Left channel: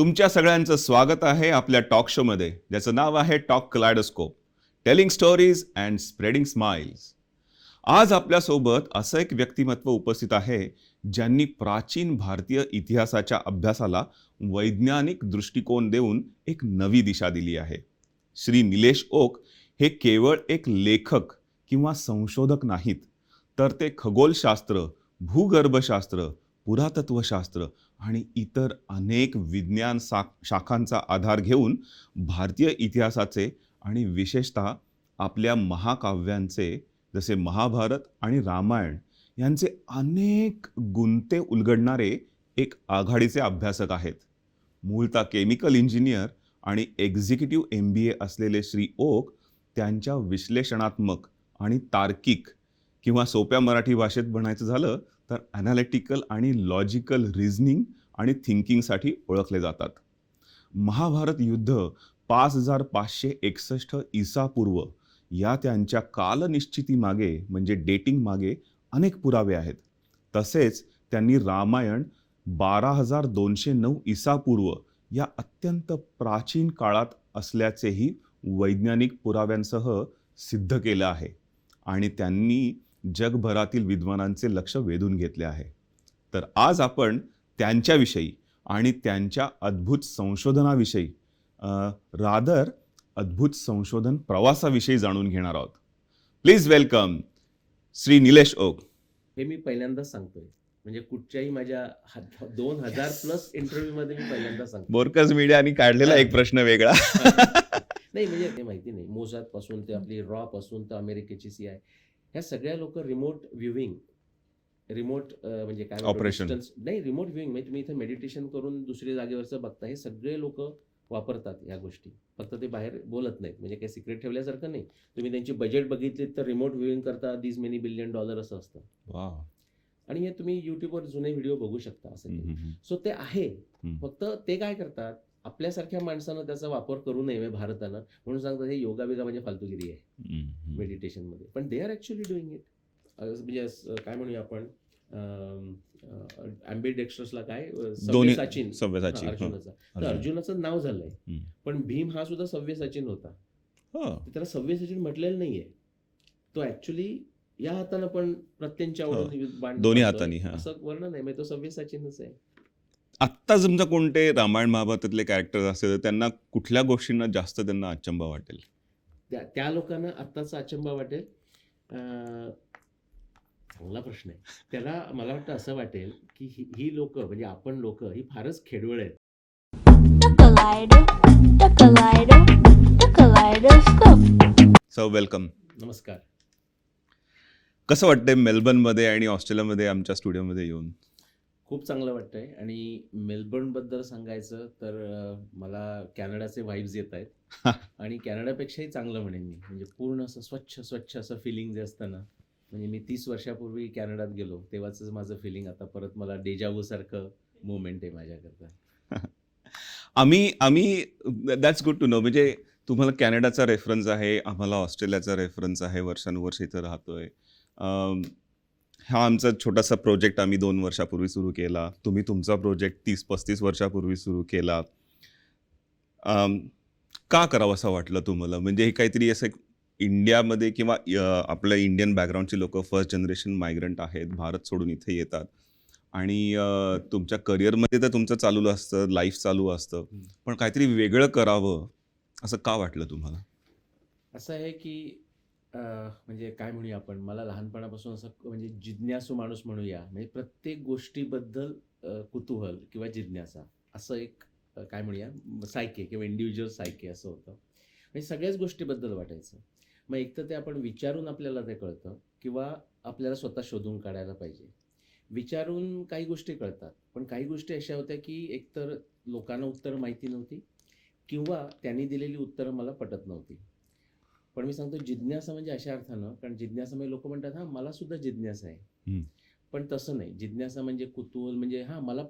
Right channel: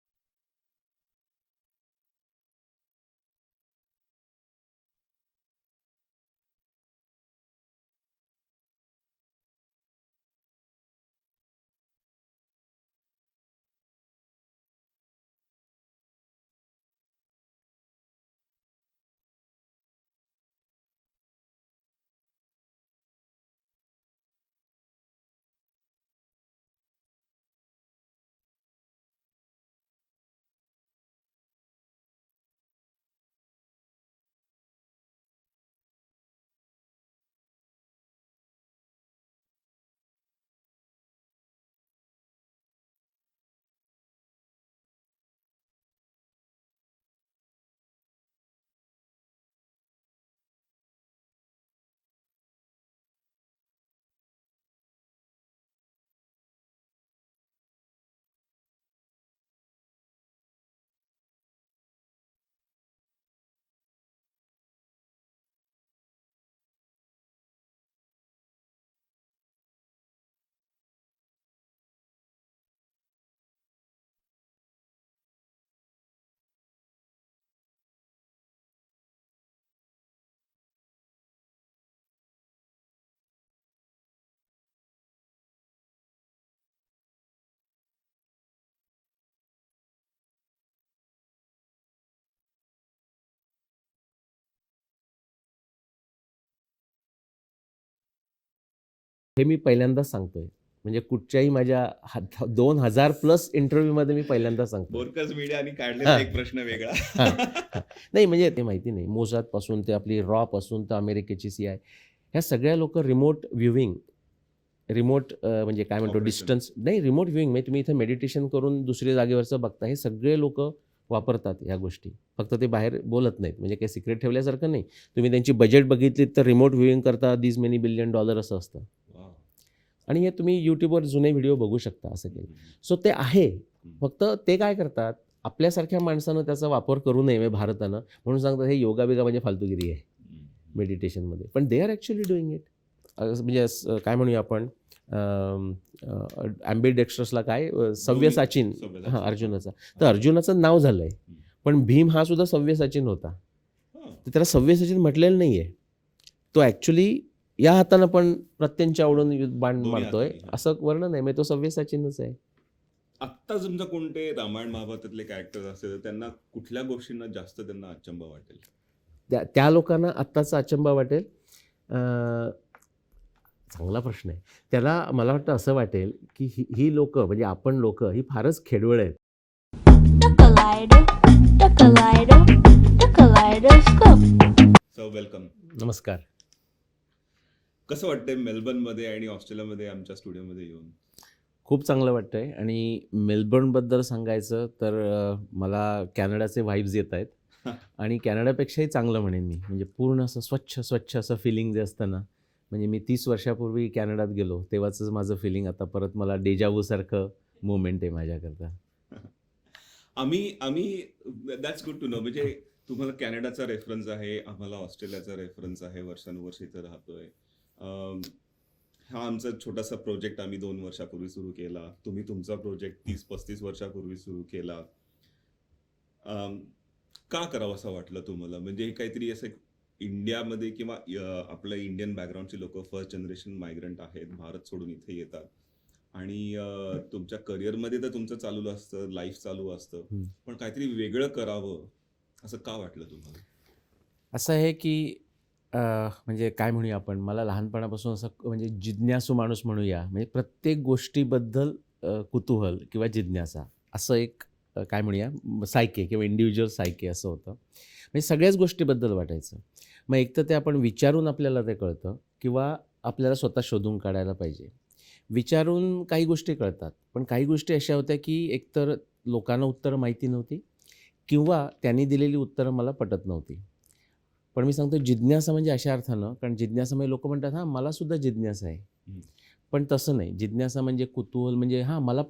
तुमच्या सगळ्यांचं स्वागत आहे आपल्या टॉक शोमध्ये, ज्याचं नाव आहे talk kaleidoscope, telling stories and spreading smiles. आज आपल्यासोबत असं एक व्यक्तिमत्व उपस्थित आहे, ज्यांनी प्राचीन भारतीय इतिहासाच्या अभ्यासाला वैज्ञानिक दृष्टिकोन देऊन एक नवी दिशा दिली आहे. श्री निलेश ओक हे केवळ एक लेखक किंवा संशोधक नाहीत, तर ते खगोलशास्त्र, भूगर्भशास्त्र, पुरातत्वशास्त्र आणि इतर अनेक विज्ञान शाखांचा आधार घेऊन भारतीय इतिहासाचे आणि विशेषतः आपल्या महाकाव्यांचे जसे महाभारत आणि रामायण यांचे अनेक गुंते उलगडणारे एक आघाडीचे अभ्यासक आहेत. मूळतः केमिकल इंजिनियर आणि एक्झिक्युटिव्ह MBA असलेले श्री ओक त्यांच्या विश्लेषणात्मक आणि तार्किक किंवा सोप्या मराठी भाषेत म्हणायचं झालं तर ॲनालिटिकल आणि लॉजिकल रिझनिंग आणि थिंकिंगसाठी ओळखले जातात. महाभारत युद्ध 5561 ईसापूर्व या त्यांच्या कालनिश्चितीमागे म्हणजे डेटिंग मागे अनेक पुरावे आहेत. तसेच त्यांनी रामायण 12209 ईसापूर्व या अत्यंत प्राचीन काळात असल्याचेही वैज्ञानिक पुराव्यांसह सिद्ध केलं आहे आणि त्यांनी जगभरातील विद्वानांचे लक्ष वेधून घेतले आहे. तर आज आपण त्यांच्याविषयी आणि त्यांच्या अद्भुत संशोधनाविषयी अद्भुत संशोधन प्रवासाविषयी जाणून घेणार आहोत. Please welcome Shri Nilesh Oak. हे मी पहिल्यांदाच सांगतोय, म्हणजे कुठच्याही माझ्या 2000+ इंटरव्ह्यूमध्ये मी पहिल्यांदाच सांगतो. बोरकस मीडियाने काढलेला एक प्रश्न वेगळा. नाही म्हणजे ते माहिती नाही, मोसाद पासून ते आपली रॉ पासून तर अमेरिकेची CI, ह्या सगळ्या लोक रिमोट व्ह्यूविंग, रिमोट म्हणजे काय म्हणतो डिस्टन्स नाही, रिमोट व्ह्यूविंग म्हणजे तुम्ही इथे मेडिटेशन करून दुसऱ्या जागेवरचं बघता, हे सगळे लोक वापरतात ह्या गोष्टी. फक्त ते बाहेर बोलत नाहीत, म्हणजे काही सिक्रेट ठेवल्यासारखं नाही. तुम्ही त्यांची बजेट बघितली तर रिमोट व्ह्यूविंग करता $these many billion असं असतं. आणि हे तुम्ही यूट्यूबवर जुने व्हिडिओ बघू शकता असं काही. सो ते आहे, फक्त ते काय करतात, आपल्यासारख्या माणसानं त्याचा वापर करू नये भारतानं, म्हणून सांगतात हे योगा बिगा म्हणजे फालतूगिरी आहे मेडिटेशनमध्ये. पण they are actually doing it. म्हणजे काय म्हणूया आपण, ॲम्बिडेक्स्ट्रसला काय सव्यसाचीन अर्जुनाचा, तर अर्जुनाचं नाव झालंय, पण भीम हा सुद्धा सव्यसाचीन होता. तर त्याला सव्यसाचीन म्हटलेलं नाहीये. तो ॲक्च्युली या हातानं पण प्रत्यंच्या ओढून बाण मारतोय असं वर्णन आहे, म्हणजे तो सव्यसाचीनच आहे. आत्ता समजा कोणते रामायण महाभारतातले कॅरेक्टर असेल तर त्यांना कुठल्या गोष्टींना जास्त त्यांना अचंबा वाटेल? त्या लोकांना आत्ताचा अचंबा वाटेल, चांगला प्रश्न आहे. त्याला मला वाटतं असं वाटेल की ही लोक म्हणजे आपण लोक ही फारच खेडवळ आहेत. So welcome. नमस्कार. कसं वाटतंय मेलबर्नमध्ये आणि ऑस्ट्रेलियामध्ये आमच्या स्टुडिओमध्ये येऊन? खूप चांगलं वाटतंय. आणि मेलबर्नबद्दल सांगायचं तर मला कॅनडाचे व्हाईब्स येत आहेत आणि कॅनडापेक्षाही चांगलं म्हणेन मी, म्हणजे पूर्ण असं स्वच्छ असं फिलिंग जे असतं ना, म्हणजे मी 30 वर्षापूर्वी कॅनडात गेलो तेव्हाच माझं फिलिंग आता परत मला डेजावू सारखं मोमेंट आहे माझ्याकरता. आम्ही दॅट्स गुड टू नो. म्हणजे तुम्हाला कॅनडाचा रेफरन्स आहे, आम्हाला ऑस्ट्रेलियाचा रेफरन्स आहे, वर्षानुवर्ष इथं राहतोय. हा आमचा छोटासा प्रोजेक्ट आम्ही 2 वर्षापूर्वी सुरू केला. तुम्ही तुमचा प्रोजेक्ट 30-35 वर्षापूर्वी सुरू केला. का करावं असं वाटलं तुम्हाला? म्हणजे हे काहीतरी असं इंडियामध्ये किंवा आपल्या इंडियन बॅकग्राऊंडची लोक फर्स्ट जनरेशन मायग्रंट आहेत, भारत सोडून इथे येतात आणि तुमच्या करिअरमध्ये तर तुमचं चालू असतं, लाईफ चालू असतं, पण काहीतरी वेगळं करावं असं का वाटलं तुम्हाला? असं आहे की म्हणजे काय म्हणूया आपण, मला लहानपणापासून असं म्हणजे जिज्ञासू माणूस म्हणूया, म्हणजे प्रत्येक गोष्टीबद्दल कुतूहल किंवा जिज्ञासा असं एक काय म्हणूया सायके किंवा इंडिव्हिज्युअल सायके असं होतं. म्हणजे सगळ्याच गोष्टीबद्दल वाटायचं. मग एक तर ते आपण विचारून आपल्याला ते कळतं किंवा आपल्याला स्वतः शोधून काढायला पाहिजे. विचारून काही गोष्टी कळतात, पण काही गोष्टी अशा होत्या की एकतर लोकांना उत्तरं माहिती नव्हती किंवा त्यांनी दिलेली उत्तरं मला पटत नव्हती. पण मी सांगतो जिज्ञासा म्हणजे अशा अर्थानं, कारण जिज्ञासा म्हणजे लोक म्हणतात हां मला सुद्धा जिज्ञासा आहे, पण तसं नाही. जिज्ञासा म्हणजे कुतूहल, म्हणजे हां मला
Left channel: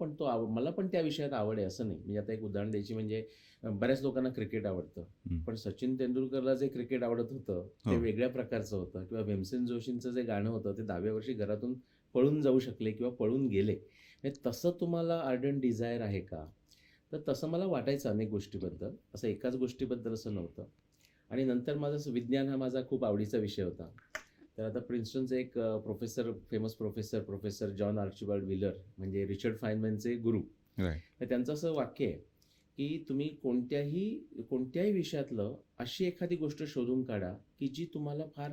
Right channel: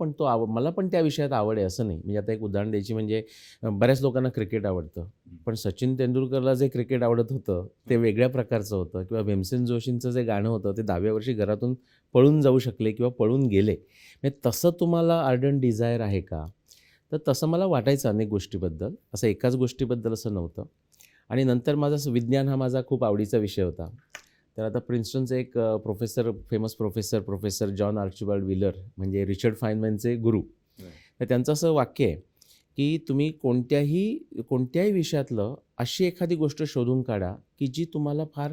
पण त्या विषयात आवड आहे असं नाही. म्हणजे आता एक उदाहरण द्यायची म्हणजे बऱ्याच लोकांना क्रिकेट आवडतं, पण सचिन तेंडुलकरला जे क्रिकेट आवडत होतं ते वेगळ्या प्रकारचं होतं, किंवा भीमसेन जोशींचं जे गाणं होतं ते 10व्या वर्षी घरातून पळून जाऊ शकले किंवा पळून गेले. म्हणजे तसं तुम्हाला आर्डंट डिझायर आहे का? तर तसं मला वाटायचं अनेक गोष्टीबद्दल, असं एकाच गोष्टीबद्दल असं नव्हतं. आणि नंतर माझा विज्ञान हा माझा खूप आवडीचा विषय होता. तर आता प्रिन्स्टनचे एक famous professor John Archibald wheeler म्हणजे रिचर्ड फायनमॅनचे गुरु. Right. तर त्यांचं असं वाक्य आहे, की तुम्ही कोणत्याही विषयातलं अशी एखादी गोष्ट शोधून काढा, की जी तुम्हाला फार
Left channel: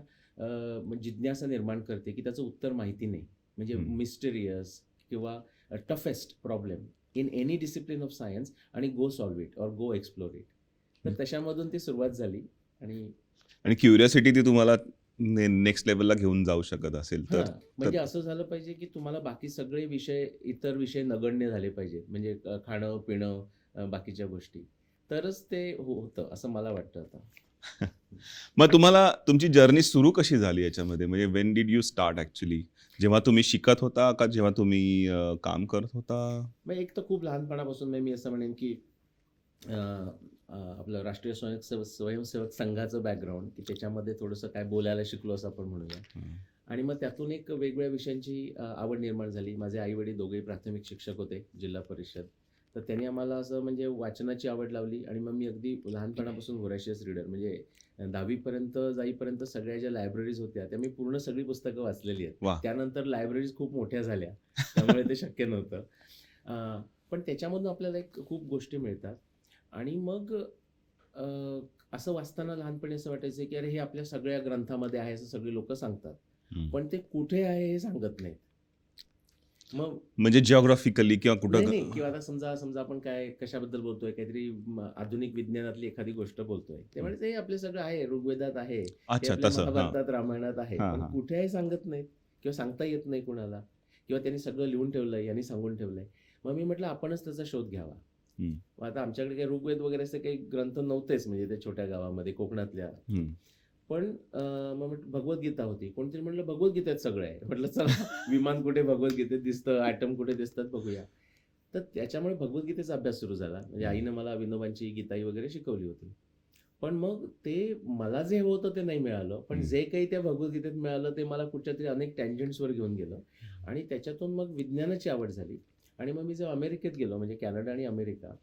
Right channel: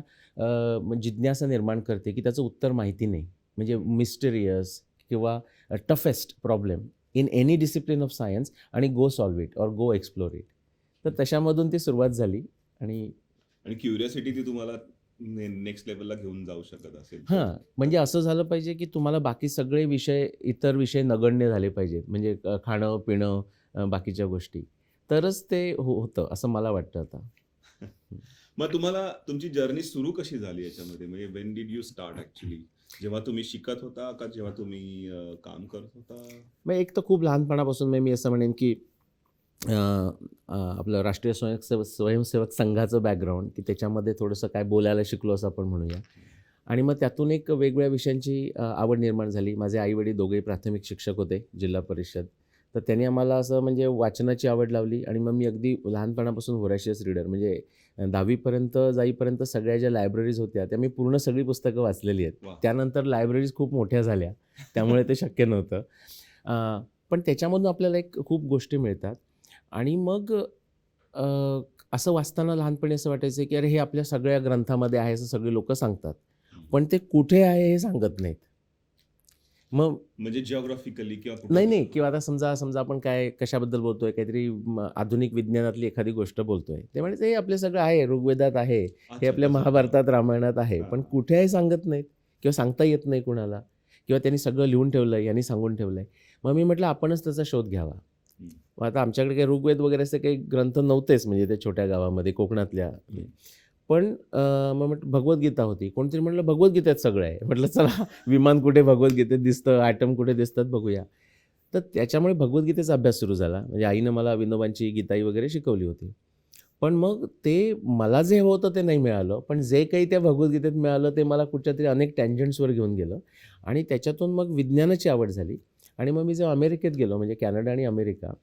जिज्ञासा निर्माण करते, की त्याचं उत्तर माहिती नाही. म्हणजे मिस्टेरियस किंवा toughest problem in any discipline of science आणि go solve it or go explore it. तर तशामधून ती सुरुवात झाली. आणि क्युरियोसिटी ती तुम्हाला नेक्स्ट लेवलला घेऊन जाऊ शकत असेल तर. हां, म्हणजे असं झालं पाहिजे, की तुम्हाला बाकी सगळे विषय, इतर विषय नगण्य झाले पाहिजेत. म्हणजे खाणं, पिणं, बाकीच्या गोष्टी. तरच ते होतं असं मला वाटतं आता. मग तुम्हाला तुमची जर्नी सुरू कशी झाली याच्यामध्ये? म्हणजे when did you start actually? जेव्हा तुम्ही शिकत होता का जेव्हा तुम्ही काम करत होता? मग एक तर खूप लहानपणापासून मी असं म्हणेन, की आपलं राष्ट्रीय स्वयंसेवक संघाचं बॅकग्राऊंड, की त्याच्यामध्ये थोडंसं काय बोलायला शिकलो असं आपण म्हणूया. आणि मग त्यातून एक वेगवेगळ्या विषयांची आवड निर्माण झाली. माझे आई-वडील दोघेही प्राथमिक शिक्षक होते जिल्हा परिषद. तर त्यांनी आम्हाला असं म्हणजे वाचनाची आवड लावली आणि मग मी अगदी लहानपणापासून व्होरॅशियस रीडर म्हणजे 10वी पर्यंत जाईपर्यंत सगळ्या ज्या लायब्ररीज होत्या त्या मी पूर्ण सगळी पुस्तकं वाचलेली आहेत. वाह! त्यानंतर लायब्ररीज खूप मोठ्या झाल्या. त्यामुळे ते शक्य नव्हतं. पण त्याच्यामधून आपल्याला एक खूप गोष्टी मिळतात. आणि मग अ, असं वाचताना लहानपणी असं वाटायचं, की अरे हे आपल्या सगळ्या ग्रंथामध्ये आहे असं सगळी लोकं सांगतात. पण ते कुठे आहे हे सांगत नाहीत. मग म्हणजे जिओग्राफिकली किंवा नाही, कुठं? नाही किंवा आता समजा आपण काय कशाबद्दल बोलतोय, काहीतरी आधुनिक विज्ञानातली एखादी गोष्ट बोलतोय. ते म्हणायचे हे आपलं सगळं आहे, ऋग्वेदात आहे, हे अच्छा, आपल्या तसं. हां. महाभारतात, रामायणात आहे. हां, पण हां. कुठे आहे सांगत नाहीत किंवा सांगता येत नाही कुणाला किंवा त्यांनी सगळं लिहून ठेवलंय, यांनी सांगून ठेवलंय. मग मी म्हटलं आपणच त्याचा शोध घ्यावा. हं. मग आता आमच्याकडे काही ऋग्वेद वगैरे असे काही ग्रंथ नव्हतेच म्हणजे त्या छोट्या गावामध्ये कोकणातल्या. हं. पण मग म्हटलं भगवद्गीता होती. कोणतरी म्हटलं भगवद्गीतेत सगळं आहे. म्हटलं चला विमान कुठे भगवद्गीतेत दिसतं, ॲटम कुठे दिसतात बघूया. तर त्याच्यामुळे भगवद्गीतेचा अभ्यास सुरू झाला. म्हणजे आईनं मला विनोबांची गीताई वगैरे शिकवली होती. पण मग ते मला जे हवं होतं ते नाही मिळालं. पण जे काही त्या भगवद्गीतेत मिळालं ते मला कुठच्यातरी अनेक टँजंट्सवर घेऊन गेलं आणि त्याच्यातून मग विज्ञानाची आवड झाली. आणि मग मी जेव्हा अमेरिकेत गेलो म्हणजे कॅनडा आणि अमेरिका,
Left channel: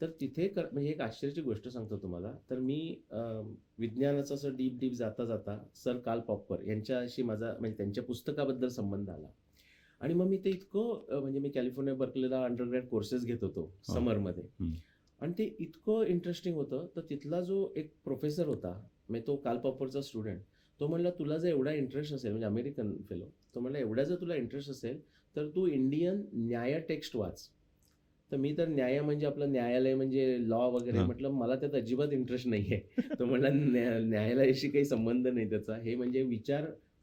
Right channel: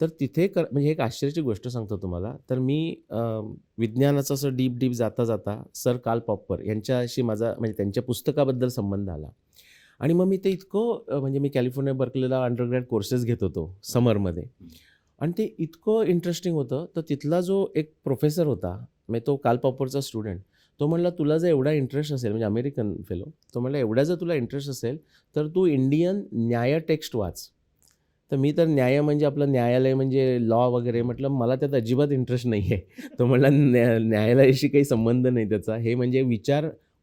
तर तिथे म्हणजे एक आश्चर्याची गोष्ट सांगतो तुम्हाला. तर मी विज्ञानाचं असं डीप जाता सर कार्ल पॉपर यांच्याशी माझा म्हणजे त्यांच्या पुस्तकाबद्दल संबंध आला. आणि मग मी ते इतकं म्हणजे मी कॅलिफोर्निया बर्कलीला अंडरग्रॅड कोर्सेस घेत होतो समरमध्ये. आणि ते इतकं इंटरेस्टिंग होतं. तर तिथला जो एक प्रोफेसर होता, म्हणजे तो कार्ल पॉपरचा स्टुडंट, तो म्हणला तुला जर एवढा इंटरेस्ट असेल म्हणजे अमेरिकन फेलो, तो म्हणला एवढा जर तुला इंटरेस्ट असेल तर तू इंडियन न्याय टेक्स्ट वाच. तर मी तर न्याय म्हणजे आपलं न्यायालय म्हणजे लॉ वगैरे हां. म्हटलं मला त्यात अजिबात इंटरेस्ट नाही आहे. तो म्हणला न्यायालयाशी काही संबंध नाही त्याचा. हे म्हणजे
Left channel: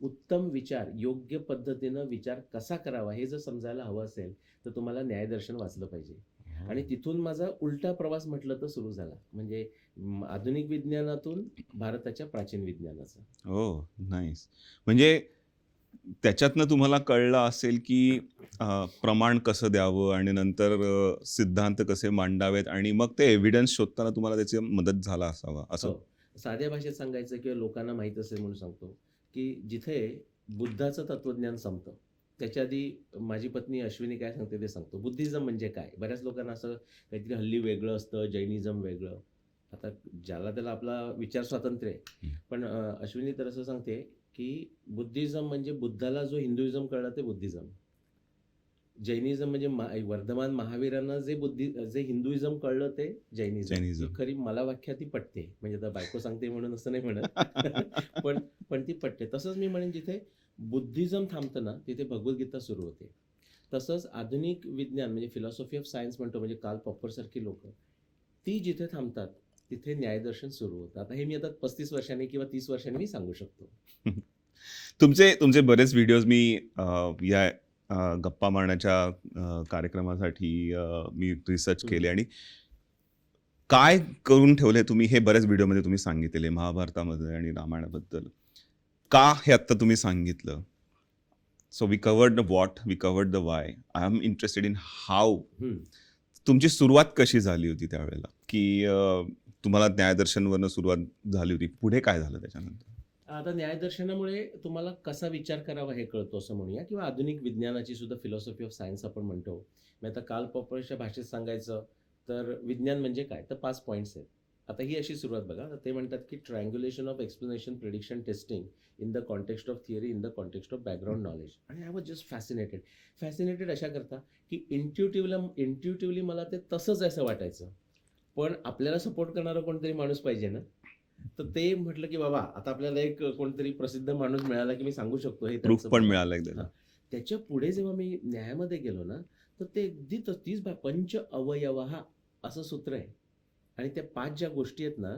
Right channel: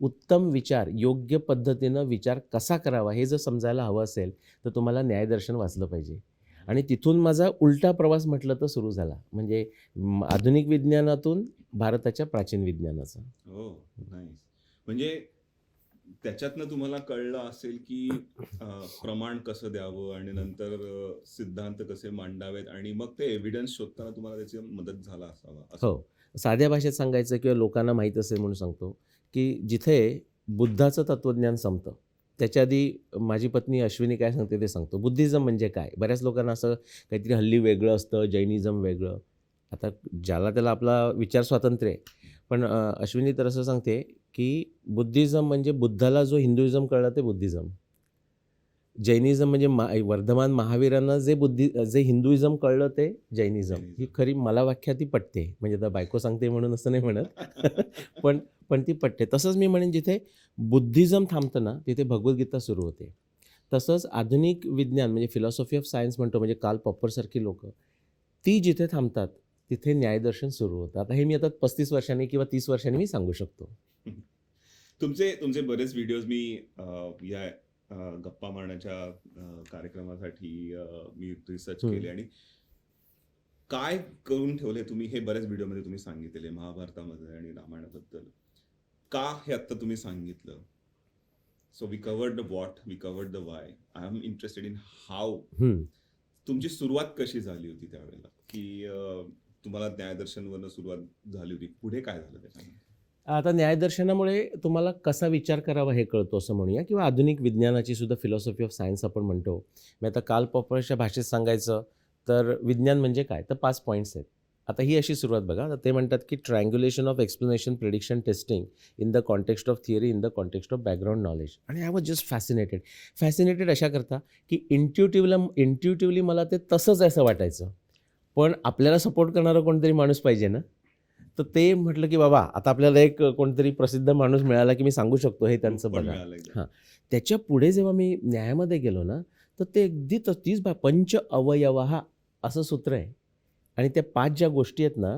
उत्तम विचार, योग्य पद्धतीनं विचार कसा करावा हे जर समजायला हवं असेल तर तुम्हाला न्यायदर्शन वाचलं पाहिजे. आणि तिथून माझा उलटा प्रवास म्हटलं तर सुरू झाला. म्हणजे आधुनिक विज्ञानातून भारताच्या प्राचीन विज्ञानाचा. ओह! नाईस. म्हणजे त्याच्यातनं तुम्हाला कळलं असेल, की प्रमाण कसं द्यावं आणि नंतर सिद्धांत कसे मांडावेत आणि मग ते एव्हिडन्स शोधताना तुम्हाला त्याची मदत झाला असावा असं. हो. साध्या भाषेत सांगायचं किंवा लोकांना माहीत असेल म्हणून सांगतो, की जिथे बुद्धाचं तत्त्वज्ञान संपतं, त्याच्या आधी माझी पत्नी अश्विनी काय सांगते ते सांगतो. बुद्धिझम म्हणजे काय? बऱ्याच लोकांना असं काहीतरी हल्ली वेगळं असतं, जैनिझम वेगळं. आता ज्याला त्याला आपला विचार स्वातंत्र्य आहे. पण अश्विनी तर असं सांगते, की बुद्धिझम म्हणजे बुद्धाला जो हिंदुइझम कळला ते बुद्धिझम. जैनिझम म्हणजे वर्धमान महावीरांना जे हिंदुइझम कळलं ते जैनिझम. ही जैनिझम. खरी मला व्याख्या ती पटते. म्हणजे आता बायको सांगते म्हणून असं नाही म्हणत. पण पण ती पटते. तसंच मी म्हणेन जिथे बुद्धिझम थांबतं ना, तिथे भगवद्गीता सुरू होते. तसंच आधुनिक विज्ञान म्हणजे फिलॉसॉफी ऑफ सायन्स म्हणतो म्हणजे कार्ल पॉपरसारखी लोकं, ती जिथे थांबतात, तिथे न्यायदर्शन सुरू होतं. आता हे मी आता 35 वर्षांनी किंवा 30 वर्षांनी मी सांगू शकतो. तुमचे बरेच व्हिडिओज मी या गप्पा मारण्याच्या कार्यक्रमासाठी मी रिसर्च केले आणि काय करून ठेवले तुम्ही हे बऱ्याच व्हिडिओमध्ये तुम्ही सांगितलेले महाभारतामध्ये आणि रामायणाबद्दल. का हे आत्ता तुम्ही सांगितलं? So we covered the what, we covered the why. I am interested in how. तुमची सुरुवात कशी झाली होती त्यावेळेला? की तुम्हाला न्यायदर्शनवरनं सुरुवात झाली होती. पुढे काय झालं त्याच्यानंतर? आता न्यायदर्शनामुळे तुम्हाला कसा विचार करावा हे कळतो असं म्हणूया किंवा आधुनिक विज्ञानाची सुद्धा फिलॉसॉफी ऑफ सायन्स आपण म्हणतो. मी आता कार्ल पॉपरच्या भाषेत सांगायचं तर विज्ञान म्हणजे काय? तर 5 पॉइंट्स आहेत. आता ही अशी सुरुवात बघा. तर ते म्हणतात की triangulation of explanation, prediction, testing in the context of theory, in the context of background knowledge. आणि I was just fascinated. Fascinated अशा करता की इंट्युटिव्हली मला ते तसंच आहे असं वाटायचं. पण आपल्याला सपोर्ट करणारा कोणतरी माणूस पाहिजे ना. तर ते म्हटलं की बाबा आता आपल्याला एक कोणतरी प्रसिद्ध माणूस मिळाला की मी सांगू शकतो हे प्रूफ त्यांचं पण बघा. मिळालं एकदम. हां. त्याच्या पुढे जेव्हा मी न्यायामध्ये गेलो ना, तर ते अगदी तीच पंच अवयवः असं सूत्र आहे. आणि त्या 5 ज्या गोष्टी आहेत ना,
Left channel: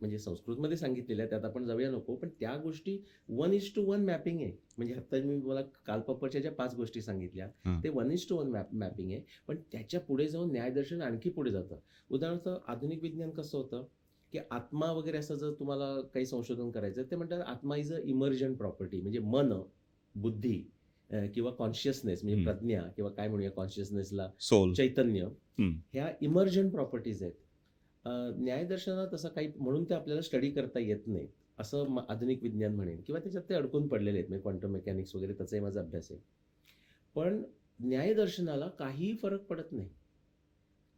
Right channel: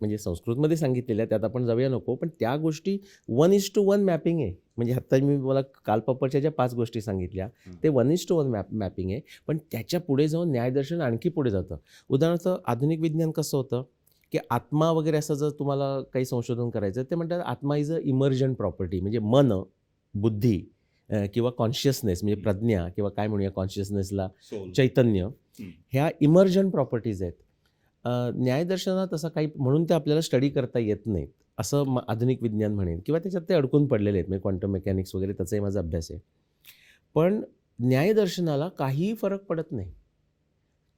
म्हणजे संस्कृतमध्ये सांगितलेल्या त्यात आपण जाऊया नको, पण त्या गोष्टी 1:1 मॅपिंग आहे. म्हणजे आत्ता मी मला कालपापडच्या ज्या 5 गोष्टी सांगितल्या, हं. ते 1:1 मॅपिंग आहे. पण त्याच्या पुढे जाऊन न्यायदर्शन आणखी पुढे जातं. उदाहरणार्थ आधुनिक विज्ञान कसं होतं, की आत्मा वगैरे असं जर तुम्हाला काही संशोधन करायचं ते म्हणतात आत्मा इज अ इमर्जंट प्रॉपर्टी. म्हणजे मन, बुद्धी किंवा कॉन्शियसनेस म्हणजे हं. प्रज्ञा किंवा काय म्हणूया कॉन्शियसनेसला सोल. चैतन्य, हं. ह्या इमर्जंट प्रॉपर्टीज आहेत. न्यायदर्शनात असं काही म्हणून ते आपल्याला स्टडी करता येत नाहीत असं आधुनिक विज्ञान म्हणेन किंवा त्याच्यात ते अडकून पडलेले आहेत. म्हणजे क्वांटम मेकॅनिक्स वगैरे त्याचाही माझा अभ्यास आहे. पण न्यायदर्शनाला काहीही फरक पडत नाही.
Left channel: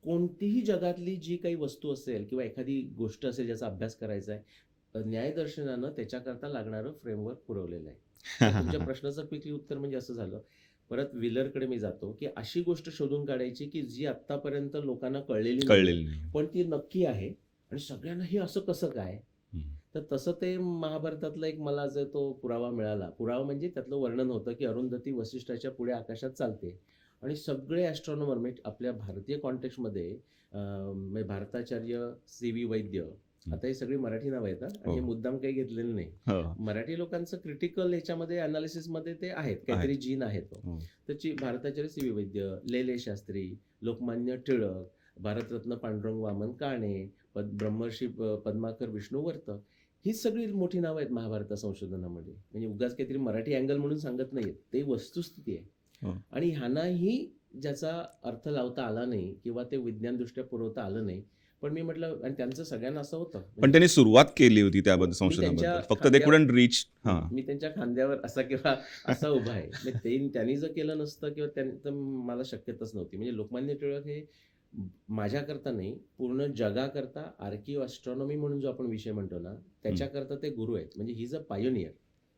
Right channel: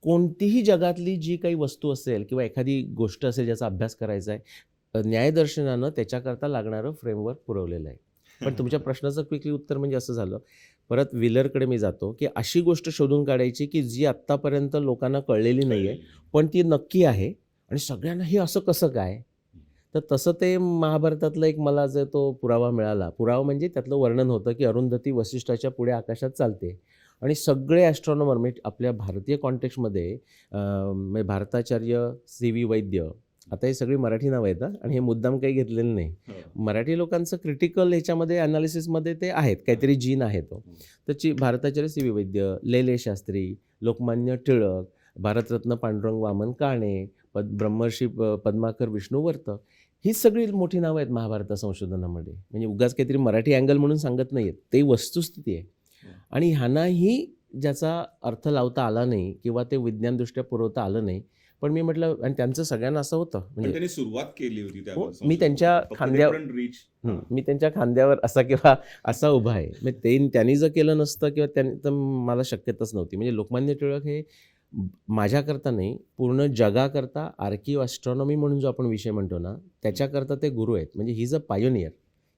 कोणतीही जगातली जी काही वस्तू असेल किंवा एखादी गोष्ट असेल ज्याचा अभ्यास करायचा आहे, न्यायदर्शनानं त्याच्याकरता लागणारं फ्रेमवर्क पुरवलेलं आहे. पण तुमच्या प्रश्नाचं क्विकली उत्तर म्हणजे असं झालं. परत व्हीलरकडे मी जातो, की अशी गोष्ट शोधून काढायची की जी आत्तापर्यंत लोकांना कळलेली नाही, कळलेलं नाही. पण ती नक्की आहे आणि सगळ्यांना हे असं कसं काय? हं. तर तसं ते महाभारतातला एक मला जो तो पुरावा मिळाला. पुरावा म्हणजे त्यातलं वर्णन होतं, की अरुंधती वसिष्ठाच्या पुढे आकाशात चालते आणि सगळे ॲस्ट्रॉनॉमर म्हणजे आपल्या भारतीय कॉन्टेक्स्टमध्ये म्हणजे भारताचार्य सी व्ही वैद्य, आता ही सगळी मराठी नावं आहेत हां आणि हे हो. मुद्दाम काही घेतलेलं नाही. हो. मराठी लोकांचं क्रिटिकल ह्याच्यामध्ये ॲनालिसिसमध्ये ते आहेत, काहीतरी जीन आहे तो. हो. त्याची भारताचार्य सी व्ही वैद्य, लेले शास्त्री, लोकमान्य टिळक, भारतरत्न पांडुरंग वामन काणे, ब्रह्मर्षी पद्माकर विष्णुवर्त, हीच सगळी मोठी नावं आहेत महाभारत संशोधनामध्ये. म्हणजे उगाच काहीतरी मराठी अँगल म्हणून सांगत नाही आहेत. ते वस्तुस्थिती आहे. हो. आणि ह्यांनाही ज्याचा अर्थ लावता आला नाही किंवा ते विज्ञानदृष्ट्या पुरवता आलं नाही. पण मी म्हटलं आणि त्यांचं सगळ्यांना असं होतं. पण त्यांनी सुरुवात केली होती त्याबद्दल हो, मी त्यांच्या संशोधनाबद्दल. फक्त ते खांद्या- कुडंट रीच. हां. मी त्यांच्या खांद्यावर असा किंवा असा उभा आहे. म्हणजे त्यांनी जर केलं नसतं किंवा त्यांनी तर मला शक्यताच नव्हती. म्हणजे लोकमान्य टिळक हे माझ्याकरता नाही, पूर्ण जगाकरता आर्किव ॲस्ट्रॉनॉमी म्हणून जो आपण विषय म्हणतो ना, त्याच्याकरता ते गुरु आहेत. म्हणजे ही इज अ पायोनियर.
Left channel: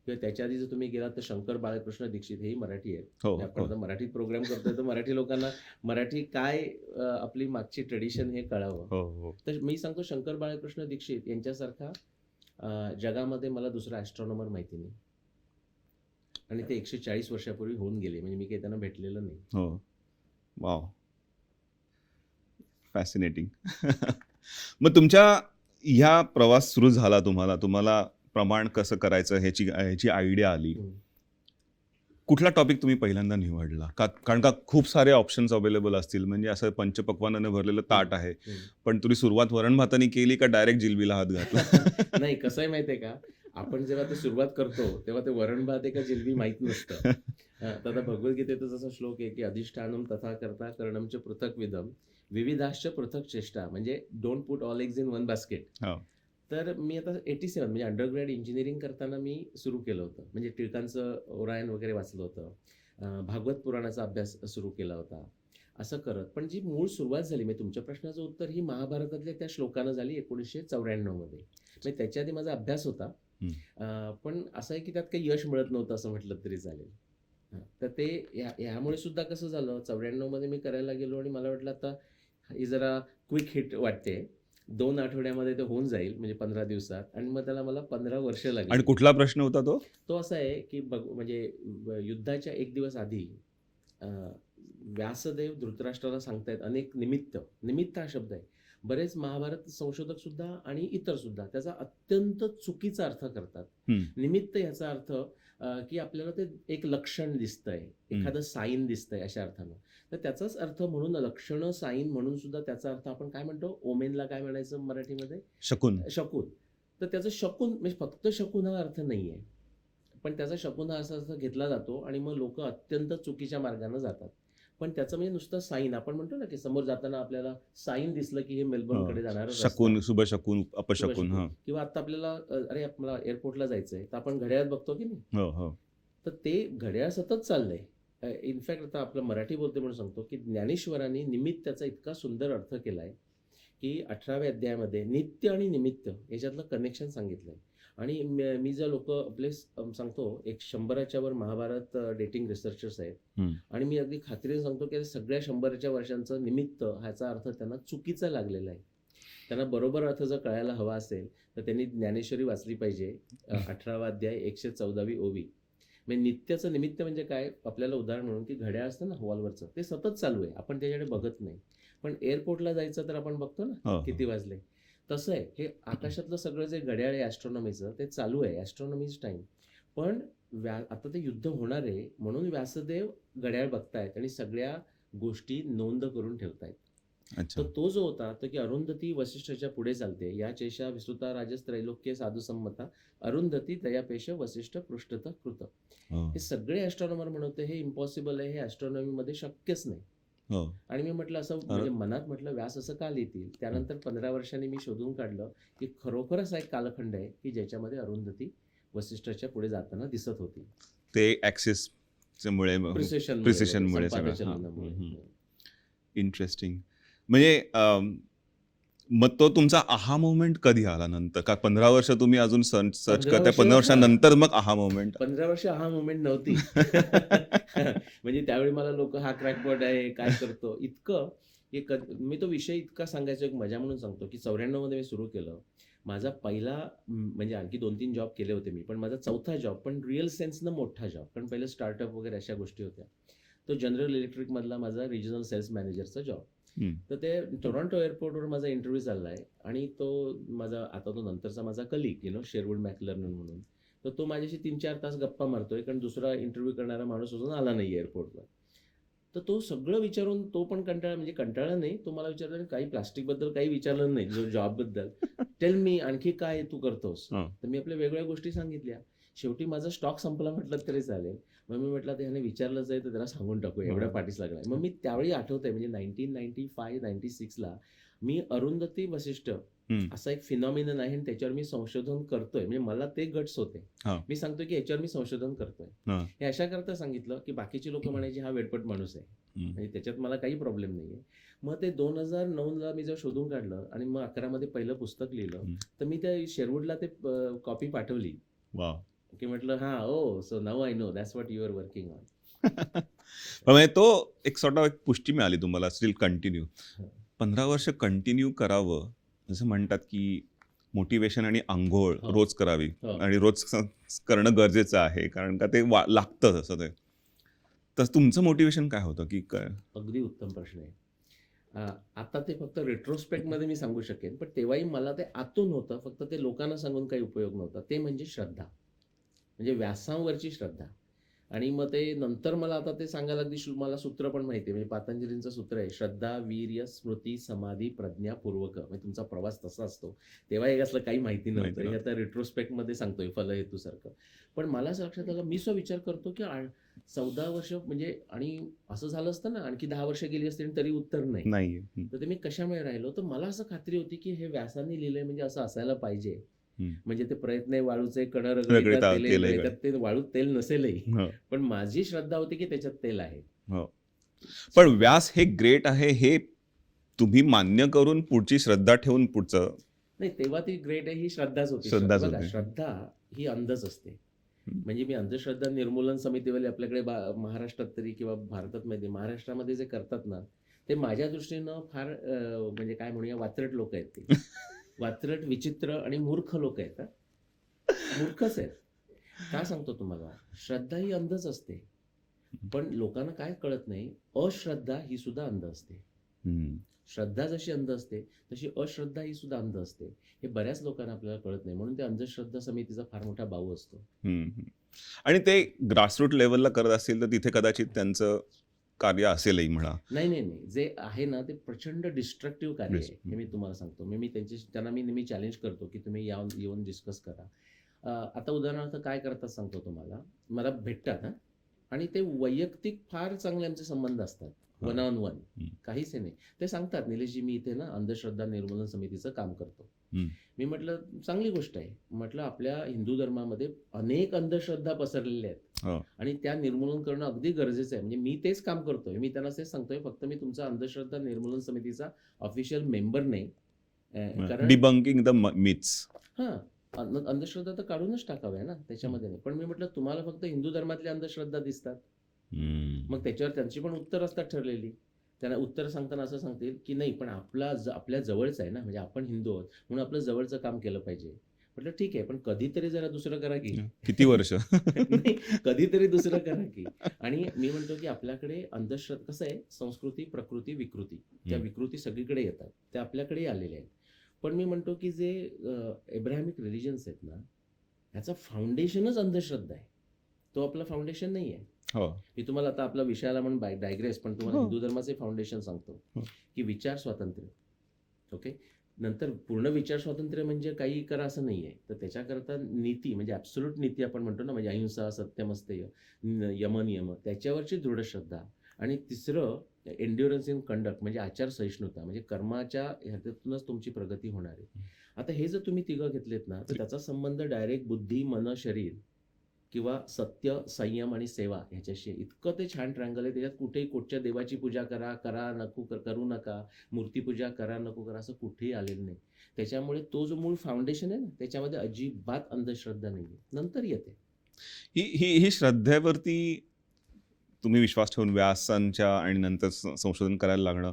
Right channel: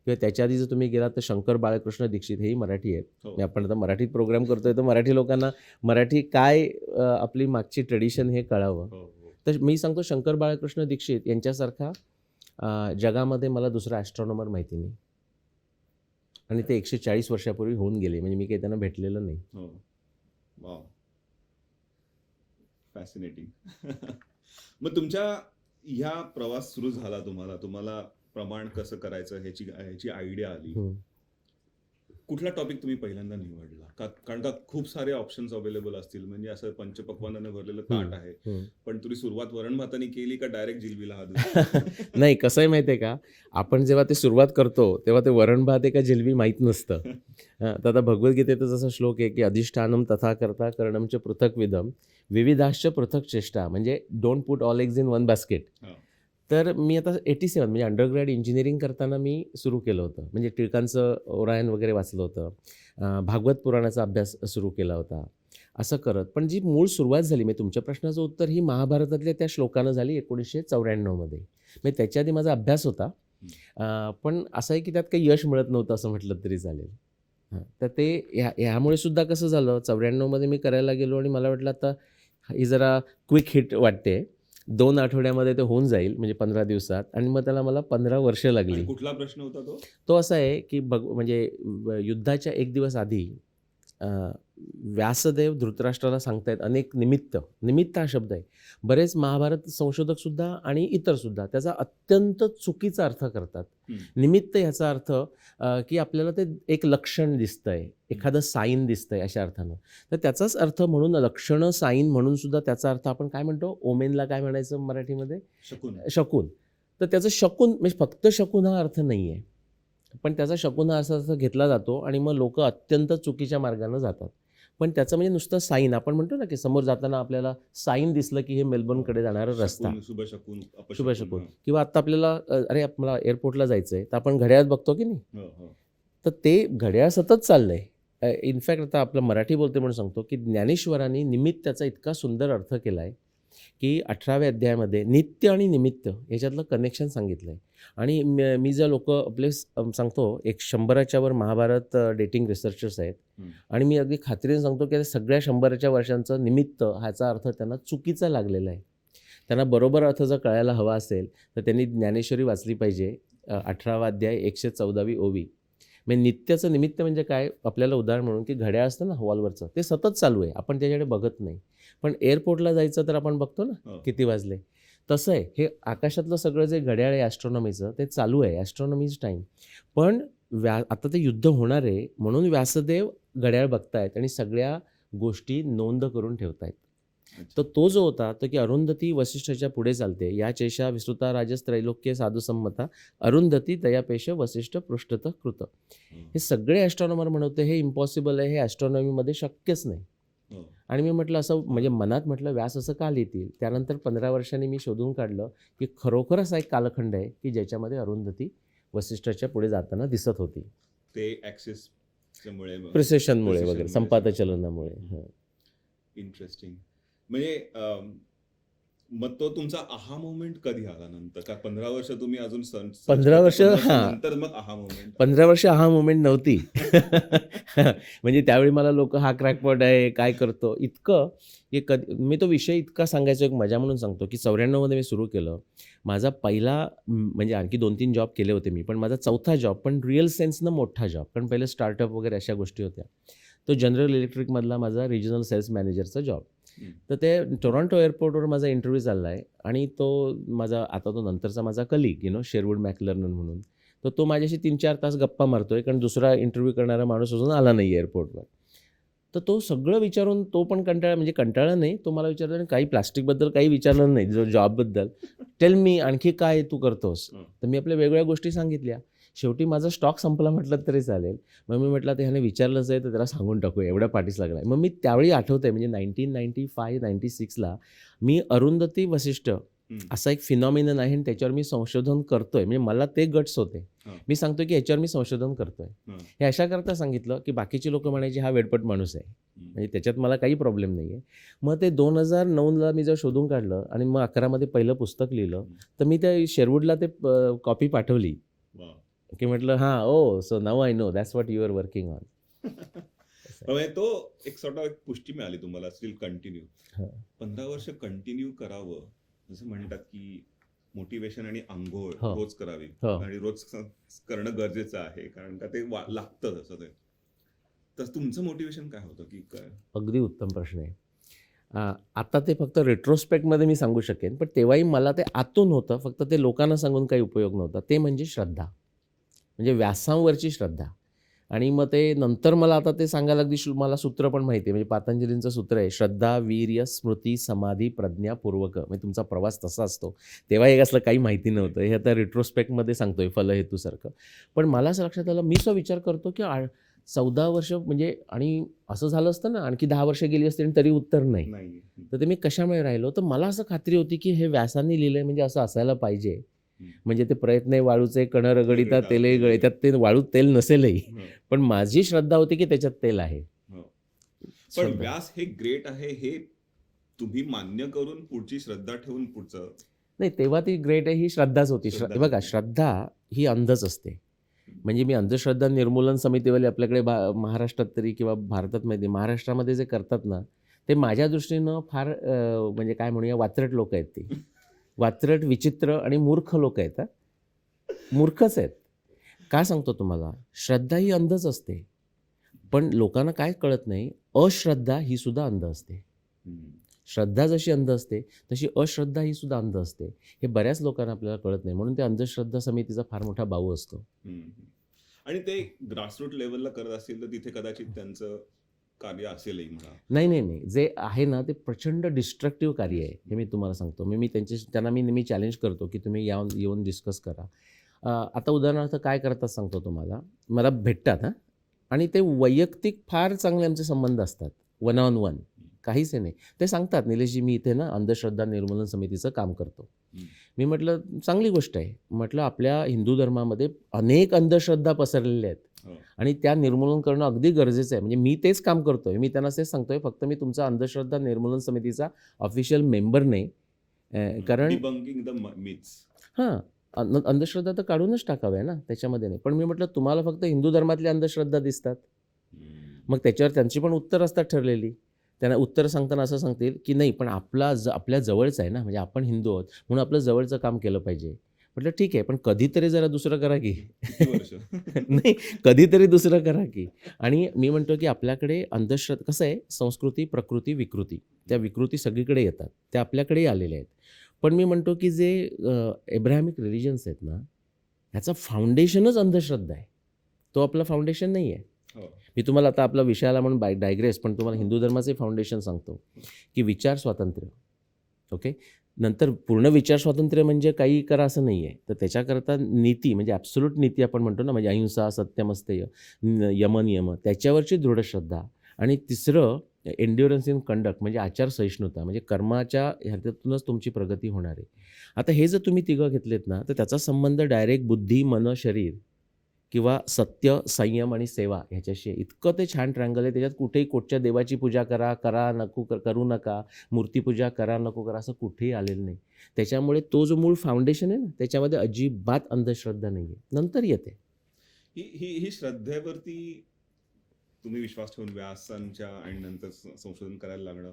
किंवा त्याच्या आधी जर तुम्ही गेलात तर शंकर बाळकृष्ण दीक्षित हेही मराठी आहेत. हो. म्हणजे आपण हो. आता मराठीत प्रोग्राम करतोय तर मराठी लोकांना मराठी काय आपली मागची ट्रेडिशन हे कळावं. हो. हो. तर मी सांगतो शंकर बाळकृष्ण दीक्षित यांच्यासारखा जगामध्ये मला दुसरा ॲस्ट्रॉनॉमर माहिती नाही. आणि ते 140 वर्षापूर्वी होऊन गेले. म्हणजे मी काही त्यांना भेटलेलं नाही. हो. वॉव! फॅसिनेटिंग. मग तुमच्या ह्या प्रवास सुरू झाला तुम्हाला प्रमाण कसं करायचं ह्याची आयडिया आली. कुठला टॉपिक तुम्ही पहिल्यांदा निवडला? कारण का खूप सारे ऑप्शन्स अवेलेबल असतील. म्हणजे असं पंचपक्वान्नाने भरलेलं ताट आहे. पण तुम्ही सुरुवात वरण भाताने केली का डायरेक्ट जिलबीला हात घातला? नाही, कसं आहे माहिती आहे का? आपण जेव्हा ते सुरुवात करतो तेव्हा ते वरण भात आहे का जिलबी माहीत नसतं. तर आता भगवद्गीतेचा जसा श्लोक आहे की अधिष्ठानम तथा कर्ता करणम च पृथक विधम विविधाश्च पृथक चेष्टा. म्हणजे don't put all eggs in one basket. हो. तर मी आता 87 म्हणजे अंडरग्रॅड इंजिनिअरिंग करताना मी सुरू केलं होतं. म्हणजे टिळकांचं ओरायन वगैरे वाचलं होतं. भागवत पुराणाचा अभ्यास सुरू केला होता. असं करत पण जी मूळ सुरुवात झाली म्हणजे तुमच्या प्रश्नाचं उत्तर ही महाभारतातल्या त्या श्लोकानं झाली 1994 मध्ये. म्हणजे त्याच्या आधी माझा अभ्यास होता. पण असं आहे की त्यात काही यश मिळत नव्हतं असं म्हटलं तरी चालेल. तर ते ह्यामुळे सुद्धा कसं झालं 94 मध्ये मी करायला गेलो आणि मला वाटलं आता ही जरा क्विक हिट वाटते. 2 आठवड्यामध्ये ते होऊन जाईल म्हणजे 15 दिवसात आणि मग त्याला मला 15 वर्ष लागली. आणि कुठला प्रश्न होता तो? तो असा आहे की म्हणजे युद्धाच्या 1 दिवस आधी व्यासदेव धृतराष्ट्राला सांगतायत अनेक निमित्त हा शब्द आहे. बरेच महाभारत संशोधक सुद्धा आणि इतर सुद्धा त्याचा अत्यंत चुकीचा अर्थ करतात. निमित्त याचा अर्थ की आपल्याला ते एक लक्षण दिसतंय, एखादं साईन दिसतंय अशा अर्थानं. तर त्याचाच अर्थ म्हणून लक्षणं साईन म्हणून सुद्धा त्याचा अर्थ आपण काय म्हणतो ओमेनला काय म्हणायचं मराठीमध्ये? शकून. शकून. तर त्याचं शकून म्हणजे फक्त शकून हा अर्थ नाही आहे. पण त्याचा शकून हा असा घेतला जातो आणि मग लोक अत्यंत चुकीच्या मार्गाने जातात. पण त्याचं म्हणजे नुसतं साईन आपण म्हणतो ना की समोर जाताना आपल्याला साईन दिसलं की हे मेलबर्नकडे जाणारं रस्ता. शकून, शुभशकून, अपशकून. किंवा आता आपल्याला अरे मला एअरपोर्टला जायचंय तर आपण घड्याळात बघतो की नाही. हो. हो. तर ते घड्याळ सतत चाललंय इनफॅक्ट आता आपलं मराठी बोलते म्हणून सांगतो की ज्ञानेश्वरांनी निमित्ताचा इतका सुंदर अर्थ केला आहे की 18व्या अध्यायामध्ये नित्य आणि निमित्त याच्यातलं कनेक्शन सांगितलं आहे. आणि मी जर लोक आपले सांगतो एक 100च्या वर महाभारत डेटिंग रिसर्चर्स आहेत. हम्म. आणि मी अगदी खात्रीने सांगतो की सगळ्या 100च्या वर्षांचं निमित्त ह्याचा अर्थ त्यांना चुकीचा लागलेला आहे. त्यांना बरोबर अर्थ जर कळायला हवा असेल तर त्यांनी ज्ञानेश्वरी वाचली पाहिजे. 18वा अध्याय 114वी ओवी. म्हणजे नित्याचं निमित्त म्हणजे काय, आपल्याला उदाहरण म्हणून की घड्याळ असतं ना वॉलवरचं, ते सतत चालू आहे, आपण त्याच्याकडे बघत नाही. पण एअरपोर्टला जायचं तर आपण बघतो ना हो, किती वाजले. तसं आहे हे आकाशातलं सगळं जे घड्याळ आहे ॲस्ट्रॉनॉमीचं ते चालू आहे, ॲस्ट्रॉनॉमीज टाईम. पण आता ते युद्ध होणार आहे म्हणून व्यासदेव घड्याळ बघतायत आणि सगळ्या गोष्टी नोंद करून ठेवतायत. अच्छा. तर तो जो होता तो की अरुंधती वसिष्ठाच्या पुढे चालते, या चेशा विस्तृता राजस त्रैलोक्य साधू संमता अरुंधती तयापेश वसिष्ठ पृष्ठत कृत. हो, हे सगळे ॲस्ट्रॉनॉमर म्हणवते हे इम्पॉसिबल आहे, हे ॲस्ट्रॉनॉमीमध्ये शक्यच नाही. हो. आणि मी म्हटलं असं म्हणजे मनात म्हटलं व्यास असं का लिहितील. त्यानंतर 15 वर्षांनी मी शोधून काढलं की खरोखरच हा एक कालखंड आहे की ज्याच्यामध्ये अरुंधती वसिष्ठाच्या पुढे जाताना दिसत होती. ते ऍक्सिस मुळे प्रिसेशनमुळे Precisionमुळे संपात सगळं. चलनामुळे. हं. इंटरेस्टिंग. म्हणजे मग तो तुमचा आहा मोमेंट कधी आला नंतर का 15 वर्ष तुम्ही अजून सर्च 15 करताय, 15 वर्ष, हां. वर्षानंतर मग आहा मोमेंट? 15 वर्ष हा मुवमेंट नव्हती. म्हणजे त्यावेळी मला लोक हा क्रॅकपॉट आहे काय करतो इतकं की मी तो विषय इतका सांगायचो, एक मजा म्हणून सांगतो की 94 मध्ये मी सुरू केलं. माझा पहिला म्हणजे आणखी 2-3 जॉब केले होते मी, पण माझा चौथा जॉब, पण रिअल सेन्सनं मोठा जॉब, कारण पहिले स्टार्टअप वगैरे अशा गोष्टी होत्या. तो जनरल इलेक्ट्रिकमधला माझा रिजनल सेल्स मॅनेजरचा जॉब. तर ते टोरंटो एअरपोर्टवर माझा इंटरव्ह्यू चालला आहे आणि तो माझा आता तो नंतरचा माझा कलीग शेरवूड मॅकलर्नन म्हणून, तर तो माझ्याशी 3-4 तास गप्पा मारतोय कारण दुसरा इंटरव्ह्यू करणारा माणूस अजून आला नाही एअरपोर्टवर. तर तो सगळं विचारून तो पण म्हणजे कंटाळा नाही, तो मला विचारतो आणि काही प्लास्टिकबद्दल काही विचारलं नाही, जो जॉबबद्दल. टेल मी आणखी काय तू करतोस. तर मी आपल्या वेगवेगळ्या गोष्टी सांगितल्या. शेवटी माझा स्टॉक संपला म्हटलं तरी चालेल. मग मी म्हटलं आता ह्याने विचारलंच आहे तर त्याला सांगून टाकूया, एवढ्या पाठीस लागला आहे. मग मी त्यावेळी आठवतंय म्हणजे 1995-96ला मी अरुंधती वसिष्ठ असा एक फिनॉमिनन आहे आणि त्याच्यावर मी संशोधन करतोय. म्हणजे मला ते गट्स होते. मी सांगतोय की याच्यावर मी संशोधन करतोय. हे अशा करता सांगितलं की बाकीची लोक म्हणायची हा वेडपट माणूस आहे, म्हणजे त्याच्यात मला काही प्रॉब्लेम नाही आहे. मग ते 2009ला मी जर शोधून काढलं आणि मग 11 मध्ये पहिलं पुस्तक लिहिलं, तर मी त्या शेरवूडला ते कॉपी पाठवली की म्हटलं हां oh so now I know that's what you are working on. म्हणजे तो एक एक पुष्टी मिळाली तुम्हाला स्टील कंटिन्यू 15 वर्ष कंटिन्यू करावं. जसं म्हणतात की मोटिवेशन आणि आंघोळ रोज करावी आणि रोज करणं गरजेचं आहे, कारण का ते लागतं तसं ते. तर तुमचं मोटिवेशन काय होतं की काय? अगदी उत्तम प्रश्न आहे. आता ते फक्त रेट्रोस्पेक्टमध्ये मी सांगू शकेन, पण तेव्हाही मला ते आतून होतं, फक्त ते लोकांना सांगून काही उपयोग नव्हता. ते म्हणजे श्रद्धा, म्हणजे व्यासांवरची श्रद्धा. आणि मग ते नंतर मला आता ते सांगायला अगदी मला सूत्र पण माहिती आहे. म्हणजे पातंजलींचं सूत्र आहे, श्रद्धा वीर्य स्मृती समाधी प्रज्ञा पूर्वक. म्हणजे तुमचा प्रवास तसा असतो. तेव्हा एक असलं काही माहिती नव्हतं. हे आता रेट्रोस्पेक्टमध्ये सांगतोय फलहेतूसारखं. पण मला असं लक्षात आलं, मी विचार करतो की 14 वर्ष म्हणजे, आणि असं झालं असतं ना आणखी 10 वर्ष गेली असते तरी उत्तर नाही. तर ते मी कशामुळे राहिलो, तर मला असं खात्री होती की हे व्यासांनी लिहिलंय म्हणजे असं असायला पाहिजे. म्हणजे ते प्रयत्न वाळूचे कण रगडिता तेलही गळतात, ते वाळूत तेल नसेलही, पण माझी श्रद्धा होती की त्याच्यात तेल आहे. पण व्यास हे ग्रेट आहे हे तुम्ही मान्य करून पुढची श्रद्धा ठेवून पुढचं नाही, तेव्हा ती ग्रेट आहे ही श्रद्धाच होती. बघा, श्रद्धा ही अंधच असते. म्हणजे मी अंधश्रद्धा निर्मूलन समितीवाले आपल्याकडे महाराष्ट्रात तरी किंवा भारतात माहिती, महाराष्ट्रामध्ये जे करतात ना, ते माझ्या दृष्टीनं फार म्हणजे काय म्हणूया वात्रट लोक आहेत. ते वात्रट, विचित्र आणि मूर्ख लोक आहेत. मूर्खच आहेत. का सांगतो तुम्हाला, श्रद्धा ही अंधच असते, पण लोकांना काय कळत नाही, अश्रद्धा ही सुद्धा अंध असते. श्रद्धा जशी अंध असते तशी अश्रद्धा ही सुद्धा अंध असते. हे बऱ्याच लोकांना आपल्याला कळत नाही, म्हणून ते अंधश्रद्धा समितीचा फार मोठा बाऊ असतो. आणि ते ग्रासरूट लेवलला करत असतील तर तिथे कदाचित त्यांचं कार्य असेलही म्हणा. नाही, जे आहे ना ते प्रचंड डिस्ट्रक्टिव्ह कार्य आहे, हे मी तुम्हाला सांगतो. मी त्यांना मी नेहमी चॅलेंज करतो की तुम्ही येऊन डिस्कस करा. आता उदाहरणार्थ काय करतात सांगतो तुम्हाला. मला भेटतात आणि ते वैयक्तिक फार चांगले आमचे संबंध असतात, 1-on-1, काहीच नाही. ते सांगतात, निलेशजी मी इथे ना अंधश्रद्धा निर्मूलन समितीचं काम करतो. मी म्हटलं चांगली गोष्ट आहे. म्हटलं आपल्या हिंदू धर्मामध्ये अनेक अंधश्रद्धा पसरलेल्या आहेत, हो. आणि त्या निर्मूलन करणं अगदी गरजेचं आहे. म्हणजे मी तेच काम करतोय. मी त्यांना तेच सांगतोय. फक्त मी तुमचा अंधश्रद्धा निर्मूलन समितीचा ऑफिशियल मेंबर नाही. कारण डिबंकिंग द मिथ्स. हां, अंधश्रद्धा तर काढूनच टाकाव्या ना, त्याच्यामध्ये नाही. पण मी म्हटलं तुम्हाला फक्त हिंदू धर्मातल्या अंधश्रद्धा दिसतात. मग त्याच्यावर त्यांची पण उत्तर असतात ठरलेली. त्यांना उत्तर सांगताना असं सांगतील, की नाही पण आपल्या जवळचं आहे ना, म्हणजे आपण हिंदू आहोत म्हणून आपलं जवळचं काम केलं पाहिजे. म्हटलं ठीक आहे, पण कधीतरी जरा दुसरं करा की. किती वर्ष? नाही, कधीतरी दुसरं करा की. आणि मी म्हणतो, की आपल्याकडे कसं आहे, संस्कृती, प्रकृती, विकृती. त्या विकृती सगळीकडे येतात. त्या आपल्याकडेही आलेल्या आहेत. पण मी म्हणतो, की जे एब्राहमिक रिलिजन्स आहेत ना, ह्याचं फाउंडेशनच अंधश्रद्धा आहे. तो आपला फाउंडेशन नाही आहे. हो. मी तुम्हाला आता आपला विषय आला म्हणून डायग्रेस, पण तुम्हाला हो. हिंदू धर्माचे फाउंडेशन सांगतो, हो. की विचार स्वातंत्र्य. ओके. नंतर पूर्ण विचार स्वातंत्र्य म्हणजे काही करा असं नाही आहे. तर त्याच्याकरता नीती म्हणजे ॲब्सोल्यूट नीती आपण म्हणतो ना, म्हणजे अहिंसा, सत्यमस्तेय, यम, त्याच्यावरची दृढ श्रद्धा. आणि तिसरं एन्ड्युरन्स इन कंडक्ट म्हणजे आचारसहिष्णुता, म्हणजे कर्माच्या ह्याच्यातूनच तुमची प्रगती होणार आहे. आता हे जर तुम्ही तिघं घेतलेत ना, तर त्याचा संबंध डायरेक्ट बुद्धी, मन, शरीर किंवा सत्य, संयम आणि सेवा ह्याच्याशी आहे. इतकं ते छान ट्रँगल आहे. त्याच्यात कुठेही कुठच्या देवाची पूजा करा, करू नका, मूर्तीपूजा करा, नको करा, असं कुठेही आलेलं नाही. त्याच्यामुळे तो जो मूळ फाउंडेशन आहे ना, त्याच्यामध्ये अजिबात अंधश्रद्धा नाही आहे. नंतर येते. ही श्रद्धेवरती तुम्ही विश्वास ठेवून व्यासांच्या आणि नंतर संशोधन करायला लागणं,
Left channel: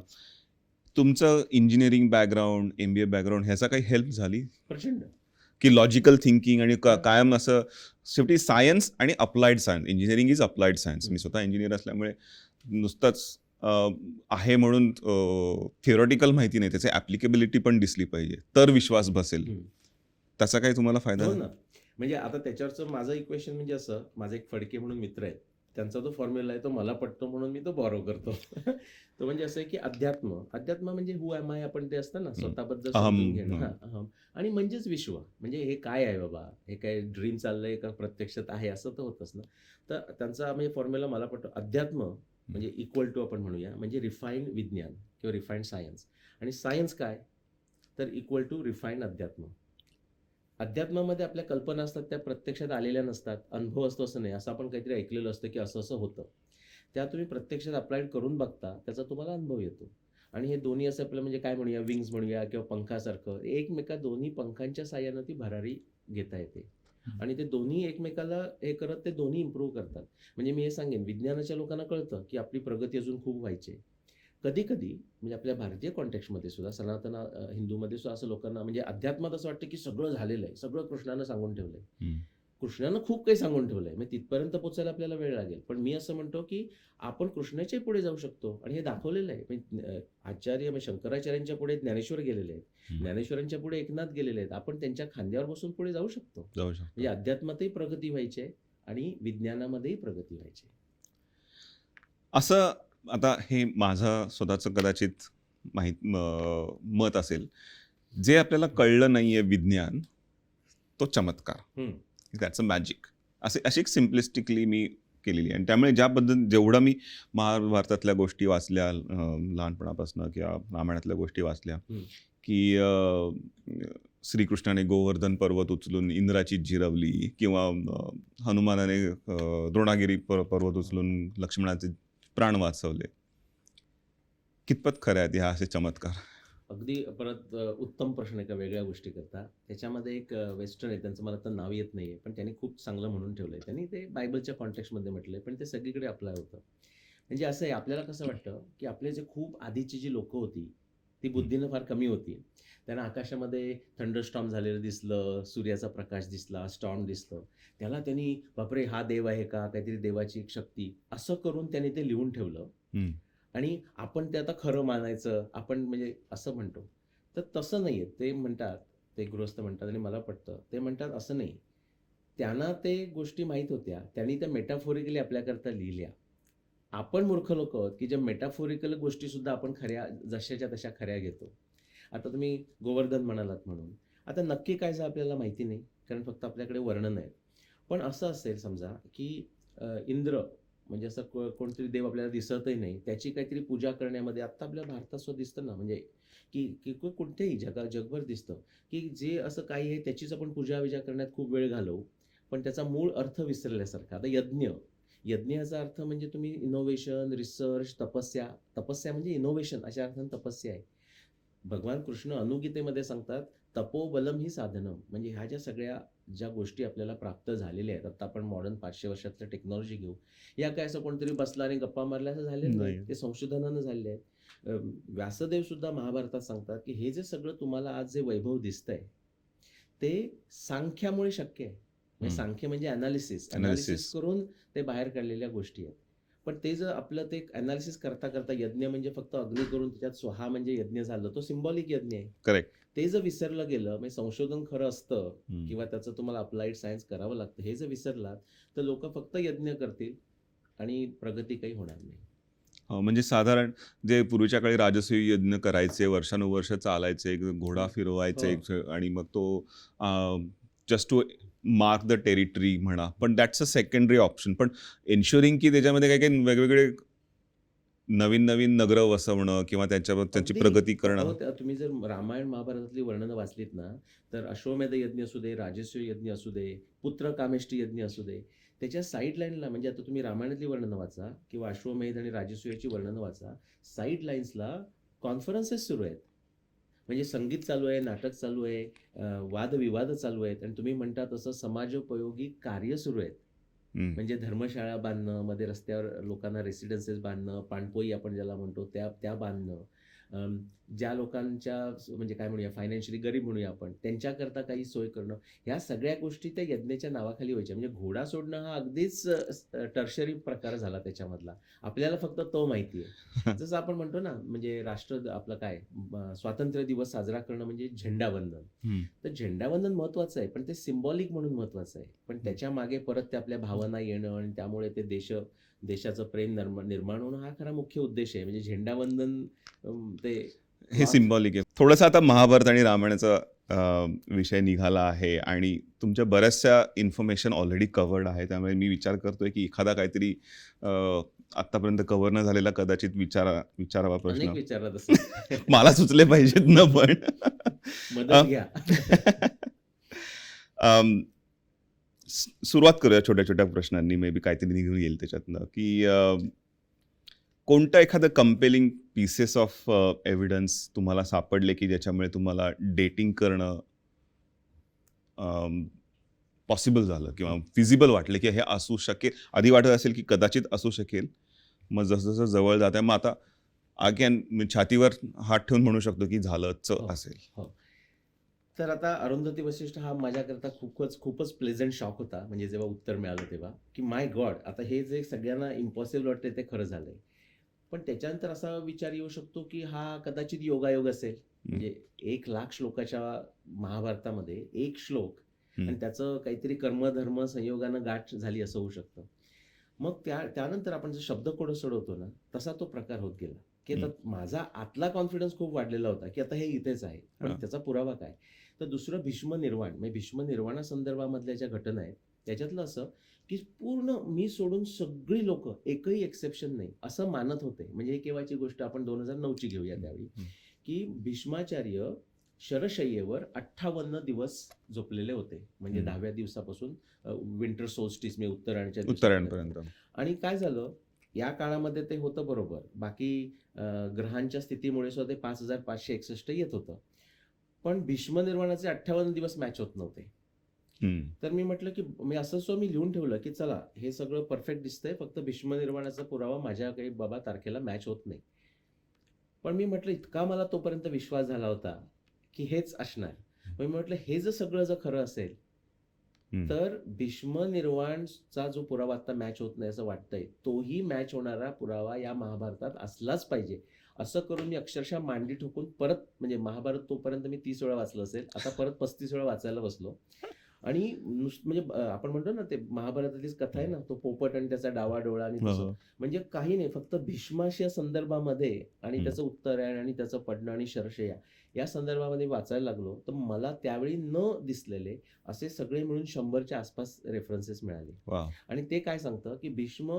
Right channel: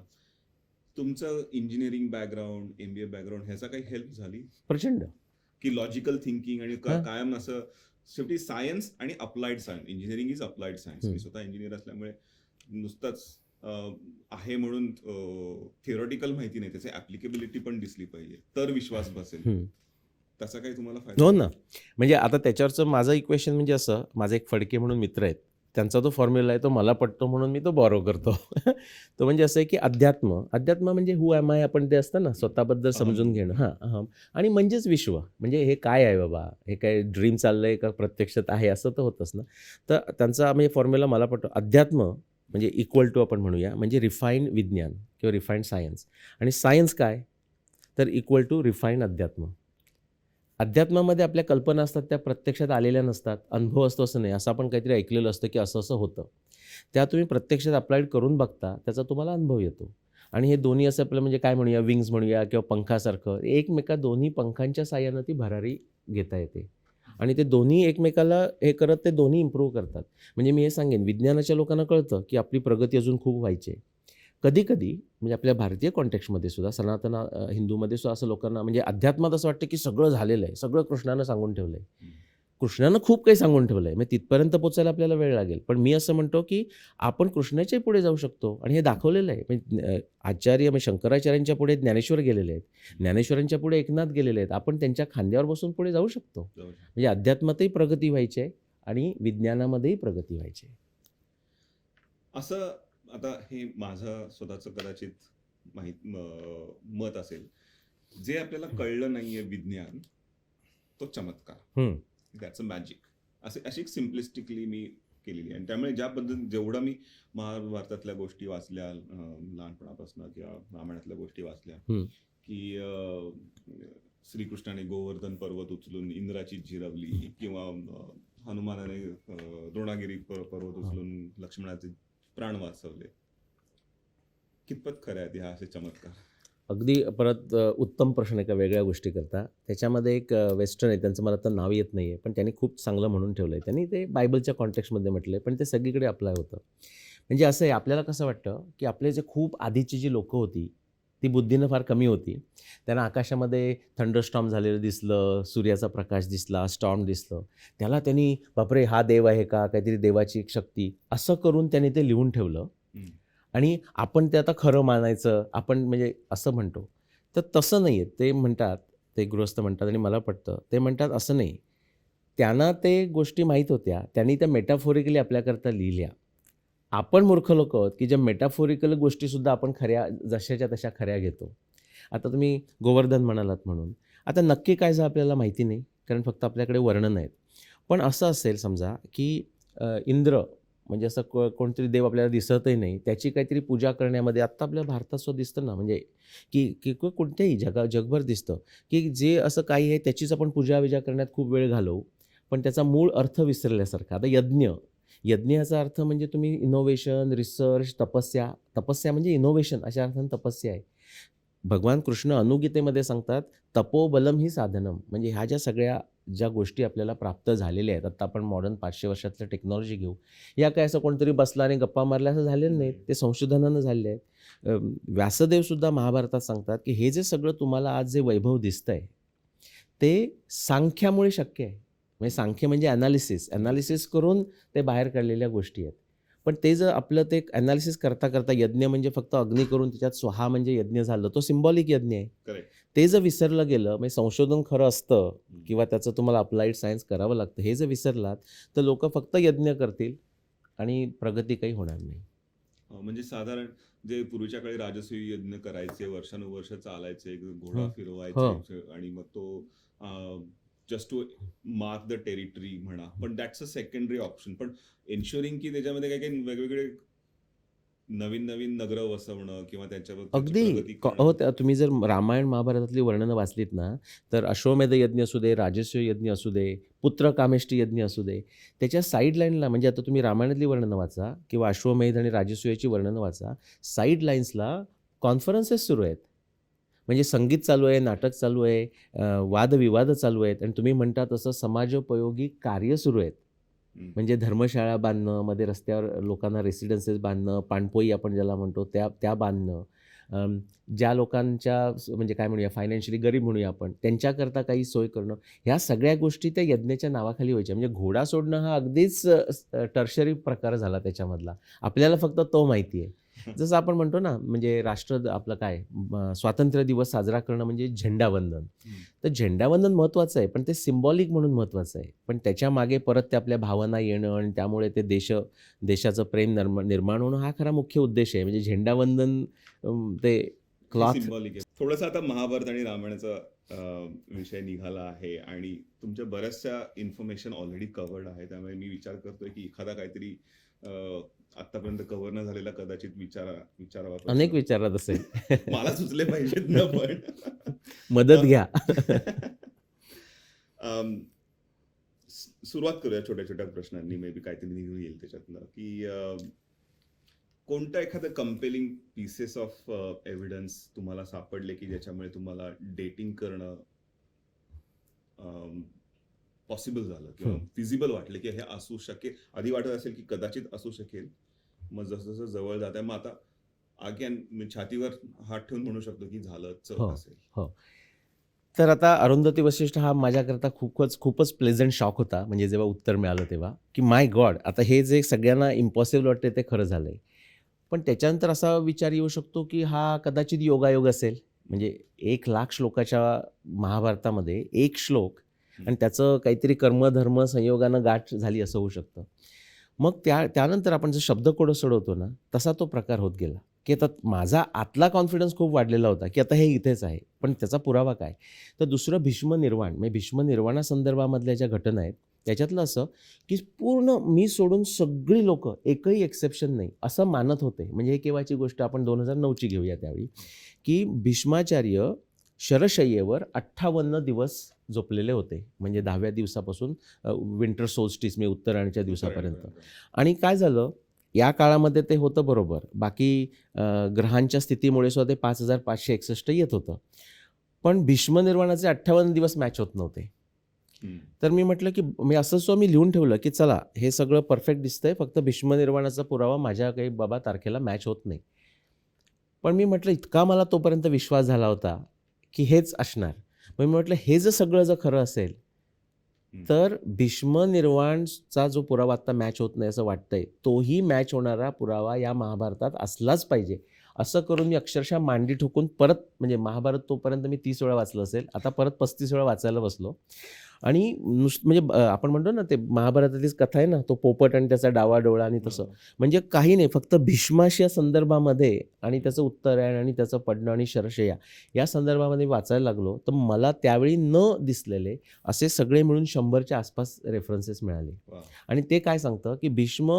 तुमचं इंजिनिअरिंग बॅकग्राऊंड, MBA बॅकग्राऊंड ह्याचा काही हेल्प झाली? प्रचंड. की लॉजिकल थिंकिंग आणि हां. कायम असं शेवटी सायन्स आणि applied science, engineering is applied science. मी स्वतः इंजिनियर असल्यामुळे नुसतंच आहे म्हणून थिओरिटिकल माहिती नाही, त्याची ॲप्लिकेबिलिटी पण दिसली पाहिजे, तर विश्वास बसेल. त्याचा काही तुम्हाला फायदा हो झाला? ना. म्हणजे आता त्याच्यावरचं माझं इक्वेशन म्हणजे असं, माझे एक फडके म्हणून मित्र आहेत. त्यांचा जो फॉर्म्युला आहे तो मला पटतो म्हणून मी तो बॉरो करतो. तो म्हणजे असं आहे की अध्यात्म म्हणजे हू एम आय आपण ते असतं ना, स्वतःबद्दल समजून घेणं. हां, अहम. आणि म्हणजेच विश्व. म्हणजे हे काय आहे बाबा? हे काय ड्रीम चाललंय का प्रत्यक्षात आहे असं तर होतंच ना. तर त्यांचा म्हणजे फॉर्म्युला मला पटतो. अध्यात्म म्हणजे इक्वल टू आपण म्हणूया म्हणजे रिफाईंड विज्ञान किंवा रिफाईंड सायन्स. आणि सायन्स काय? तर इक्वल टू रिफाईंड अध्यात्म. अध्यात्मामध्ये आपल्या कल्पना असतात त्या प्रत्यक्षात आलेल्या नसतात. अनुभव असतो असं नाही. असं आपण काहीतरी ऐकलेलं असतं की असं होतं. त्या तुम्ही प्रत्यक्षात अप्लाइड करून बघता, त्याचा तुम्हाला अनुभव येतो. आणि हे दोन्ही असं आपलं म्हणजे काय म्हणूया, विंग्स म्हणूया किंवा पंखासारखं दोन्ही पंखांच्या साहाय्यानं ती भरारी घेता येते. आणि ते दोन्ही एकमेकाला हे करत ते दोन्ही इम्प्रूव्ह करतात. म्हणजे मी हे सांगेन, विज्ञानाच्या लोकांना कळतं की आपली प्रगती अजून खूप व्हायची आहे. कधी-कधी म्हणजे आपल्या भारतीय कॉन्टेक्स्टमध्ये सुद्धा सनातन हिंदूमध्ये सुद्धा असं लोकांना म्हणजे अध्यात्मात असं वाटतं की सगळं झालेलं आहे, सगळं कृष्णानं सांगून ठेवलं आहे. कृष्णानं खूप काही सांगून ठेवलं आहे. मग तिथपर्यंत पोहोचायला आपल्याला वेळ लागेल. पण मी असं म्हणतो की आपण कृष्णाच्या पुढे जाऊ शकतो आणि हे दाखवलेलं आहे. म्हणजे आचार्य म्हणजे शंकराचार्यांच्या पुढे ज्ञानेश्वर गेलेले आहेत. ज्ञानेश्वरांच्या पुढे एकनाथ गेलेले आहेत. आपण त्यांच्या खांद्यावर बसून पुढे जाऊ शकतो. म्हणजे अध्यात्मातही प्रगती व्हायची आहे आणि विज्ञानामध्येही प्रगती व्हायची आहे. असं आता हे माझं स्वतःचं कदाचित मत असेल, जे आपल्याला कळलं नाहीये विज्ञान, तो चमत्कार. That's a magic. अशी एक सिम्प्लिस्टिकली मी केलेली आहे. आणि त्यामुळे जेवढं मी महाभारतातल्या गोष्टी वाचल्या लहानपणापासून किंवा रामायणातल्या गोष्टी वाचल्या, की श्रीकृष्णाने गोवर्धन पर्वत उचलून इंद्राची जिरवली किंवा हनुमानाने द्रोणागिरी पर्वत उचलून लक्ष्मणाचे प्राण वाचवले. कितपत खरं आहेत ह्या असे चमत्कार? अगदी परत उत्तम प्रश्न एका वेगळ्या गोष्टी करता. त्याच्यामध्ये एक वेस्टर्न आहे, त्यांचं मला आता नाव येत नाही आहे, पण त्यांनी खूप चांगलं म्हणून ठेवलं आहे. त्यांनी ते बायबलच्या कॉन्टेक्स्टमध्ये म्हटलं आहे, पण ते सगळीकडे अप्लाय होतं. म्हणजे असं आहे, आपल्याला कसं वाटतं, की आपले जे खूप आधीची जी लोकं होती, ती बुद्धीनं फार कमी होती. त्यांना आकाशामध्ये थंडरस्टॉर्म झालेलं दिसलं, सूर्याचा प्रकाश दिसला, स्टॉर्म दिसलं. त्याला त्यांनी बापरे हा देव आहे का? काहीतरी देवाची एक शक्ती, असं करून त्यांनी ते लिहून ठेवलं. आणि आपण ते आता खरं मानायचं, आपण म्हणजे असं म्हणतो. तर तसं नाही आहे. ते म्हणतात, ते गृहस्थ म्हणतात आणि मला पटतं. ते म्हणतात असं नाही. त्यांना ते गोष्टी माहीत होत्या. त्यांनी त्या मेटाफोरिकली आपल्याकरता लिहिल्या. आपण मूर्ख लोकं आहोत, की ज्या मेटाफोरिकल गोष्टीसुद्धा आपण खऱ्या जशाच्या तशा खऱ्या घेतो. आता तुम्ही गोवर्धन म्हणालात म्हणून. आता नक्की काय झालं आपल्याला माहिती नाही, कारण फक्त आपल्याकडे वर्णन आहेत. पण असं असेल समजा, की इंद्र म्हणजे असं कोणतरी देव आपल्याला दिसतही नाही, त्याची काहीतरी पूजा करण्यामध्ये आत्ता आपल्या भारतात सुद्धा दिसतं ना, म्हणजे की कोणत्याही जगभर दिसतं, की जे असं काही आहे त्याचीच आपण पूजा-विजा करण्यात खूप वेळ घालवू पण त्याचा मूळ अर्थ विसरल्यासारखा. आता यज्ञ, यज्ञ याचा अर्थ म्हणजे तुम्ही इनोव्हेशन, रिसर्च, तपस्या. तपस्या म्हणजे इनोव्हेशन अशा अर्थाने तपस्या आहे. भगवान कृष्ण अनुगीतेमध्ये सांगतात, तपोबलम ही साधनम. म्हणजे ह्या ज्या गोष्टी आपल्याला प्राप्त झालेल्या आहेत, आता आपण मॉडर्न 500 वर्षातलं टेक्नॉलॉजी घेऊ. या काय असं कोणतरी बसला आणि गप्पा मारल्या असं झालेलं नाही. नाही. ते संशोधनानं झाले आहेत. व्यासदेव सुद्धा महाभारतात सांगतात, की हे जे सगळं तुम्हाला आज जे वैभव दिसतंय, ते सांख्यामुळे शक्य आहे. म्हणजे सांख्य म्हणजे ॲनालिसिस. Analysis Analysis. करून ते बाहेर काढलेल्या गोष्टी आहेत. पण ते जर आपलं ते ॲनालिसिस करता यज्ञ म्हणजे फक्त अग्नी करून त्याच्यात स्वहा म्हणजे यज्ञ झालं, तो सिम्बॉलिक यज्ञ आहे. करेक्ट. ते जर विसरलं गेलं, म्हणजे संशोधन खरं असतं किंवा त्याचं तुम्हाला अप्लाइड सायन्स करावं लागतं, हे जर विसरलात तर लोक फक्त यज्ञ करतील आणि प्रगती काही होणार नाही. म्हणजे साधारण जे पूर्वीच्या काळी राजसूय यज्ञ करायचे, वर्षानुवर्ष चालायचे, एक घोडा हो. फिरवायचे हो. आणि मग तो just to mark the territory म्हणा. पण दॅट्स अ सेकंडरी ऑप्शन. पण एन्शुरिंग की त्याच्यामध्ये काही काही वेगवेगळे नवीन नगरं वसवणं किंवा त्याची अगदी प्रगती करणं. तुम्ही जर रामायण महाभारतातली वर्णनं वाचलीत ना, तर अश्वमेध यज्ञ असू दे, राजसूय यज्ञ असू दे, पुत्र कामेष्टी यज्ञ असू दे, त्याच्या साईड लाईनला म्हणजे आता तुम्ही रामायणातली वर्णनं वाचा किंवा अश्वमेध आणि राजसूयाची वर्णनं वाचा, साईड लाईन्सला कॉन्फरन्सेस सुरू आहेत. म्हणजे संगीत चालू आहे, नाटक चालू आहे, वादविवाद चालू आहेत आणि तुम्ही म्हणता तसं समाजोपयोगी कार्य सुरू आहेत. म्हणजे धर्मशाळा बांधणं, मध्ये रस्त्यावर लोकांना रेसिडेन्सेस बांधणं, पाणपोई आपण ज्याला म्हणतो त्या बांधणं. ज्या लोकांच्या म्हणजे काय म्हणूया फायनान्शियली गरीब म्हणूया आपण, त्यांच्याकरता काही सोय करणं. ह्या सगळ्या गोष्टी त्या यज्ञाच्या नावाखाली व्हायच्या. म्हणजे घोडा सोडणं हा अगदीच टर्शरी प्रकार झाला त्याच्यामधला. आपल्याला फक्त तो माहिती आहे. जसं आपण म्हणतो ना, म्हणजे आपलं काय स्वातंत्र्य दिवस साजरा करणं म्हणजे झेंडावंदन. तर झेंडावंदन महत्त्वाचं आहे, पण ते सिम्बॉलिक म्हणून महत्त्वाचं आहे. पण त्याच्या मागे परत ते आपल्या भावना येणं आणि त्यामुळे ते देशाचं प्रेम निर्माण होणं हा खरा मुख्य उद्देश आहे. म्हणजे झेंडावंदन ते हे क्लॉथ सिम्बॉलिक आहे. थोडंसं आता महाभारत आणि रामायणाचा विषय निघाला आहे आणि तुमच्या बऱ्याचशा इन्फॉर्मेशन ऑलरेडी कव्हर्ड आहे. त्यामुळे मी विचार करतोय की एखादा काहीतरी आतापर्यंत कव्हर न झालेला कदाचित विचारावा अनेक प्रश्न. विचारत असेल. मला सुचले पाहिजेत ना पण. मदत घ्या. सुरुवात करूया छोट्या छोट्या प्रश्नांनी. मे बी काहीतरी निघून येईल त्याच्यातनं की कोणतं एखादं कंपेलिंग पीसेस ऑफ एव्हिडन्स तुम्हाला सापडले की ज्याच्यामुळे तुम्हाला डेटिंग करणं पॉसिबल झालं किंवा फिजिबल वाटलं की हे असू शकेल. आधी वाटत असेल की कदाचित असू शकेल, मग जसं जसं जवळ जात आहे मग आता अगेन छातीवर हात ठेवून म्हणू शकतो की झालंच असेल. हो. तर आता अरुंधती वशिष्ठ हा माझ्याकरता खूपच प्लेझंट शॉक होता. म्हणजे जेव्हा उत्तर मिळालं तेव्हा की माय गॉड, आता हे जे सगळ्यांना इम्पॉसिबल वाटते ते खरं झालंय. पण त्याच्यानंतर असा विचार येऊ शकतो की हा कदाचित योगायोग असेल. म्हणजे 1,00,000 श्लोकाच्या महाभारतामध्ये एक श्लोक आणि त्याचं काहीतरी कर्मधर्म संयोगानं गाठ झाली असं होऊ शकतं. मग त्यानंतर आपण जर शब्दकोडं सोडवतो ना, तसा तो प्रकार होत गेला की आता माझा आतला कॉन्फिडन्स खूप वाढलेला होता की आता हे इथेच आहे. पण त्याचा पुरावा काय? तर दुसरं भीष्म निर्वाण, म्हणजे भीष्म निर्वाणासंदर्भामधल्या ज्या घटना आहेत त्याच्यातलं असं की पूर्ण मी सोडून सगळी लोक, एकही एक्सेप्शन नाही असं मानत होते. म्हणजे हे केव्हाची गोष्ट आपण 2009ची घेऊया त्यावेळी, की भीष्माचार्य शरशय्येवर 58 दिवस झोपलेले होते. म्हणजे 10व्या दिवसापासून विंटर सोल्स्टिस म्हणजे उत्तरायणच्या दिवसापर्यंत. आणि काय झालं या काळामध्ये ते होतं बरोबर. बाकी ग्रहांच्या स्थितीमुळे सुद्धा ते 5561 येत होतं. पण भीष्म निर्वाणाचे 58 दिवस मॅच होत नव्हते. तर मी म्हटलं की मी लिहून ठेवलं की चला हे सगळं परफेक्ट दिसतंय, फक्त भीष्म निर्वाणाचा पुरावा माझ्या काही बाबा तारखेला मॅच होत नाही. पण मी म्हटलं इतका मला तोपर्यंत विश्वास झाला होता की हेच असणार. मग मी म्हटलं हे जर सगळं जर खरं असेल तर भीष्म निर्वाणचा जो पुरावा आता मॅच होत नाही असं वाटतंय, तोही मॅच होणारा पुरावा या महाभारतात असलाच पाहिजे. असं करून मी अक्षरशः मांडी ठोकून परत, म्हणजे महाभारत तोपर्यंत मी 30 वेळा वाचलं असेल, आता परत 35 वेळा वाचायला बसलो. आणि म्हणजे आपण म्हणतो ना ते महाभारतातलीच कथा आहे ना, तो पोपट आणि त्याचा डावा डोळा आणि तसं. म्हणजे काही नाही, फक्त भीष्माच्या संदर्भामध्ये आणि त्याचं उत्तरायण आणि त्याचं पडणं आणि शरशय्या या संदर्भामध्ये वाचायला लागलो तर मला त्यावेळी न दिसलेले असे सगळे मिळून 100च्या आसपास रेफरन्सेस मिळाले. आणि ते काय सांगतं की भीष्म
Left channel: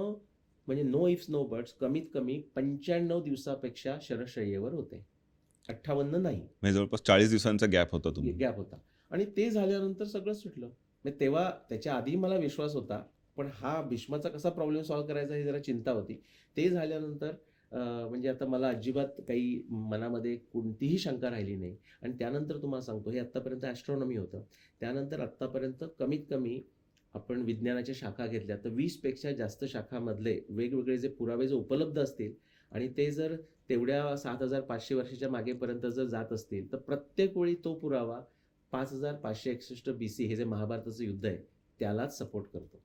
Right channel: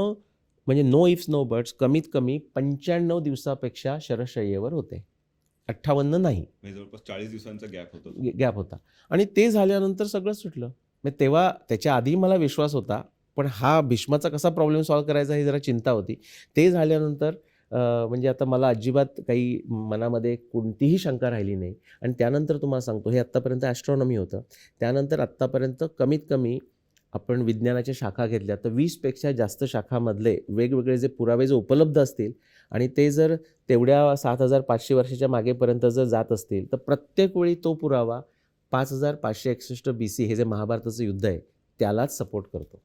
म्हणजे नो इफ्स नो बट्स कमीत कमी 95 दिवसापेक्षा शरशय्येवर होते, 58 नाही. म्हणजे जवळपास 40 दिवसांचा गॅप होता. गॅप होता. आणि ते झाल्यानंतर सगळं सुटलं. मग तेव्हा त्याच्या आधी मला विश्वास होता, पण हा भीष्माचा कसा प्रॉब्लेम सॉल्व्ह करायचा ही जरा चिंता होती. ते झाल्यानंतर म्हणजे आता मला अजिबात काही मनामध्ये कोणतीही शंका राहिली नाही आणि त्यानंतर तुम्हाला सांगतो हे आत्तापर्यंत ॲस्ट्रॉनॉमी होतं. त्यानंतर आत्तापर्यंत कमीत कमी आपण विज्ञानाच्या शाखा घेतल्या तर 20 पेक्षा जास्त शाखामधले वेगवेगळे जे पुरावे जर उपलब्ध असतील आणि ते जर तेवढ्या 7,500 वर्षाच्या मागेपर्यंत जर जात असतील, तर प्रत्येक वेळी तो पुरावा 5,561 BC हे जे महाभारताचं युद्ध आहे, त्यालाच सपोर्ट करतो.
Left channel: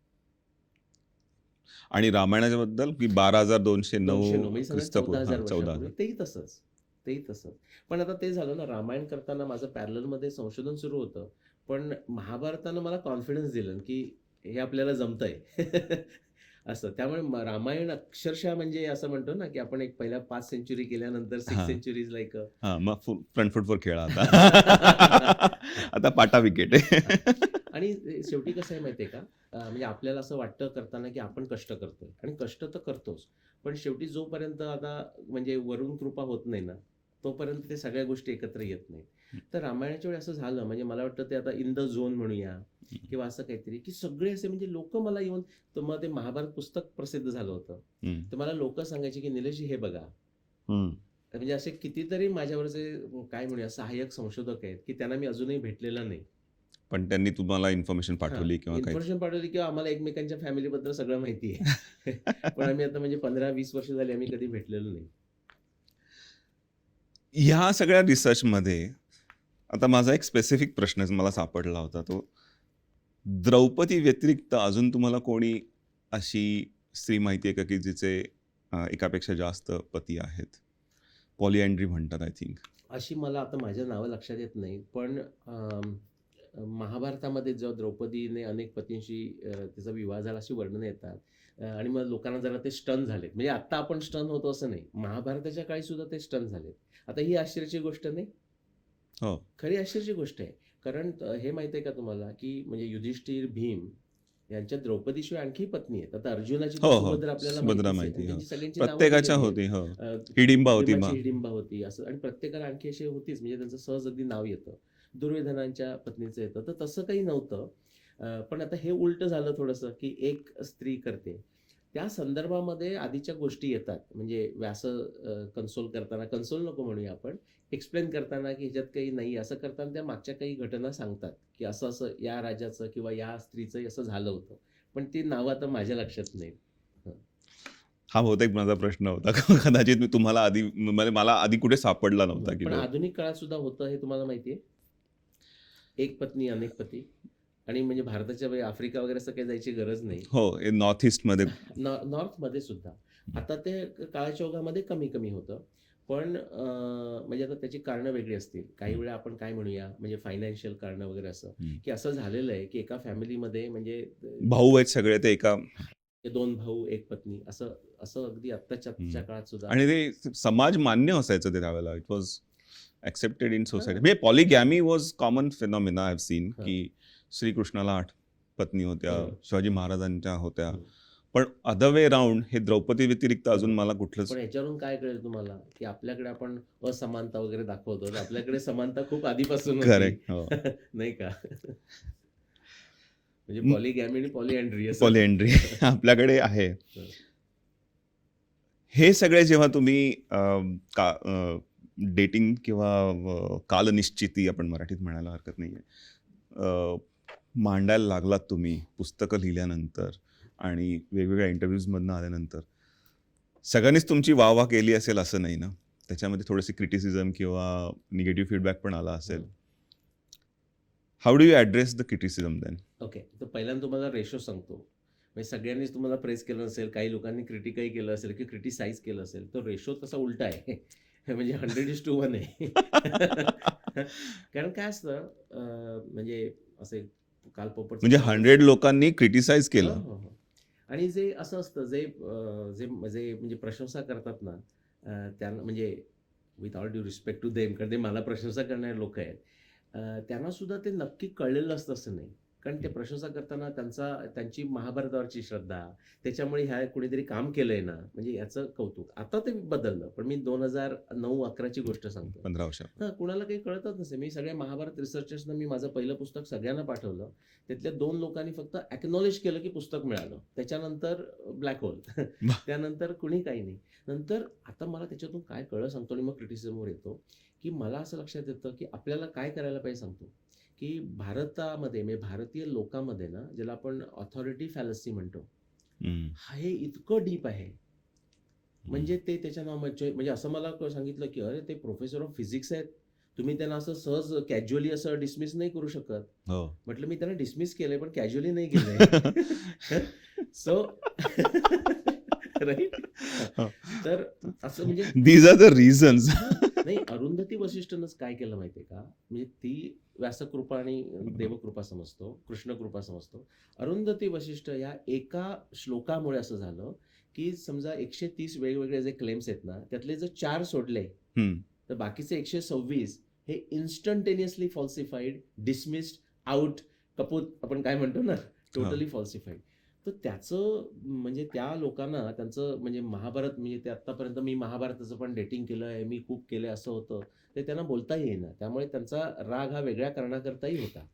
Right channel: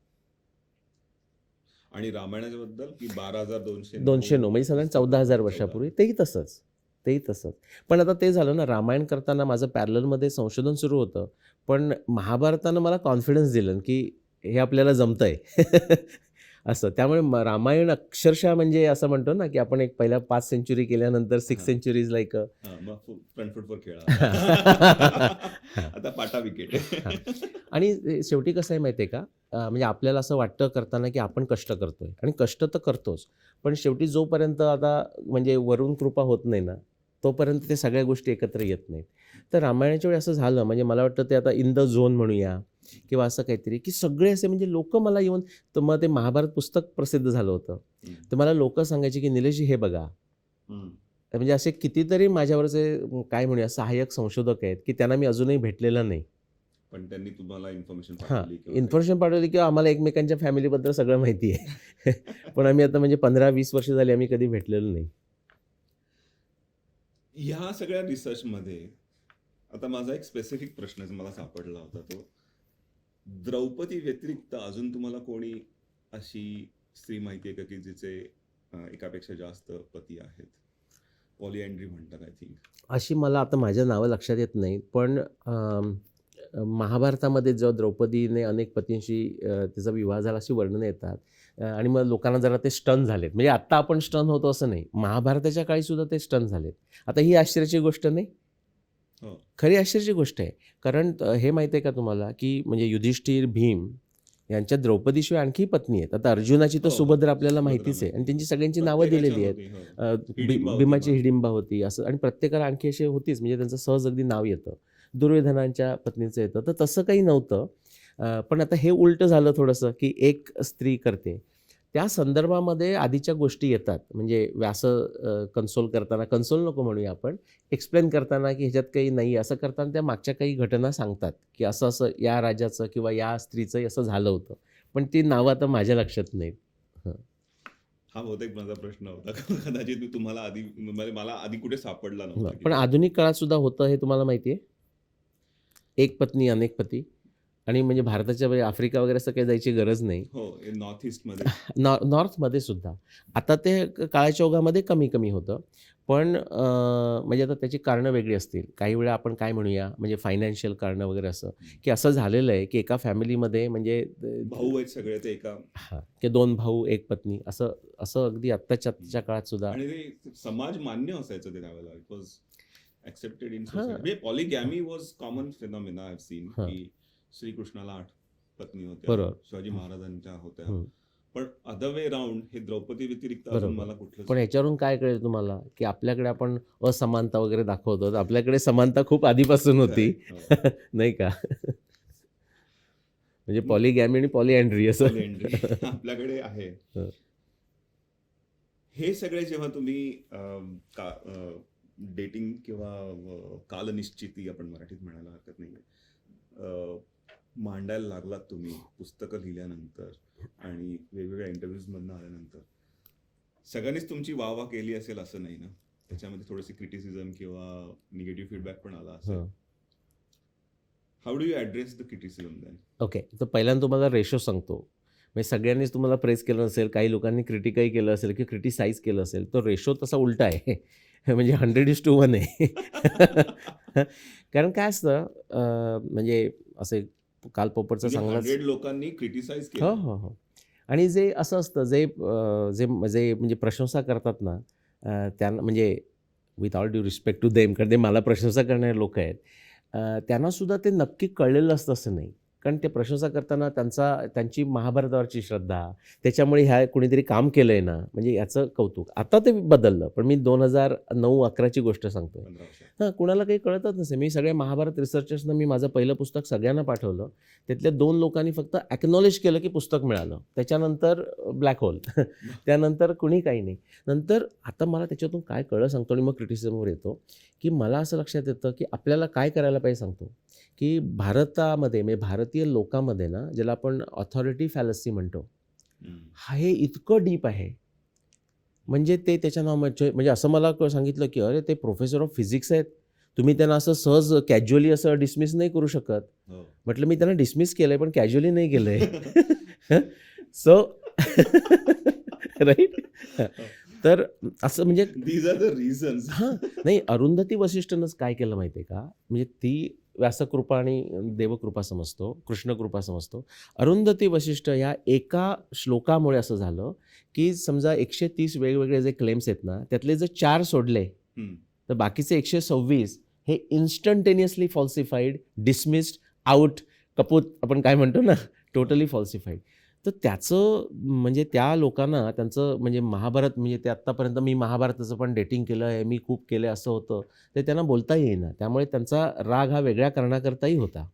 आणि रामायणाच्या बद्दल की 12,209 209 म्हणजे साधारण 14,000 14,000. वर्षापूर्वी तेही तसंच, तेही तसंच. पण आता ते झालं ना, रामायण करताना माझं पॅरललमध्ये संशोधन सुरू होतं. पण महाभारतानं मला कॉन्फिडन्स दिलं की हे आपल्याला जमतंय. असं. त्यामुळे रामायण अक्षरशः म्हणजे असं म्हणतो ना, की आपण एक पहिल्या 5 सेंच्युरी केल्यानंतर 6 हां. सेंच्युरीज लाइक मग फ्रंट फुटवर खेळा आता. आता पाटा विकेट आहे. आणि शेवटी कसं आहे माहिती आहे का? म्हणजे आपल्याला असं वाटतं करताना, की आपण कष्ट करतोय आणि कष्ट तर करतोच. पण शेवटी जोपर्यंत आता म्हणजे वरून कृपा होत नाही ना, तोपर्यंत ते सगळ्या गोष्टी एकत्र येत नाहीत. तर रामायणाच्या वेळी असं झालं म्हणजे मला वाटतं ते आता इन द झोन म्हणूया किंवा असं काहीतरी, की सगळे असे म्हणजे लोकं मला येऊन तर मग ते महाभारत पुस्तक प्रसिद्ध झालं होतं. हं. तर मला लोकं सांगायची, की "निलेशजी हे बघा." हं. तर म्हणजे असे कितीतरी माझ्यावरचे काय म्हणूया सहाय्यक संशोधक आहेत, की त्यांना मी अजूनही भेटलेलं नाही. पण त्यांनी तुम्हाला इन्फॉर्मेशन हां, पाठवली किंवा काही. इन्फॉर्मेशन पाठवली किंवा आम्हाला एकमेकांच्या फॅमिलीबद्दल सगळं माहिती आहे. पण आम्ही आता म्हणजे 15-20 वर्ष झाली आम्ही कधी भेटलेलो नाही. ह्या सगळ्या रिसर्चमध्ये आता माझा एक स्पेसिफिक प्रश्न मला सापडला होता. तो द्रौपदी व्यतिरिक्त अजून तुम्हाला कोणी अशी स्त्री माहिती आहे का की जिचे एकापेक्षा जास्त पती आहेत? पॉलिअँड्री म्हणतात आय थिंक. अशी मला आता माझ्या नावं लक्षात येत नाहीत. पण महाभारतामध्ये जेव्हा द्रौपदीने अनेक पतींशी तिचा विवाह झाला अशी वर्णनं येतात. आणि मग लोकांना जरा ते स्टन झालेत. म्हणजे आत्ता आपण स्टन होतो असं नाही. महाभारताच्या काळी सुद्धा ते स्टन झालेत. आता ही आश्चर्याची गोष्ट नाही. हो. खरी आश्चर्याची गोष्ट आहे. कारण हे माहिती आहे का तुम्हाला, की म्हणजे युधिष्ठिर, भीम यांच्या द्रौपदीशिवाय आणखी पत्नी आहेत. आता अर्जुनाची तर हो, हो. सुभद्रा आपल्याला सुभद्रा माहितीच आहे माहिती, आणि हो. त्यांची सगळ्यांची नावं प्रत्येकाच्या दिलेली होती. हो. आहेत. हिडिंबा होती भीमाची मग. हिडिंबा होती असं आणि प्रत्येकाला आणखी अशी होतीच म्हणजे त्यांचं सहज अगदी नाव येतं. दुर्योधनांच्या पत्नीचं येतं. तर तसं काही नव्हतं. पण आता हे उलटं झालं थोडंसं, की एक स्त्री करते. त्या संदर्भामध्ये आधीच्या गोष्टी येतात. म्हणजे व्यास कन्सोल करताना कन्सोल नको म्हणूया आपण. एक्सप्लेन करताना, की ह्याच्यात काही नाही असं करताना त्या मागच्या काही घटना सांगतात, की असं-असं या राजाचं किंवा या स्त्रीचं असं झालं होतं. पण ती नावं आता माझ्या लक्षात नाहीत. हं. हा बहुतेक माझा प्रश्न होता. कदाचित मी तुम्हाला आधी म्हणजे मला आधी कुठे सापडला नव्हता की पण बाबा. आधुनिक काळात सुद्धा होतं हे तुम्हाला माहिती आहे? एक पत्नी अनेक पती आणि म्हणजे भारताच्या म्हणजे आफ्रिका वगैरे असं काही जायची गरज नाही. हो, नॉर्थ ईस्टमध्ये. नॉर्थमध्ये सुद्धा. आता ते काळाच्या ओघामध्ये कमी-कमी होतं. पण म्हणजे आता त्याची कारणं वेगळी असतील. काही वेळा आपण काय म्हणूया म्हणजे फायनान्शियल कारणं वगैरे असं, हं. की असं झालेलं आहे, की एका फॅमिलीमध्ये म्हणजे भाऊ आहेत सगळे ते एका. हां, की 2 भाऊ, 1 पत्नी असं असं अगदी आत्ताच्या काळात सुद्धा आणि ते समाज मान्य असायचं ते त्यावेळेला. It was accepted in society. हां. म्हणजे polygamy was common phenomena I have seen, हां. की श्रीकृष्णाला 8 पत्नी होत्या, बरोबर. शिवाजी महाराजांच्या होत्या. हं. पण अदर वे राउंड हे द्रौपदी व्यतिरिक्त अजून बरोबर. मला कुठलंच. पण ह्याच्यावरून काय कळेल तुम्हाला, की आपल्याकडे आपण असमानता वगैरे दाखवतो. तर आपल्याकडे समानता खूप आधीपासून होती. Correct. हो. नाही का? म्हणजे पॉलिगॅमी आणि पॉलिअँड्री असं. पॉलिअँड्री आपल्याकडे आहे. हं. हे सगळे जेव्हा तुम्ही डेटिंग किंवा कालनिश्चिती आपण मराठीत म्हणायला हरकत नाहीये, मांडायला लागलात तुम्ही पुस्तकं लिहिल्यानंतर आणि वेगवेगळ्या इंटरव्ह्यूजमधनं आल्यानंतर, सगळ्यांनीच तुमची वाह केली असेल असं नाही ना. त्याच्यामध्ये थोडीशी क्रिटिसिझम किंवा निगेटिव्ह फीडबॅक पण आला असेल. हं. How do you address the criticism then? Okay. तर पहिल्यांदा तुम्हाला रेशो सांगतो. म्हणजे सगळ्यांनीच तुम्हाला प्रेज केलं नसेल, काही लोकांनी क्रिटिकही केलं असेल किंवा क्रिटिसाइज केलं असेल. तो रेशो तसा उलटा आहे. म्हणजे 100:1 आहे. कारण काय असतं म्हणजे असे काल पोपटचं म्हणजे सांगणंच 100 लोकांनी क्रिटिसाइज हो, केलं. हो, हो. आणि जे असं असतं जे जे जे म्हणजे प्रशंसा करतात ना त्यांना म्हणजे with all due respect to them कारण ते मला प्रशंसा करणारे लोक आहेत. त्यांना सुद्धा ते नक्की कळलेलं असतं असं नाही. कारण ते प्रशंसा करताना त्यांची महाभारतावरची श्रद्धा, त्याच्यामुळे ह्या कुणीतरी काम केलंय ना, म्हणजे याचं कौतुक. आता ते बदललं, पण मी 2009-11ची गोष्ट सांगतोय. 15 वर्ष. हां, कुणाला काही कळतच नसे. मी सगळ्या महाभारत रिसर्चर्सना मी माझं पहिलं पुस्तक सगळ्यांना पाठवलं. त्यातल्या 2 लोकांनी फक्त अॅक्नॉलेज केलं, की पुस्तक मिळालं. त्याच्यानंतर ब्लॅक होल. त्यानंतर कुणी काही नाही. नंतर आता मला त्याच्यातून काय कळलं सांगतो आणि मग क्रिटिसिझमवर येतो, की मला असं लक्षात येतं, की आपल्याला काय करायला पाहिजे सांगतो, की भारतामध्ये म्हणजे भारतीय लोकांमध्ये ना, ज्याला आपण ऑथॉरिटी फॅलसी म्हणतो, हे इतकं डीप आहे. म्हणजे ते त्याच्या म्हणजे असं मला सांगितलं, की "अरे, ते प्रोफेसर ऑफ फिजिक्स आहेत. तुम्ही त्यांना असं सहज कॅज्युअली असं डिसमिस नाही करू शकत." हो. म्हटलं, "मी त्यांना डिसमिस केलंय, पण कॅज्युअली नाही केलंय." So right? तर असं म्हणजे दीज आर द रिझन्स. हां, नाही अरुंधती वसिष्ठनंच काय केलं माहिती आहे का? म्हणजे ती व्यासकृपा आणि देवकृपा समजतो, कृष्णकृपा समजतो. अरुंधती वसिष्ठ या एका श्लोकामुळे असं झालं, की समजा 130 वेगवेगळे जे क्लेम्स आहेत ना, त्यातले जर 4 सोडले, तर बाकीचे 126 हे इन्स्टंटेनियसली फॉल्सिफाईड, डिसमिस्ड, आउट, कपूत आपण काय म्हणतो ना, टोटली फॉल्सिफाईड. तर त्याचं म्हणजे त्या लोकांना त्यांचं म्हणजे महाभारत म्हणजे ते आत्तापर्यंत मी महाभारताचं पण डेटिंग केलं आहे, मी खूप केलं आहे असं होतं. ते त्यांना बोलता येईना. त्यामुळे त्यांचा राग हा वेगळ्या कारणाकरताही होता.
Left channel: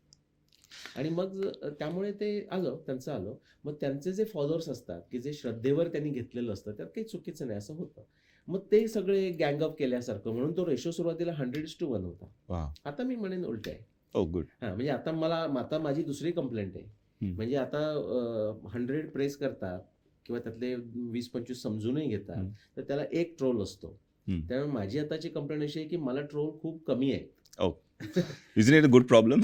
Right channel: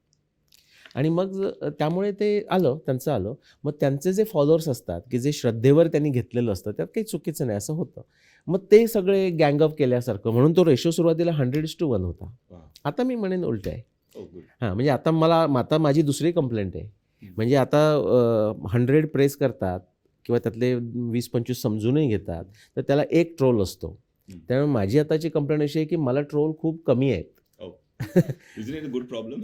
आणि मग त्यामुळे ते त्यांचं आलं. मग त्यांचे जे फॉलोअर्स असतात, की जे श्रद्धेवर त्यांनी घेतलेलं असतं, त्यात काही चुकीचं नाही असं होतं. मग ते सगळे गँग अप केल्यासारखं म्हणून तो रेशो सुरुवातीला 100:1 होता. वाह! आता मी म्हणेन उलट आहे. Oh good. हां, म्हणजे आता माझी दुसरी कंप्लेंट आहे. म्हणजे आता 100 प्रेस करतात किंवा त्यातले 20-25 समजूनही घेतात, तर त्याला एक ट्रोल असतो. त्यामुळे माझी आताची कंप्लेंट अशी आहे, की मला ट्रोल खूप कमी आहेत. Oh. Is it a good problem?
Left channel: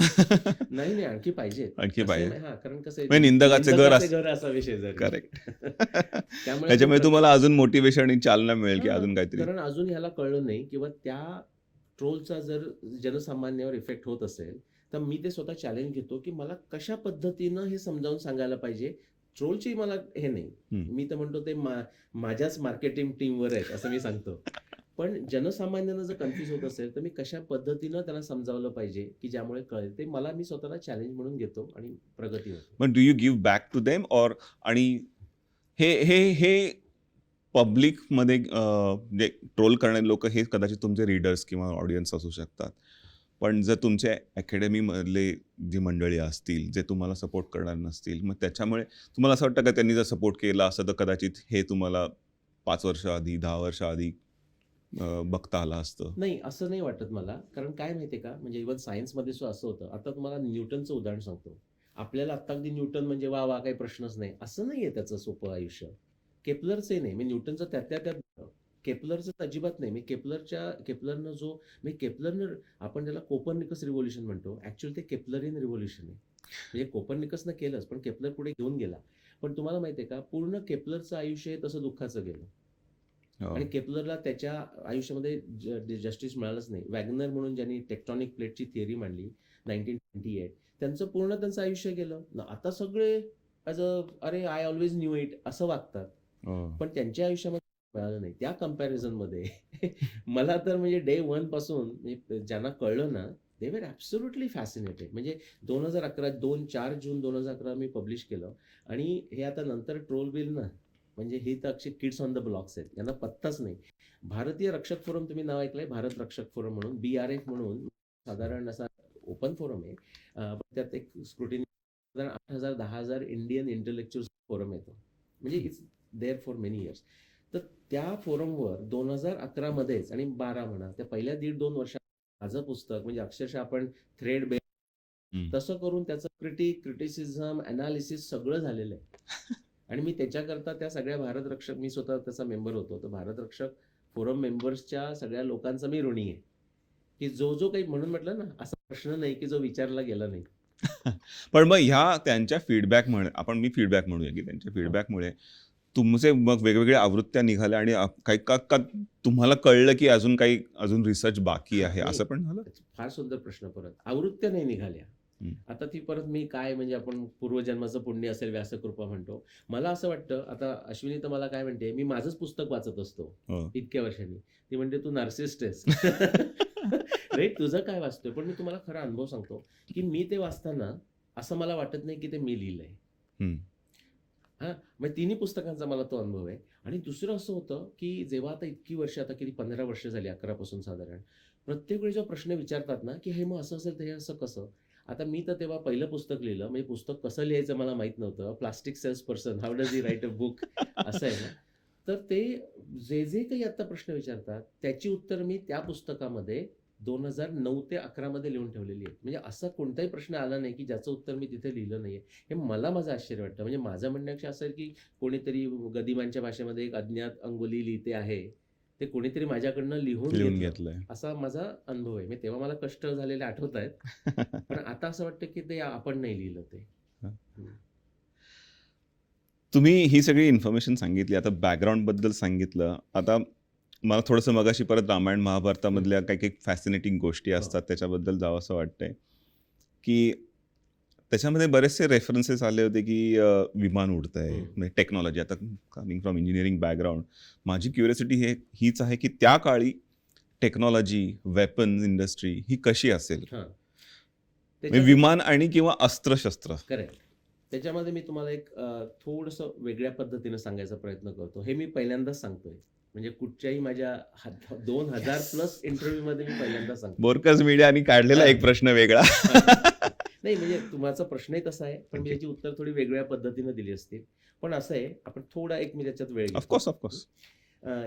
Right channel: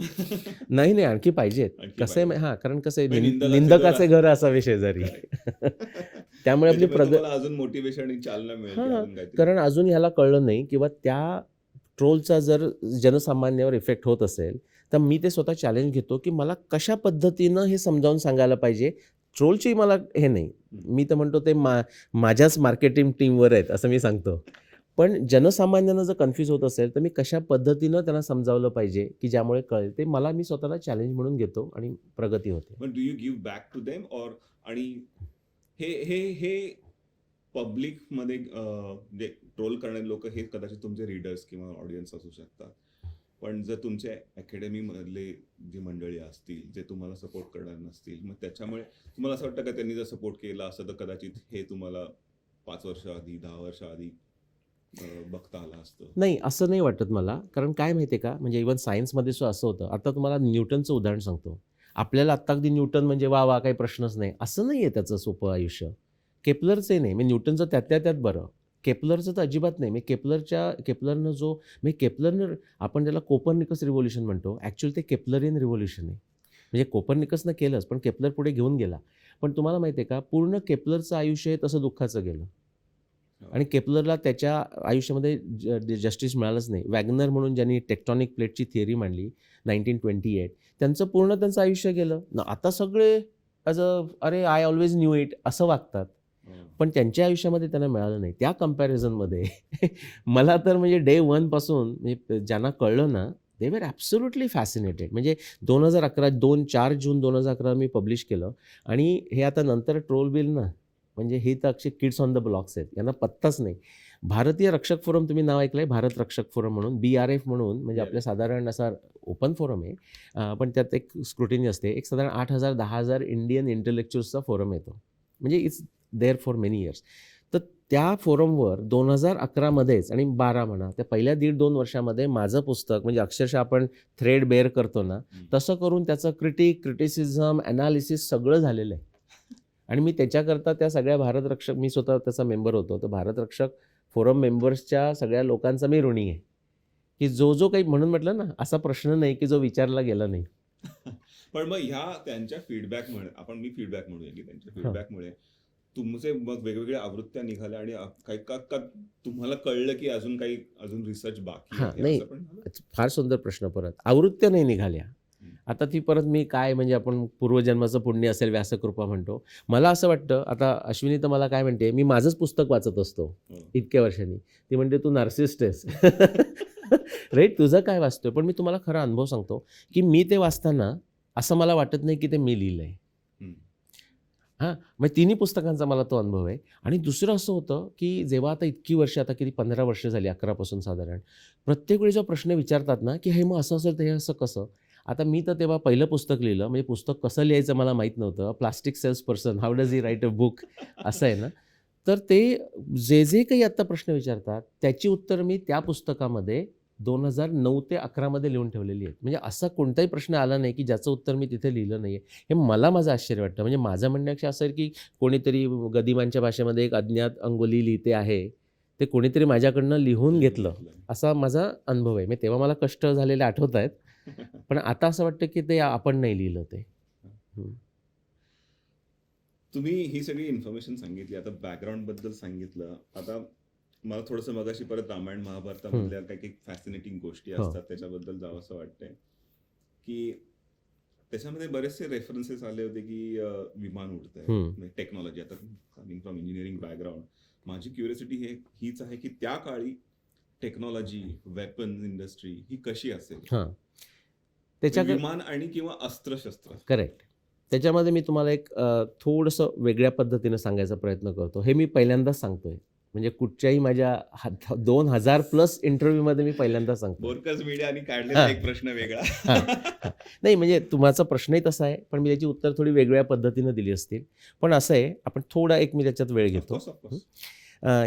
नाही, आणखी पाहिजेत. आणखी कसं आहे पाहिजे. हां, कारण कसं आहे म्हणजे निंदकाचे घर घर असावे शेजारी. करेक्ट. त्यामुळे आपली त्याच्यामुळे तुम्हाला अजून मोटिवेशन आणि चालना मिळेल, की हां, अजून काहीतरी. कारण अजून ह्याला कळलं नाही किंवा त्या ट्रोलचा जर जनसामान्यावर इफेक्ट होत असेल, तर मी ते स्वतः चॅलेंज घेतो, की मला कशा पद्धतीनं हे समजावून सांगायला पाहिजे. ट्रोलची मला हे नाही. मी तर म्हणतो ते माझ्याच मार्केटिंग टीमवर आहेत असं मी सांगतो. पण जनसामान्यांना जर कन्फ्यूज होत असेल, तर मी कशा पद्धतीनं त्यांना समजावलं पाहिजे, की ज्यामुळे कळेल. ते मी स्वतःला चॅलेंज म्हणून घेतो आणि प्रगती होते. मग do you give back to them और आणि हे हे हे पब्लिकमध्ये म्हणजे ट्रोल करणारे लोक हे कदाचित तुमचे रीडर्स किंवा ऑडियन्स असू शकतात. पण जर तुमच्या अकॅडमीमधले जी मंडळी असतील, जे तुम्हाला सपोर्ट करणार नसतील, मग त्याच्यामुळे तुम्हाला असं वाटतं का त्यांनी जर सपोर्ट केला असतं तर कदाचित हे तुम्हाला 5 वर्ष आधी, 10 वर्ष आधी बघता आलं असतं? नाही, असं नाही वाटत मला. कारण काय माहिती आहे का, म्हणजे इव्हन सायन्समध्ये सुद्धा असं होतं. आता तुम्हाला न्यूटनचं उदाहरण सांगतो. आपल्याला आत्ता अगदी न्यूटन म्हणजे वाह! वाह! काही प्रश्नच नाही. असं नाही आहे त्याचं सोपं आयुष्य. केपलरचंही नाही. म्हणजे न्यूटनचं त्यातल्या त्यात बरं. केपलरचं तर अजिबात नाही. म्हणजे केपलरनं आपण त्याला कोपर्निकस रिव्होल्यूशन म्हणतो. ॲक्चुअली ते केपलरियन रिव्होल्यूशन आहे. म्हणजे कोपर्निकसनं केलंच, पण केपलर पुढे घेऊन गेला. पण तुम्हाला माहिती आहे का, पूर्ण केपलरचं आयुष्य हे तसं दुःखाचं गेलं. आणि केपलरला त्याच्या आयुष्यामध्ये जस्टिस मिळालंच नाही. वॅगनर म्हणून ज्यांनी टेक्टॉनिक प्लेटची थिअरी मांडली 1928, त्यांचं आयुष्य गेलं. आता सगळे अरे आय ऑलवेज न्यू इट असं वागतात. पण त्यांच्या आयुष्यामध्ये त्यांना मिळालं नाही. त्या कंपॅरिझनमध्ये मला तर म्हणजे डे 1 पासून म्हणजे ज्यांना कळलं ना, दे वर ॲब्सोल्युटली फॅसिनेटेड. म्हणजे 4 जून 2011 मी पब्लिश केलं आणि हे आता नंतर ट्रोल बिल ना, म्हणजे हे तर अक्षय किड्स ऑन द ब्लॉक्स आहेत. यांना पत्ताच नाही. भारतीय रक्षक फोरम तुम्ही नाव ऐकलंय? भारत रक्षक फोरम म्हणून, BRF म्हणून म्हणजे आपल्या साधारण असा ओपन फोरम आहे. पण त्यात एक स्क्रुटिनी असते. एक साधारण 8,000-10,000 इंडियन इंटेलेक्च्युअल्सचा फोरम येतो. म्हणजे it's there for many years. तर त्या फोरमवर 2011 मध्येच आणि 12 म्हणा, त्या पहिल्या 1.5-2 वर्षामध्ये माझं पुस्तक म्हणजे अक्षरशः आपण थ्रेड बेअर करतो ना, तसं करून त्याचं क्रिटिसिझम, ॲनालिसिस सगळं झालेलं आहे. आणि मी त्याच्याकरता त्या सगळ्या भारतरक्षक मी स्वतः त्याचा मेंबर होतो. तर भारतरक्षक फोरम मेंबर्सच्या सगळ्या लोकांचा मी ऋणी आहे, की जो काही म्हणून म्हटलं ना, असा प्रश्न नाही की जो विचारला गेला नाही. पण मग ह्या त्यांच्या फीडबॅकमुळे मी फीडबॅक म्हणूया, की त्यांच्या फीडबॅकमुळे तुमचे मग वेगवेगळ्या आवृत्त्या निघाल्या आणि काही का तुम्हाला कळलं की अजून रिसर्च बाकी आहे, नाही, असं पण झालं? फार सुंदर प्रश्न. परत आवृत्त्या नाही निघाल्या. आता ती परत मी काय म्हणजे आपण पूर्वजन्माचं पुण्य असेल व्यासकृपा म्हणतो. मला असं वाटतं, आता अश्विनी तर मला काय म्हणते, मी माझंच पुस्तक वाचत असतो इतक्या वर्षांनी. ती म्हणते तू नार्सिसिस्ट आहेस. राईट, तुझं काय वाचतोय? पण मी तुम्हाला खरा अनुभव सांगतो, की मी ते वाचताना असं मला वाटत नाही की ते मी लिहिलंय. हम्म. हां, मग तिन्ही पुस्तकांचा मला तो अनुभव आहे. आणि दुसरं असं होतं, की जेव्हा आता इतकी वर्ष, आता किती 15 वर्ष झाली 11 पासून साधारण. प्रत्येक वेळी जो प्रश्न विचारतात ना, की "हे मग असं असेल तर हे असं कसं?" आता मी तर तेव्हा पहिलं पुस्तक लिहिलं, म्हणजे पुस्तक कसं लिहायचं मला माहीत नव्हतं. Plastic sales person, how does he write a book असं आहे ना. तर ते जे काही आत्ता प्रश्न विचारतात, त्याची उत्तर मी त्या पुस्तकामध्ये 2009 ते 11 मध्ये लिहून ठेवलेली आहेत. म्हणजे असा कोणताही प्रश्न आला नाही, की ज्याचं उत्तर मी तिथे लिहिलं नाहीये. हे मला माझं आश्चर्य वाटतं. म्हणजे माझं म्हणण्यापेक्षा असं आहे, की कोणीतरी गदिमांच्या भाषेमध्ये एक अज्ञात अंगुली लिहिते आहे. ते कोणीतरी माझ्याकडनं लिहून लिहून घेतलं. घेतलंय. असा माझा अनुभव आहे. म्हणजे तेव्हा मला कष्ट झालेले आठवतायत. पण आता असं वाटतं, की ते आपण नाही लिहिलं ते. हं. तुम्ही ही सगळी इन्फॉर्मेशन सांगितली, आता बॅकग्राऊंड बद्दल सांगितलं. आता मला थोडंसं मगाशी परत रामायण हं. महाभारतामधल्या काही काही फॅसिनेटिंग गोष्टी हो. असतात त्याच्याबद्दल जावंसं वाटतंय, की त्याच्यामध्ये बरेचसे रेफरन्सेस आले होते, की विमान उडतंय, हं. म्हणजे टेक्नॉलॉजी. आता कमिंग फ्रॉम इंजिनिअरिंग बॅकग्राऊंड, माझी क्युरिओसिटी हीच आहे, की त्या काळी टेक्नॉलॉजी, वेपन्स इंडस्ट्री ही कशी असेल? हां. म्हणजे त्याच्यात विमान आणि किंवा अस्त्र-शस्त्र. करेक्ट. त्याच्यामध्ये मी तुम्हाला एक थोडंसं वेगळ्या पद्धतीने सांगायचा प्रयत्न करतो. हे मी पहिल्यांदाच सांगतोय. म्हणजे कुठच्याही माझ्या 2000 प्लस इंटरव्ह्यूमध्ये मी पहिल्यांदाच सांगतोय. बोरकस मीडियानी काढलेला हां. एक प्रश्न वेगळा. हां. नाही म्हणजे तुमचा प्रश्नही तसा आहे, पण मी त्याची उत्तर थोडी वेगळ्या पद्धतीनं दिली असतील. पण असं आहे, आपण थोडा एक मी त्याच्यात वेळ घेतो. Of course, of course.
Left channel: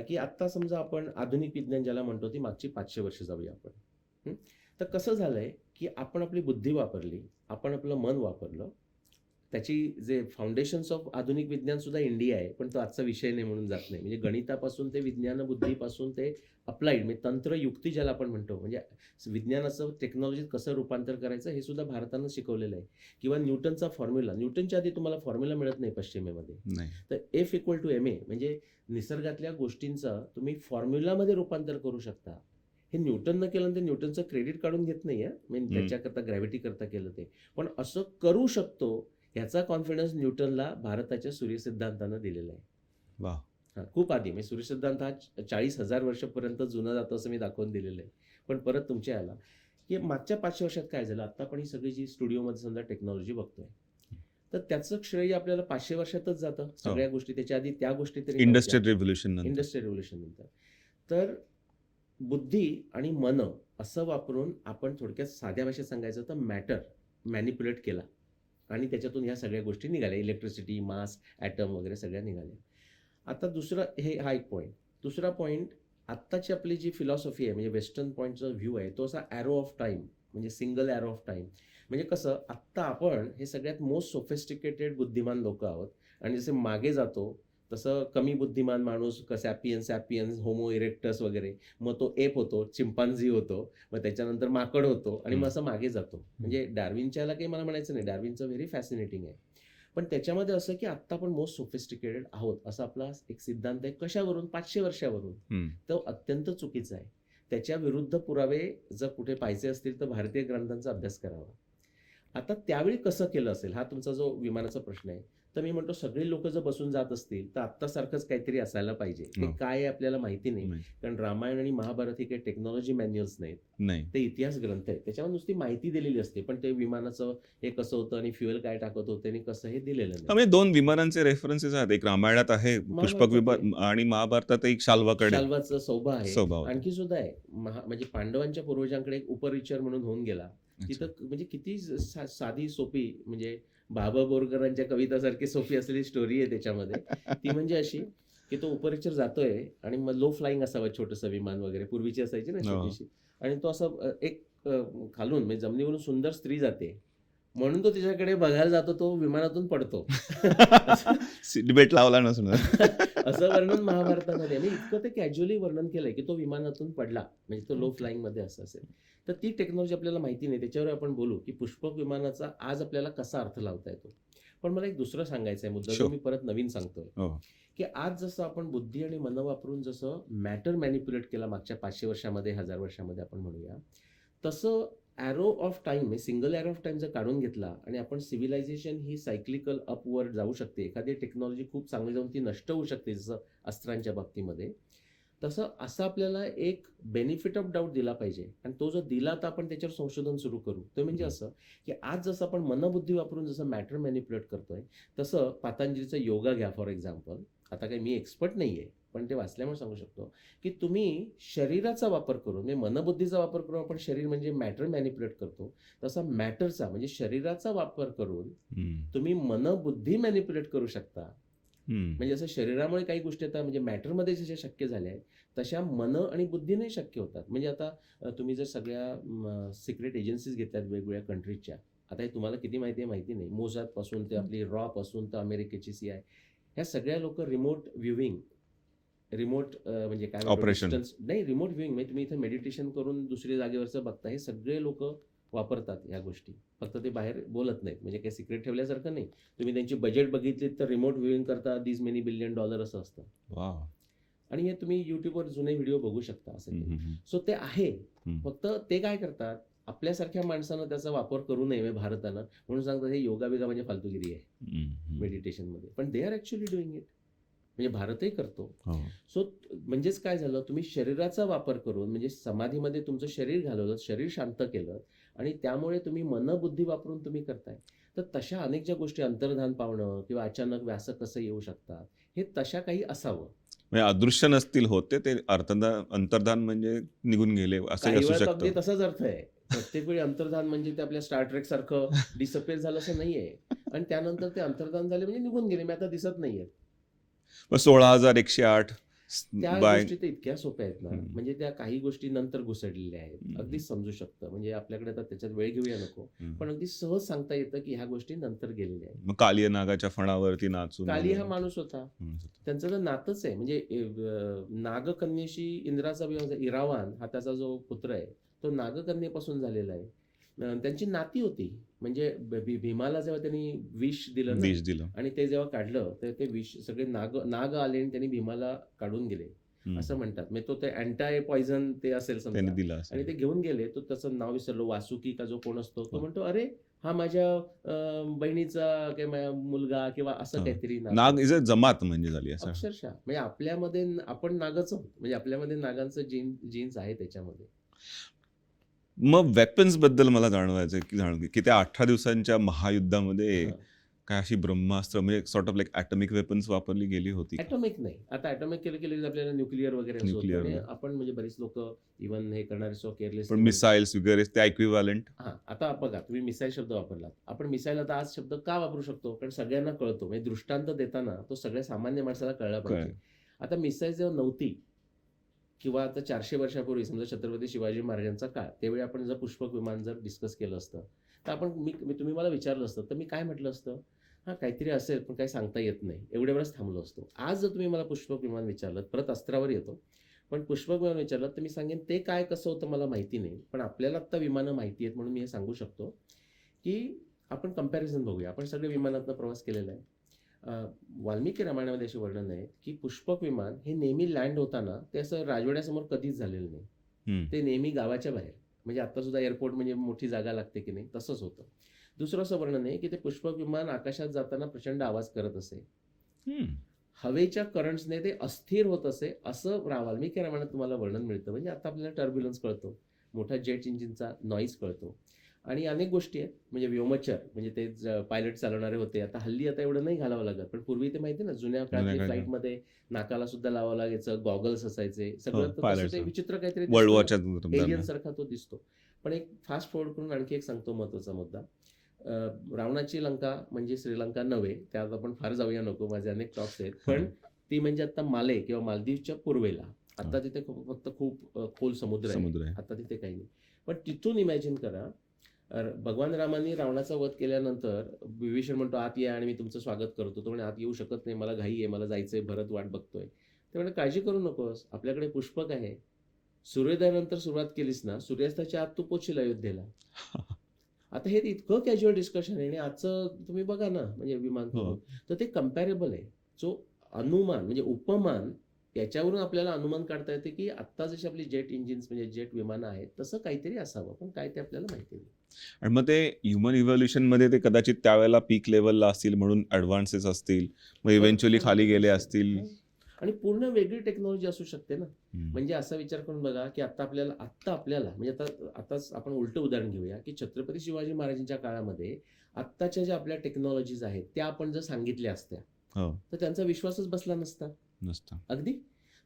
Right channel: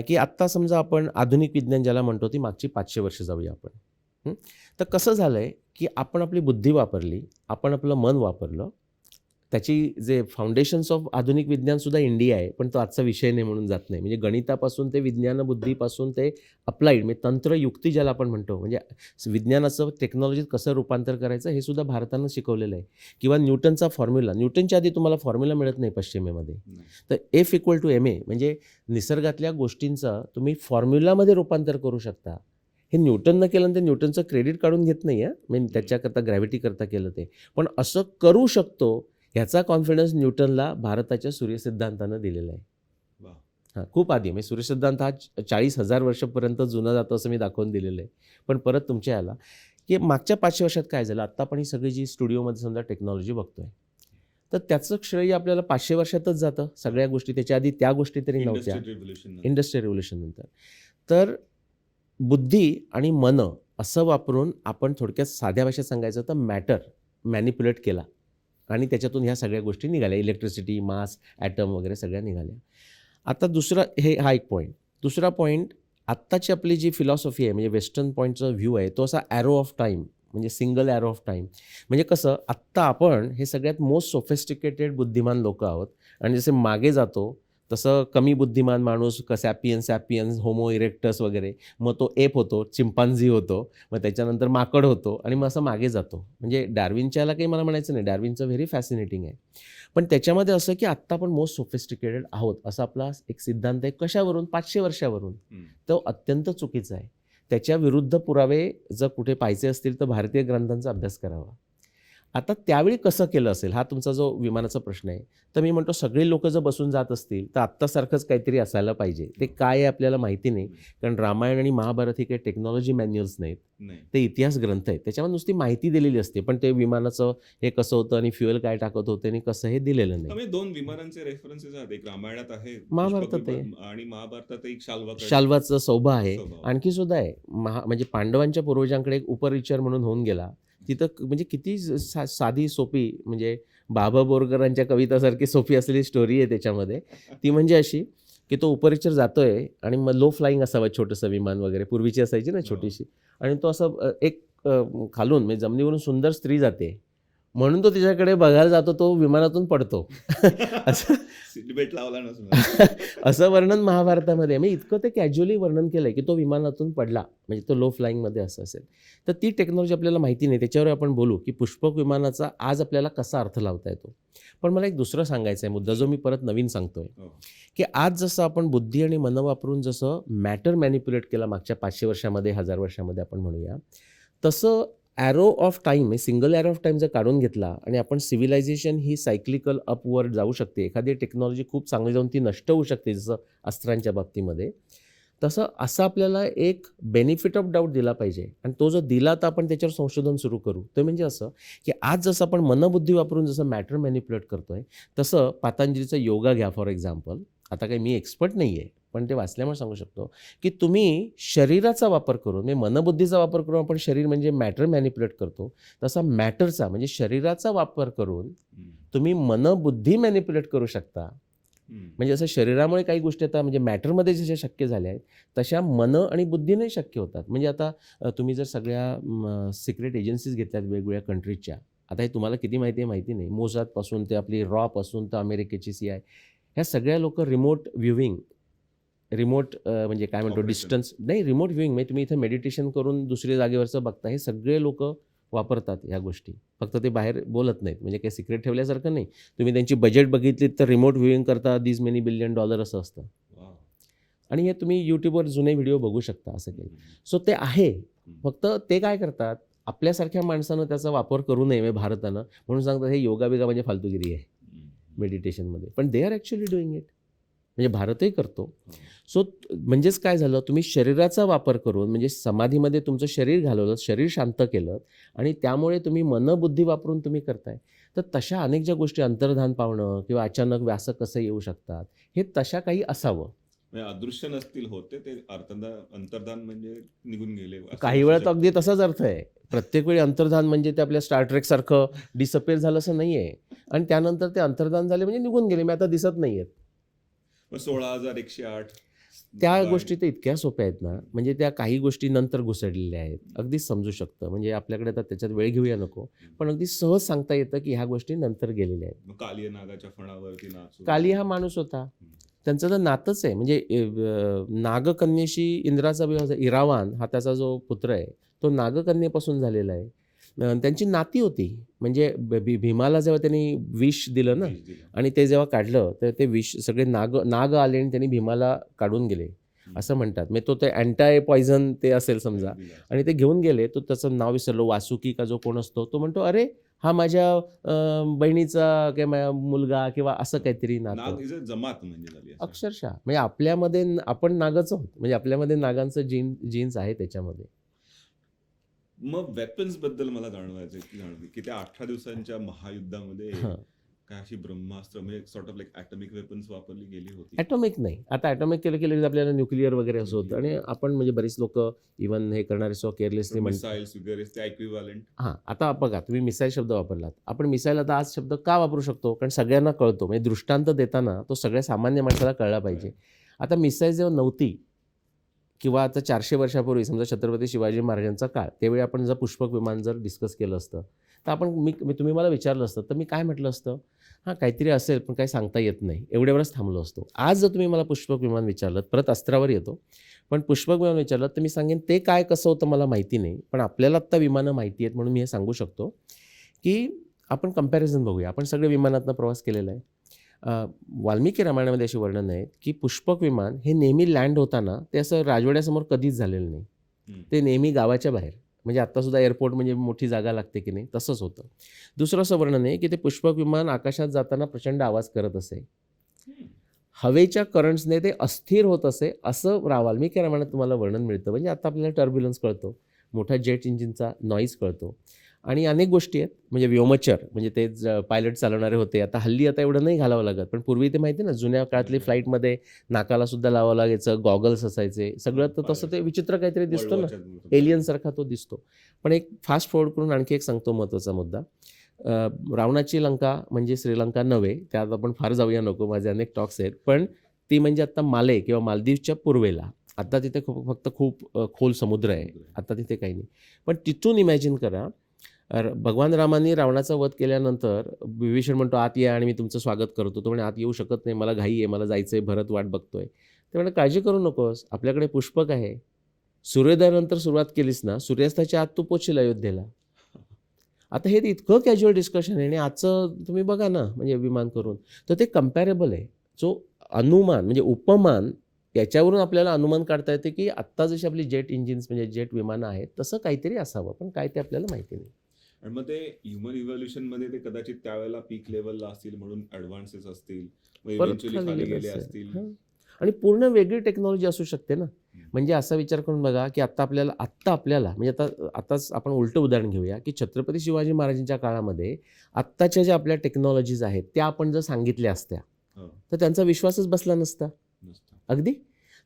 की आत्ता समजा आपण आधुनिक विज्ञान ज्याला म्हणतो, ती मागची 500 वर्ष जाऊया आपण. हं. तर कसं झालंय, की आपण आपली बुद्धी वापरली, आपण आपलं मन वापरलं. त्याची जे फाउंडेशन्स ऑफ आधुनिक विज्ञानसुद्धा इंडिया आहे, पण तो आजचा विषय नाही म्हणून जात नाही. म्हणजे गणितापासून ते विज्ञान बुद्धीपासून ते अप्लाइड म्हणजे तंत्र युक्ती ज्याला आपण म्हणतो, म्हणजे विज्ञानाचं टेक्नॉलॉजीत कसं रूपांतर करायचं हे सुद्धा भारतानं शिकवलेलं आहे. किंवा न्यूटनचा फॉर्म्युला, न्यूटनच्या आधी तुम्हाला फॉर्म्युला मिळत नाही पश्चिमेमध्ये. नाही. तर F equal to M A म्हणजे निसर्गातल्या गोष्टींचं तुम्ही फॉर्म्युलामध्ये रूपांतर करू शकता. हे न्यूटननं केलं, तर न्यूटनचं क्रेडिट काढून घेत नाही आहे. म्हणजे त्याच्याकरता ग्रॅव्हिटीकरता केलं ते. पण असं करू शकतो ह्याचा कॉन्फिडन्स न्यूटनला भारताच्या सूर्यसिद्धांतानं दिलेला आहे. वा. हां, खूप आधी म्हणजे सूर्यसिद्धांत हा 40,000 वर्षापर्यंत जुना जातो असं मी दाखवून दिलेलं आहे. पण परत तुमच्या याला, की मागच्या 500 वर्षात काय झालं, आत्ता आपण ही सगळी जी स्टुडिओमध्ये समजा टेक्नॉलॉजी बघतोय, तर त्याचं श्रेय आपल्याला 500 वर्षातच जातं. सगळ्या गोष्टी त्याच्या आधी त्या गोष्टी तरी नव्हत्या. Industrial revolution. इंडस्ट्रियल रिव्होल्यूशन नंतर. तर बुद्धी आणि मन असं वापरून आपण थोडक्यात साध्या भाषेत सांगायचं तर मॅटर मॅनिप्युलेट केला आणि त्याच्यातून ह्या सगळ्या गोष्टी निघाल्या. इलेक्ट्रिसिटी, मास, ॲटम वगैरे सगळ्या निघाल्या. आता दुसरा हा एक पॉईंट. दुसरा पॉईंट, आत्ताची आपली जी फिलॉसॉफी आहे म्हणजे वेस्टर्न पॉईंटचा व्ह्यू आहे तो असा ॲरो ऑफ टाईम, म्हणजे सिंगल ॲरो ऑफ टाईम. म्हणजे कसं आत्ता आपण हे सगळ्यात मोस्ट सोफिस्टिकेटेड बुद्धिमान लोकं आहोत आणि जसे मागे जातो तसं कमी बुद्धिमान माणूस सॅपियन्स, होमो इरेक्टस वगैरे, मग तो एप होतो, चिंपांझी होतो, मग त्याच्यानंतर माकड होतो आणि मग असं मागे जातो. म्हणजे डार्विनच्याला काही मला म्हणायचं नाही, डार्विनचं व्हेरी फॅसिनेटिंग आहे. पण त्याच्यामध्ये असं की आत्ता आपण मोस्ट सोफिस्टिकेटेड आहोत असा आपला एक सिद्धांत आहे. कशावरून? 500 वर्षावरून. तो अत्यंत चुकीचा आहे. त्याच्या विरुद्ध पुरावे जर कुठे पाहायचे असतील तर भारतीय ग्रंथांचा अभ्यास करावा. आता त्यावेळी कसं केलं असेल हा तुमचा जो विमानाचा प्रश्न आहे. तर मी म्हणतो सगळी लोकं जर बसून जात असतील तर आत्तासारखंच काहीतरी असायला पाहिजे. ते काय आहे आपल्याला माहिती नाही. कारण रामायण आणि महाभारत हे काही टेक्नॉलॉजी मॅन्युअल्स नाहीत. ते इतिहास ग्रंथ आहेत. त्याच्यावर नुसती माहिती दिलेली असते. पण ते विमानाचं हे कसं होतं आणि फ्युएल काय टाकत होते आणि कसं हे दिलेलं नाही. म्हणजे 2 विमानांचे रेफरन्सेस आहेत. एक रामायणात आहे पुष्पक विमान आणि महाभारतात एक शाल्वाचं सौभा आहे. स्वभाव. आणखी सुद्धा आहे. म्हणजे पांडवांच्या पूर्वजांकडे एक उपरिचर म्हणून होऊन गेला. तिथं म्हणजे किती साधी सोपी, म्हणजे बाबा बोरकरांच्या कवितासारखी सोपी असलेली स्टोरी आहे त्याच्यामध्ये. ती म्हणजे अशी की तो उपरिचर जातोय आणि मग लो फ्लाईंग असावं छोटंसं विमान वगैरे, पूर्वीची असायची ना छोटीशी, आणि तो असं एक खालून म्हणजे जमिनीवरून सुंदर स्त्री जाते म्हणून तो तिच्याकडे बघायला जातो, तो विमानातून पडतो. डिबेट लावला नसून असं वर्णन महाभारतामध्ये मी इतकं ते कॅज्युअली वर्णन केलंय की तो विमानातून पडला म्हणजे तो लो फ्लाईंगमध्ये असं असेल. तर ती टेक्नॉलॉजी आपल्याला माहिती नाही, त्याच्यावर आपण बोलू की पुष्पक विमानाचा आज आपल्याला कसा अर्थ लावता येतो. पण मला एक दुसरं सांगायचं आहे मुद्दा जो मी परत नवीन सांगतोय, की आज जसं आपण बुद्धी आणि मन वापरून जसं मॅटर मॅनिप्युलेट केला मागच्या 500 वर्षामध्ये 1000 वर्षामध्ये आपण म्हणूया, तसं arrow of time, single arrow of time जर काढून घेतला आणि आपण सिव्हिलायझेशन ही सायक्लिकल अपवर्ड जाऊ शकते. एखादी टेक्नॉलॉजी खूप चांगली जाऊन ती नष्ट होऊ शकते, जसं अस्त्रांच्या बाबतीमध्ये. तसं असं आपल्याला एक बेनिफिट ऑफ डाऊट दिला पाहिजे आणि तो जो दिला तर आपण त्याच्यावर संशोधन सुरू करू. ते म्हणजे असं, की आज जसं आपण मनबुद्धी वापरून जसं मॅटर मॅनिप्युलेट करतोय, तसं पतंजलीचा योगा घ्या फॉर एक्झाम्पल. आता काही मी एक्सपर्ट नाही आहे, पण ते वाचल्यामुळे सांगू शकतो, की तुम्ही शरीराचा वापर करून, म्हणजे मनबुद्धीचा वापर करून आपण शरीर म्हणजे मॅटर मॅनिप्युलेट करतो, तसा मॅटरचा म्हणजे शरीराचा वापर करून तुम्ही मनबुद्धी मॅनिप्युलेट करू शकता. म्हणजे असं शरीरामुळे काही गोष्टी आता म्हणजे मॅटरमध्ये जशा शक्य झाल्या आहेत, तशा मन आणि बुद्धीने शक्य होतात. म्हणजे आता तुम्ही जर सगळ्या सिक्रेट एजन्सीज घेतल्यात वेगवेगळ्या कंट्रीजच्या, आता हे तुम्हाला किती माहिती आहे माहिती नाही. मोसादपासून ते आपली रॉपासून तर अमेरिकेची CI, ह्या सगळ्या लोकं रिमोट व्ह्यूइंग, म्हणजे काय म्हणतो ऑपरेशन. डिस्टन्स नाही, रिमोट व्ह्यूइंग म्हणजे तुम्ही इथे मेडिटेशन करून दुसऱ्या जागेवरचं बघता. हे सगळे लोकं वापरतात ह्या गोष्टी. फक्त ते बाहेर बोलत नाहीत. म्हणजे काही सिक्रेट ठेवल्यासारखं नाही. तुम्ही त्यांची बजेट बघितलीत तर रिमोट व्ह्यूइंग करता दीज मेनी बिलियन डॉलर असं असतं. वा. आणि हे तुम्ही YouTubeवर जुने व्हिडिओ बघू शकता असं काही. सो ते आहे. फक्त ते काय करतात, आपल्यासारख्या माणसानं त्याचा वापर करू नये म्हणजे भारतानं, म्हणून सांगतात हे योगा बिगा म्हणजे फालतूगिरी आहे मेडिटेशनमध्ये. पण they are actually doing it. म्हणजे भारतही करतो. सो म्हणजेच काय झालं, तुम्ही शरीराचा वापर करून म्हणजे समाधीमध्ये तुमचं शरीर घालवलं, शरीर शांत केलं आणि त्यामुळे तुम्ही मनबुद्धी वापरून तुम्ही करताय. तर तशा अनेक ज्या गोष्टी अंतर्धान पावणं किंवा अचानक व्यासं कसं येऊ शकतात, हे तशा काही असावं. म्हणजे अदृश्य नसतील होते ते अंतर्धान म्हणजे निघून गेले असं काही वेळा तर अगदी तसाच अर्थ आहे. प्रत्येक वेळी अंतर्धान म्हणजे ते आपल्या स्टार ट्रेक सारखं डिसअपिअर झालं असं नाहीये. आणि त्यानंतर ते अंतर्धान झाले म्हणजे निघून गेले, मी आता दिसत नाहीयेत. 16,108 त्या बाय गोष्टी तर इतक्या सोप्या आहेत ना, म्हणजे त्या काही गोष्टी नंतर घुसडलेल्या आहेत. अगदीच समजू शकतं. म्हणजे आपल्याकडे आता त्याच्यात वेळ घेऊया नको, पण अगदी सहज सांगता येतं की ह्या गोष्टी नंतर गेलेल्या आहेत. मग कालिया नागाच्या फणावरती नाचून काली हा माणूस होता. त्यांचं तर नातच आहे. म्हणजे नागकन्येशी इंद्राचा विवाह इरावान हा त्याचा जो पुत्र आहे, तो नागकन्येपासून झालेला आहे. त्यांची नाती होती. म्हणजे भीमाला जेव्हा त्यांनी विष दिलं ना, विष दिलं. आणि ते जेव्हा काढलं तर ते विष सगळे नाग आले आणि त्यांनी भीमाला काढून गेले असं म्हणतात. म्हणजे तो ते अँटाय पॉयझन ते असेल समजा, त्यांनी दिला असं. आणि ते घेऊन गेले. तो त्याचं नाव विसरलो, वासुकी का जो कोण असतो तो म्हणतो, अरे हा माझ्या बहिणीचा किंवा मुलगा किंवा असं काहीतरी नातं. नाग इज अ जमात म्हणजे झाली असं. अक्षरशः म्हणजे आपल्यामध्ये आपण नागच आहोत. म्हणजे आपल्यामध्ये नागांचं जीन्स आहे त्याच्यामध्ये. मग वेपन्स बद्दल मला जाणवायचं की त्या 18 दिवसांच्या महायुद्धामध्ये हं. काय अशी ब्रह्मास्त्र म्हणजे sort of like atomic weapons वापरली गेली होती. ॲटॉमिक नाही. आता ॲटॉमिक केलं की लगेच आपल्याला न्यूक्लिअर वगैरे असं होतं. Nuclear. आणि आपण म्हणजे बरीच लोकं इव्हन हे करणारे सो केअरलेसली मिसाईल्स वगैरे ते इक्विव्हॅलंट. हां, आता बघा तुम्ही मिसाईल शब्द वापरलात. आपण मिसाईल आता आज शब्द का वापरू शकतो? कारण सगळ्यांना कळतो. म्हणजे दृष्टांत देताना तो सगळ्या सामान्य माणसाला कळला पाहिजे. आता मिसाईल जेव्हा नव्हती किंवा आता 400 वर्षापूर्वी समजा छत्रपती शिवाजी महाराजांचा काळ, त्यावेळी आपण जर पुष्पक विमान जर डिस्कस केलं असतं, तर आपण तुम्ही मला विचारलं असतं तर मी काय म्हटलं असतं, हां काहीतरी असेल पण काही सांगता येत नाही, एवढ्यावरच थांबलो असतो. आज जर तुम्ही मला पुष्पक विमान विचारलं, परत अस्त्रावर येतो, पण पुष्पक विमान विचारलं तर मी सांगेन ते काय कसं होतं मला माहिती नाही, पण आपल्याला आत्ता विमानं माहिती आहेत म्हणून मी हे सांगू शकतो की आपण कंपॅरिझन बघूया. आपण सगळे विमानातनं प्रवास केलेला आहे. वाल्मिकी रामायणामध्ये अशी वर्णन आहेत की पुष्पक विमान हे नेहमी लँड होताना ते असं राजवाड्यासमोर कधीच झालेलं नाही. ते नेहमी गावाच्या बाहेर, म्हणजे आत्तासुद्धा एअरपोर्ट म्हणजे मोठी जागा लागते की नाही, तसंच होतं. दुसरं असं वर्णन आहे की ते पुष्पक विमान आकाशात जाताना प्रचंड आवाज करत असे, हवेच्या करंट्सने ते अस्थिर होत असे, असं वाल्मिकी रामायणात तुम्हाला वर्णन मिळतं. म्हणजे आता आपल्याला टर्ब्युलन्स कळतो, मोठा जेट इंजिनचा नॉईज कळतो आणि अनेक गोष्टी आहेत. म्हणजे व्योमचर म्हणजे ते पायलट चालवणारे होते. आता हल्ली आता एवढं नाही घालावं लागत, पण पूर्वी ते माहिती आहे ना, जुन्या काळातली फ्लाईटमध्ये नाकाला सुद्धा लावावं लागायचं, गॉगल्स असायचे सगळं. तर तसं ते विचित्र काहीतरी दिसतं, एलियन सारखा तो दिसतो. पण एक फास्ट फॉरवर्ड करून आणखी एक सांगतो महत्त्वाचा मुद्दा. रावणाची लंका म्हणजे श्रीलंका नव्हे, त्यात आपण फार जाऊया नको, माझे अनेक टॉक्स आहेत. पण ती म्हणजे आता माले किंवा मालदीवच्या पूर्वेला. आता तिथे फक्त खूप खोल समुद्र आहे, आता तिथे काही नाही. पण तिथून इमॅजिन करा, भगवान रामांनी रावणाचा वध केल्यानंतर विभीषण म्हणतो आत या आणि मी तुमचं स्वागत करतो. तो म्हणे आत येऊ शकत नाही, मला घाई आहे, मला जायचंय, भरत वाट बघतोय. ते म्हणे काळजी करू नकोस, आपल्याकडे पुष्पक आहे. सूर्योदयानंतर सुरुवात केलीस ना, सूर्यास्ताच्या आत तू पोचशील अयोध्येला. आता हे इतकं कॅज्युअल डिस्कशन आहे आणि आजचं तुम्ही बघा ना, म्हणजे विमान करून, तर ते कम्पॅरेबल आहे. जो अनुमान म्हणजे उपमान, याच्यावरून आपल्याला अनुमान काढता येते की आत्ता जशी आपली जेट इंजिन्स म्हणजे जेट विमानं आहेत तसं काहीतरी असावं, पण काय ते आपल्याला माहिती नाही. आणि मग ते ह्युमन इव्हॉल्युशनमध्ये ते कदाचित त्यावेळेला पीक लेवलला असतील म्हणून ॲडव्हान्सेस असतील, मग इव्हेंच्युअली खाली गेले असतील. आणि पूर्ण वेगळी टेक्नॉलॉजी असू शकते ना. हम्म. म्हणजे असा विचार करून बघा की आत्ता आपल्याला म्हणजे आताच आपण उलटं उदाहरण घेऊया की छत्रपती शिवाजी महाराजांच्या काळामध्ये आत्ताच्या ज्या आपल्या टेक्नॉलॉजीज आहेत त्या आपण जर सांगितल्या असत्या हो, तर त्यांचा विश्वासच बसला नसता. नसतं. अगदी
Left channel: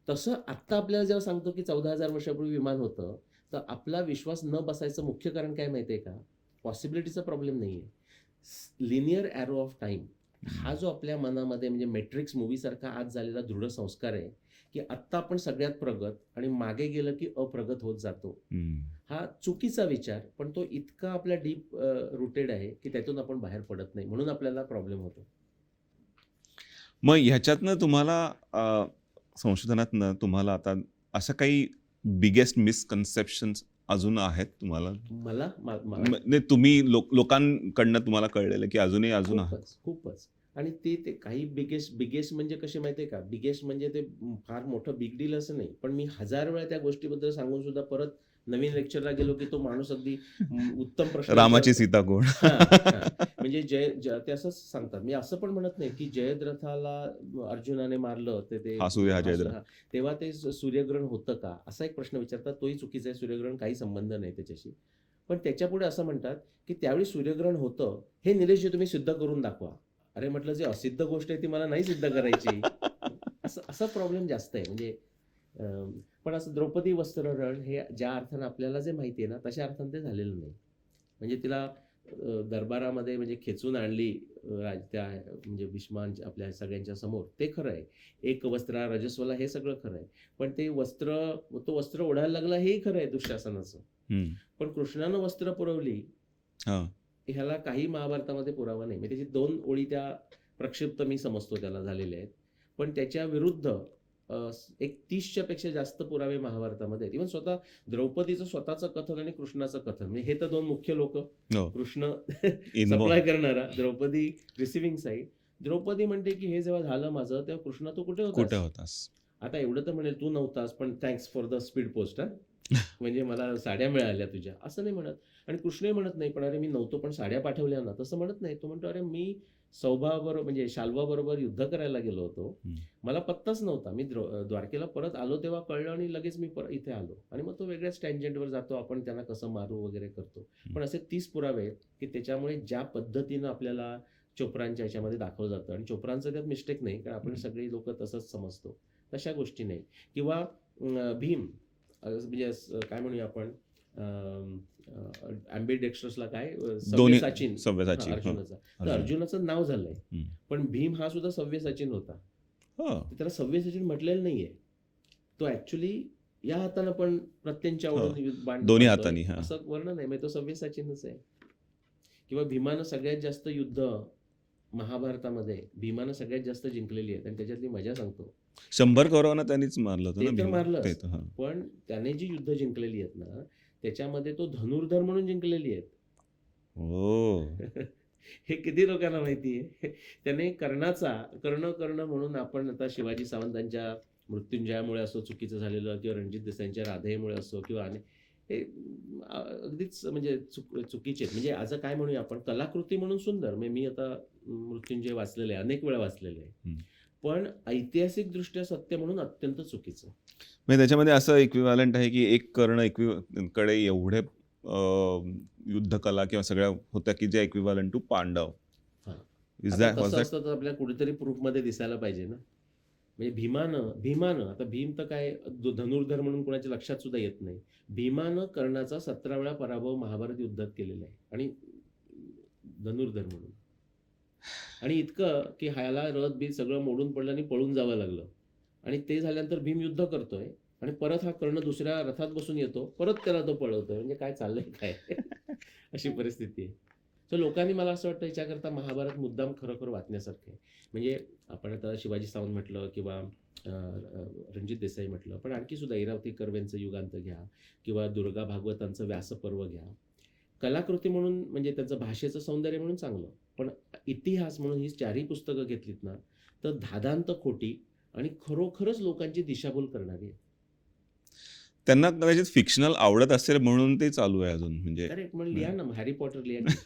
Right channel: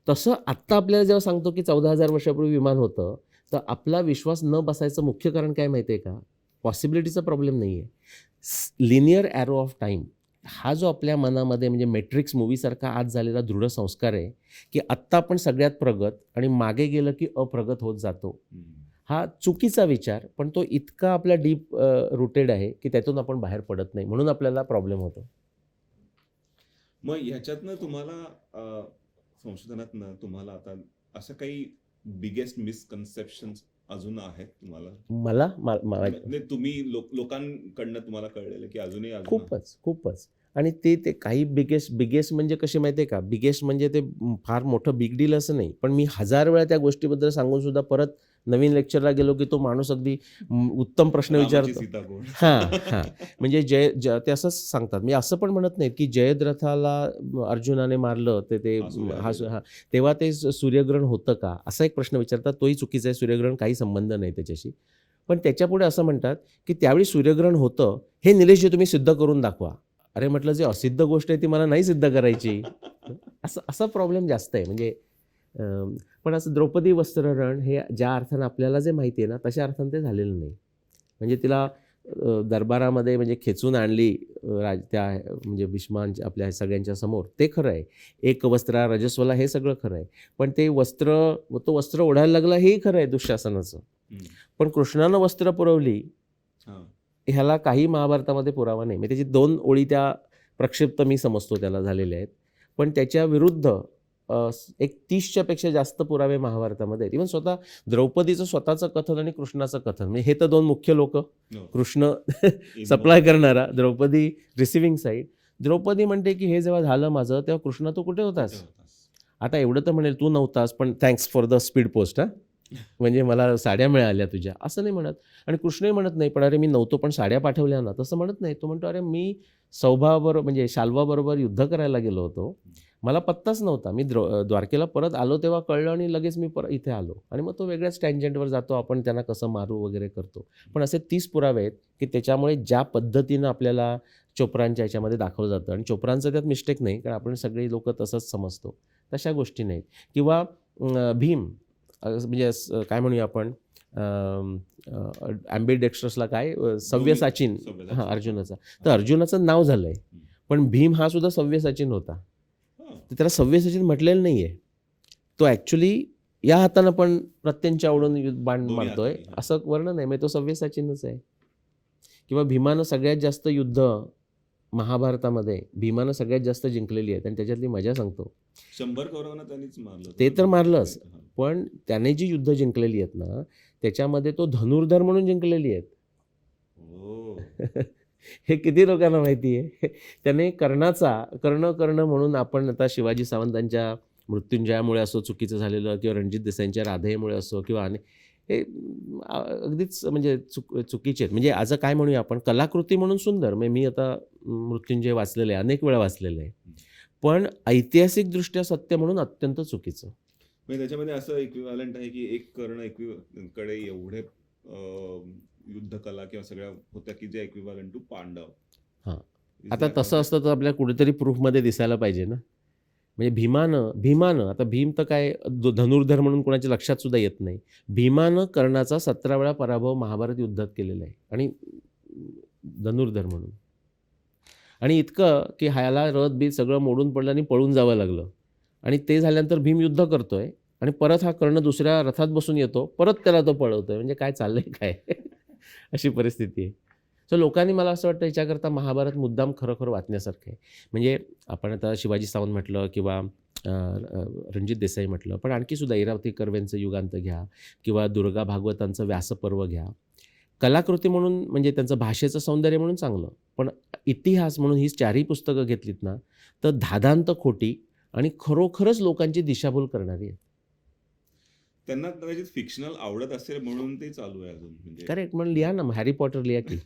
तसं आत्ता आपल्याला जेव्हा सांगतो की 14,000 वर्षापूर्वी विमान होतं तर आपला विश्वास न बसायचं मुख्य कारण काय माहिती आहे का? पॉसिबिलिटीचा प्रॉब्लेम नाही आहे, लिनियर ॲरो ऑफ टाईम. हा जो आपल्या मनामध्ये म्हणजे मॅट्रिक्स मूवीसारखा आज झालेला दृढ संस्कार आहे की आत्ता आपण सगळ्यात प्रगत आणि मागे गेलं की अप्रगत होत जातो. हम्म. हा चुकीचा विचार, पण तो इतका आपला डीप रुटेड आहे की त्यातून आपण बाहेर पडत नाही, म्हणून आपल्याला प्रॉब्लेम होतो. मग ह्याच्यातनं तुम्हाला संशोधनातनं तुम्हाला आता असं काही बिगेस्ट मिसकन्सेप्शन्स अजून आहेत तुम्हाला? मला नाही, तुम्ही लोकांकडनं तुम्हाला कळलेलं की अजूनही आहे. खूपच. आणि ते काही बिगेस्ट म्हणजे कसे माहिती आहे का? बिगेस्ट म्हणजे ते फार मोठं बिग डील असं नाही. पण मी 1000 वेळा त्या गोष्टीबद्दल सांगून सुद्धा परत नवीन लेक्चरला गेलो की तो माणूस अगदी उत्तम प्रश्न रामाची विचारतो. सीता कोण? हां. म्हणजे ते असंच सांगतात. मी असं पण म्हणत नाही की जयद्रथाला अर्जुनाने मारलं ते तेव्हा ते सूर्यग्रहण होतं का? असा एक प्रश्न विचारतात. तोही चुकीचा आहे. सूर्यग्रहण काही संबंध नाही त्याच्याशी. पण त्याच्यापुढे असं म्हणतात की त्यावेळी सूर्यग्रहण होतं, हे निलेशजी तुम्ही सिद्ध करून दाखवा. अरे म्हटलं, जे असिद्ध गोष्ट आहे ती मला नाही सिद्ध करायची. असा प्रॉब्लेम जास्त आहे. म्हणजे पण असं द्रौपदी वस्त्रहरण हे ज्या अर्थानं आपल्याला जे माहिती आहे ना, तशा अर्थानं ते झालेलं नाही. म्हणजे तिला दरबारामध्ये म्हणजे खेचून आणली त्या म्हणजे भीष्मांच्या आपल्या सगळ्यांच्या समोर, ते खरं आहे. एक वस्त्रा रजस्वला हे सगळं खरं आहे. पण ते तो वस्त्र ओढायला लागला हेही खरं आहे दुःशासनाचं. पण कृष्णानं वस्त्र पुरवली ह्याला काही महाभारतामध्ये पुरावा नाही. म्हणजे त्याची 2 ओळी त्या प्रक्षिप्त मी समजतो त्याला झालेल्या आहेत. पण त्याच्या विरुद्ध एक 30च्या पेक्षा जास्त पुरावे महाभारतामध्ये आहेत. इव्हन स्वतः द्रौपदीचं स्वतःचं कथन आणि कृष्णाचं कथन, म्हणजे हे तर 2 मुख्य लोक, कृष्ण सप्लाय करणारा, द्रौपदी रिसिव्हिंग साईड. द्रौपदी म्हणते की हे जेव्हा झालं माझं तेव्हा कृष्ण तू कुठे होतास? आता एवढं तर म्हणेल तू नव्हतास पण thanks for the speed post. म्हणजे मला साड्या मिळाल्या तुझ्या, असं नाही म्हणत. आणि कृष्णही म्हणत नाही पण अरे मी नव्हतो पण साड्या पाठवल्या ना, तसं म्हणत नाही. तो म्हणतो अरे मी सौभाबरोबर म्हणजे शाल्वाबरोबर युद्ध करायला गेलो होतो, मला पत्ताच नव्हता. मी द्वारकेला परत आलो तेव्हा कळलं आणि लगेच मी इथे आलो. आणि मग तो वेगळ्याच टँजंटवर जातो, आपण त्यांना कसं मारू वगैरे करतो. पण असे 30 पुरावे आहेत की त्याच्यामुळे ज्या पद्धतीनं आपल्याला चोप्रांच्या ह्याच्यामध्ये दाखवलं जातं, आणि चोप्रांचं त्यात मिस्टेक नाही, कारण आपण सगळे लोक तसंच समजतो, तशा गोष्टी नाहीत. किंवा भीम म्हणजे काय म्हणूया आपण, ॲम्बिडेक्स्ट्रसला काय सव्यसाचीन अर्जुनाचा, तर अर्जुनाचं नाव झालंय. पण भीम हा सुद्धा सव्यसाचीन होता. त्याला सव्यसाचीन म्हटलेलं नाहीये. तो ॲक्च्युली या हातानं पण प्रत्यंच्या ओढून बाण मारतोय असं वर्णन आहे. म्हणजे तो सव्यसाचीनच आहे. किंवा भीमानं सगळ्यात जास्त युद्ध महाभारतामध्ये भीमानं सगळ्यात जास्त जिंकलेली आहेत. आणि त्याच्यातली मजा सांगतो, 100 कौरवांना त्यांनीच मारलं. ते तर मारलंच, पण त्याने जी युद्ध जिंकलेली आहेत ना त्याच्यामध्ये तो धनुर्धर म्हणून जिंकलेली आहेत. हे किती लोकांना माहिती आहे? त्याने कर्ण म्हणून, आपण आता शिवाजी सावंतांच्या मृत्युंजयामुळे असो चुकीचं झालेलं, किंवा रणजित देसाईंच्या राधेमुळे असो, किंवा हे अगदीच म्हणजे चुकीचे आहेत. म्हणजे आज काय म्हणूया आपण, कलाकृती म्हणून सुंदर. म्हणजे मी आता मृत्युंजय वाचलेलं आहे, अनेक वेळा वाचलेलं आहे, पण ऐतिहासिकदृष्ट्या सत्य म्हणून अत्यंत चुकीचं. म्हणजे त्याच्यामध्ये असं इक्विव्हॅलंट आहे की एक कर्ण कडे एवढे युद्धकला किंवा सगळ्या होत्या की जे इक्विव्हॅलंट टू पांडव. आता तसं असतं तर आपल्याला कुठेतरी प्रूफमध्ये दिसायला पाहिजे ना. म्हणजे भीमानं आता भीम तर काय धनुर्धर म्हणून कोणाच्या लक्षात सुद्धा येत नाही. भीमानं कर्णाचा 17 वेळा पराभव महाभारत युद्धात केलेला आहे, आणि धनुर्धर म्हणून. आणि इतकं की ह्याला रथ बीत सगळं मोडून पडलं आणि पळून जावं लागलं. आणि ते झाल्यानंतर भीम युद्ध करतोय आणि परत हा कर्ण दुसऱ्या रथात बसून येतो, परत त्याला तो पळवतोय. म्हणजे काय चाललंय काय? अशी परिस्थिती आहे. सो लोकांनी, मला असं वाटतं, याच्याकरता महाभारत मुद्दाम खरोखर वाचण्यासारखं आहे. म्हणजे आपण आता शिवाजी सावंत म्हटलं किंवा रणजित देसाई म्हटलं, पण आणखी सुद्धा इरावती कर्वेंचं युगांत घ्या, किंवा दुर्गा भागवतांचं व्यासपर्व घ्या. कलाकृती म्हणून म्हणजे त्यांचं भाषेचं सौंदर्य म्हणून चांगलं, पण इतिहास म्हणून ही 4ही पुस्तकं घेतलीत ना तर धादांत खोटी आणि खरोखरच लोकांची दिशाभूल करणारी आहे. त्यांना कदाचित फिक्शनल आवडत असेल म्हणून ते चालू आहे अजून. म्हणजे करेक्ट, म्हणून लिहा ना, हॅरी पॉटर लिहा की.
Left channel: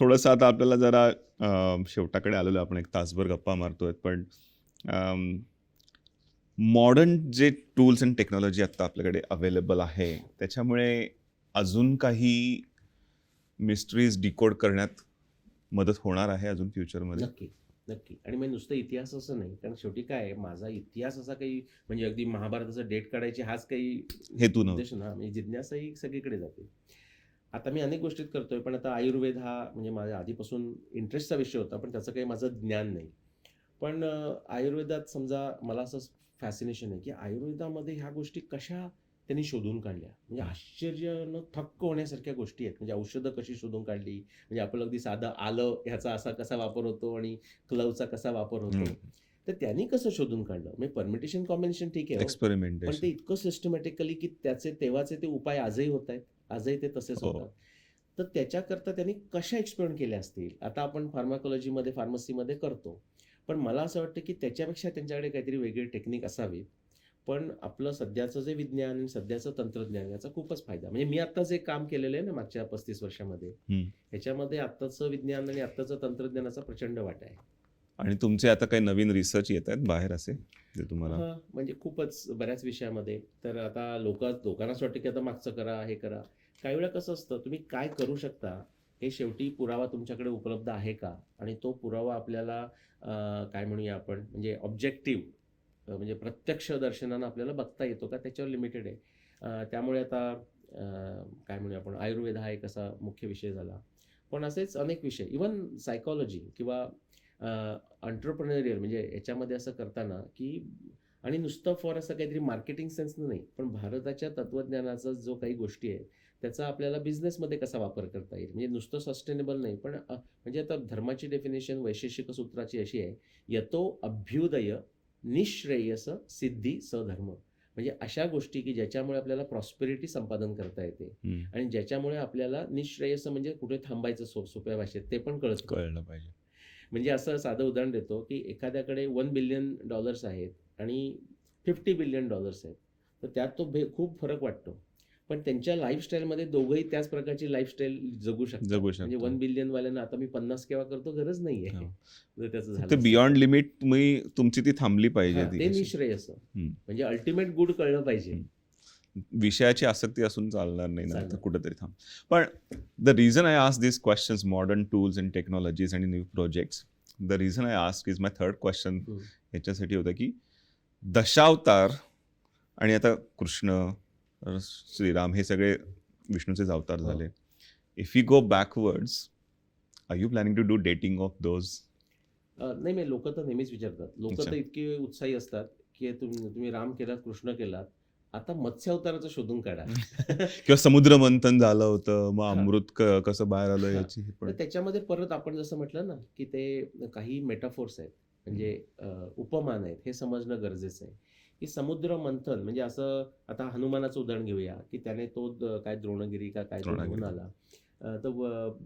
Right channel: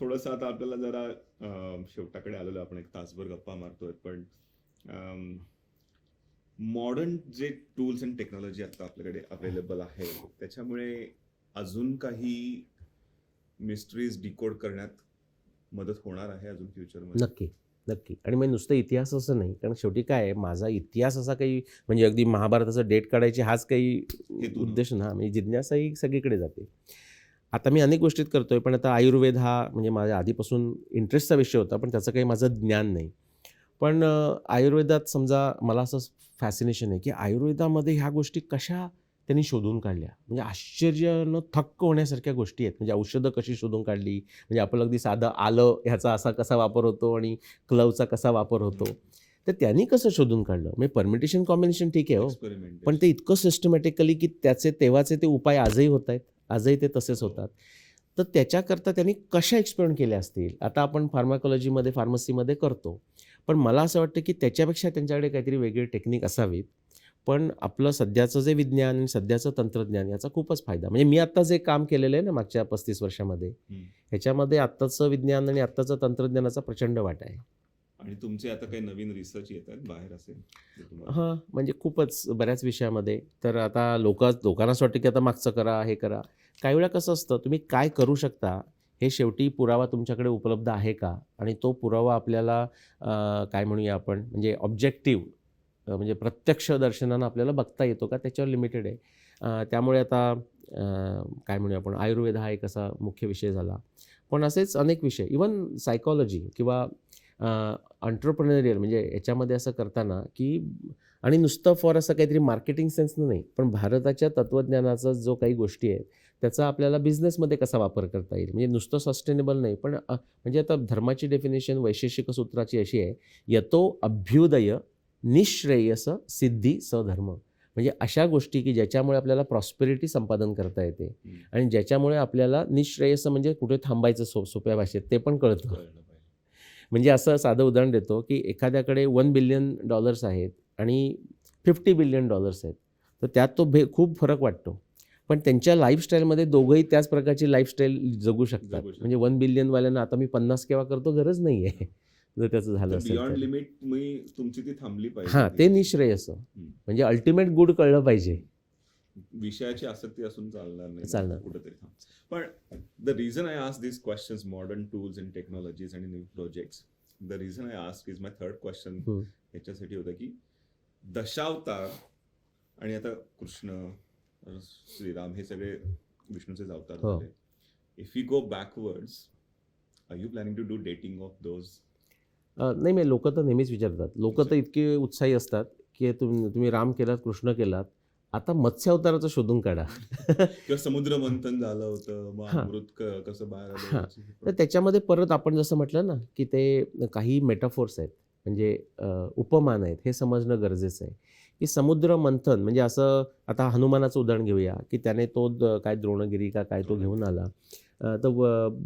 थोडंसं आता आपल्याला जरा शेवटाकडे आलेलो आहे. आपण एक तासभर गप्पा मारतोय, पण मॉडर्न जे टूल्स अँड टेक्नॉलॉजी आता आपल्याकडे अवेलेबल आहे, त्याच्यामुळे अजून काही मिस्ट्रीज डिकोड करण्यात मदत होणार आहे अजून फ्युचरमध्ये? नक्की, नक्की. आणि मग नुसतं इतिहास असं नाही, कारण शेवटी काय आहे, माझा इतिहास असा काही म्हणजे अगदी महाभारताचा डेट काढायची हाच काही हेतू नव्हता. उद्देश ना, म्हणजे जिज्ञासा ही सगळीकडे जाते. आता मी अनेक गोष्टीत करतोय, पण आता आयुर्वेद हा म्हणजे माझ्या आधीपासून इंटरेस्टचा विषय होता, पण त्याचं काही माझं ज्ञान नाही. पण आयुर्वेदात समजा मला असं फॅसिनेशन आहे, की आयुर्वेदामध्ये ह्या गोष्टी कशा त्यांनी शोधून काढल्या. म्हणजे आश्चर्यानं थक्क होण्यासारख्या गोष्टी आहेत. म्हणजे औषधं कशी शोधून काढली, म्हणजे आपलं अगदी साधं आलं ह्याचा असा कसा वापर होतो आणि क्लवचा कसा वापर होतो. तर त्यांनी कसं शोधून काढलं, म्हणजे परमिटेशन कॉम्बिनेशन ठीक आहे हो, पण एक्सपेरिमेंटेशन. ते इतकं सिस्टमॅटिकली की त्याचे तेव्हाचे ते उपाय आजही होत आहेत, आजही ते तसेच हो. होतात. तर त्याच्याकरता त्यांनी कशा एक्सपेरिमेंट केले असतील. आता आपण फार्माकॉलॉजीमध्ये फार्मसीमध्ये करतो, पण मला असं वाटतं की त्याच्यापेक्षा त्यांच्याकडे काहीतरी वेगळी टेक्निक असावीत. पण आपलं सध्याचं जे विज्ञान आणि सध्याचं तंत्रज्ञान याचा खूपच फायदा, म्हणजे मी आत्ता जे काम केलेलं आहे ना मागच्या 35 वर्षामध्ये, ह्याच्यामध्ये आत्ताचं विज्ञान आणि आत्ताचं तंत्रज्ञानाचा प्रचंड वाटा आहे. आणि तुमचे आता काही नवीन रिसर्च येत आहेत बाहेर असे जे तुम्हाला? हां, म्हणजे खूपच बऱ्याच विषयामध्ये. तर आता लोकांना असं वाटतं की आता मागचं करा, हे करा. काही वेळा कसं असतं, तुम्ही काय करू शकता हे शेवटी पुरावा तुमच्याकडे उपलब्ध आहे का? आणि तो पुरावा आपल्याला काय म्हणूया आपण, म्हणजे ऑब्जेक्टिव्ह म्हणजे प्रत्यक्ष दर्शनानं आपल्याला बघता येतो का, त्याच्यावर लिमिटेड आहे. त्यामुळे आता काय म्हणूया आपण, आयुर्वेद हा एक असा मुख्य विषय झाला. पण असेच अनेक विषय, इव्हन सायकॉलॉजी किंवा एंटरप्रेन्योरियल, म्हणजे याच्यामध्ये असं करताना की, आणि नुसतं फॉर असं काहीतरी मार्केटिंग सेन्सनं नाही, पण भारताच्या तत्त्वज्ञानाचा जो काही गोष्टी आहेत त्याचा आपल्याला बिझनेसमध्ये कसा वापर करता येईल. म्हणजे नुसतं सस्टेनेबल नाही, पण म्हणजे आता धर्माची डेफिनेशन वैशेषिक सूत्राची अशी आहे, यतो अभ्युदय निःश्रेयस सिद्धी सधर्म. म्हणजे अशा गोष्टी की ज्याच्यामुळे आपल्याला प्रॉस्पेरिटी संपादन करता येते आणि ज्याच्यामुळे आपल्याला निःश्रेयस म्हणजे कुठे थांबायचं सोप्या भाषेत ते पण कळतं. कळलं पाहिजे. म्हणजे असं साधं उदाहरण देतो की एखाद्याकडे $1 बिलियन आहेत आणि $50 बिलियन आहेत, तर त्यात तो खूप फरक वाटतो. पण त्यांच्या लाईफस्टाईलमध्ये दोघंही त्याच प्रकारची लाईफस्टाईल जगू शकतात. म्हणजे 1 बिलियन वाल्यांना आता मी 50 केव्हा करतो गरज नाही आहे. जर त्याचं झालं ते असेल बियॉन्ड तर. लिमिट तुमची ती थांबली पाहिजे. हां, ती ते अशी. निःश्रेयस. म्हणजे अल्टिमेट गुड कळलं पाहिजे. विषयाची आसक्ती असून चालणार नाही ना, चालणार. तर कुठेतरी थांब. पण the reason I ask this questions, modern tools and technologies आणि new projects, the reason I ask is my third question ह्याच्यासाठी होतं की दशावतार आणि आता कृष्ण, श्रीराम हे सगळे विष्णूचे अवतार हो. झाले. If you go backwards, are you planning to do dating of those? नाही, मी लोक तर नेहमीच विचारतात. लोक अच्छा. तर इतके उत्साही असतात की तुम्ही राम केलात, कृष्ण केलात, आता मत्स्य अवताराचं शोधून काढा. किंवा समुद्र मंथन झालं होतं, मग हां. अमृत कसं बाहेर आलं हां. याची तर त्याच्यामध्ये परत आपण जसं म्हटलं ना की ते काही मेटाफोर्स आहेत, म्हणजे उपमान आहेत, हे समजणं गरजेचं आहे. की समुद्र मंथन म्हणजे असं, आता हनुमानाचं उदाहरण घेऊया की त्याने तो काय द्रोणगिरी का काय तो घेऊन द्रोणगिरी. आला. तर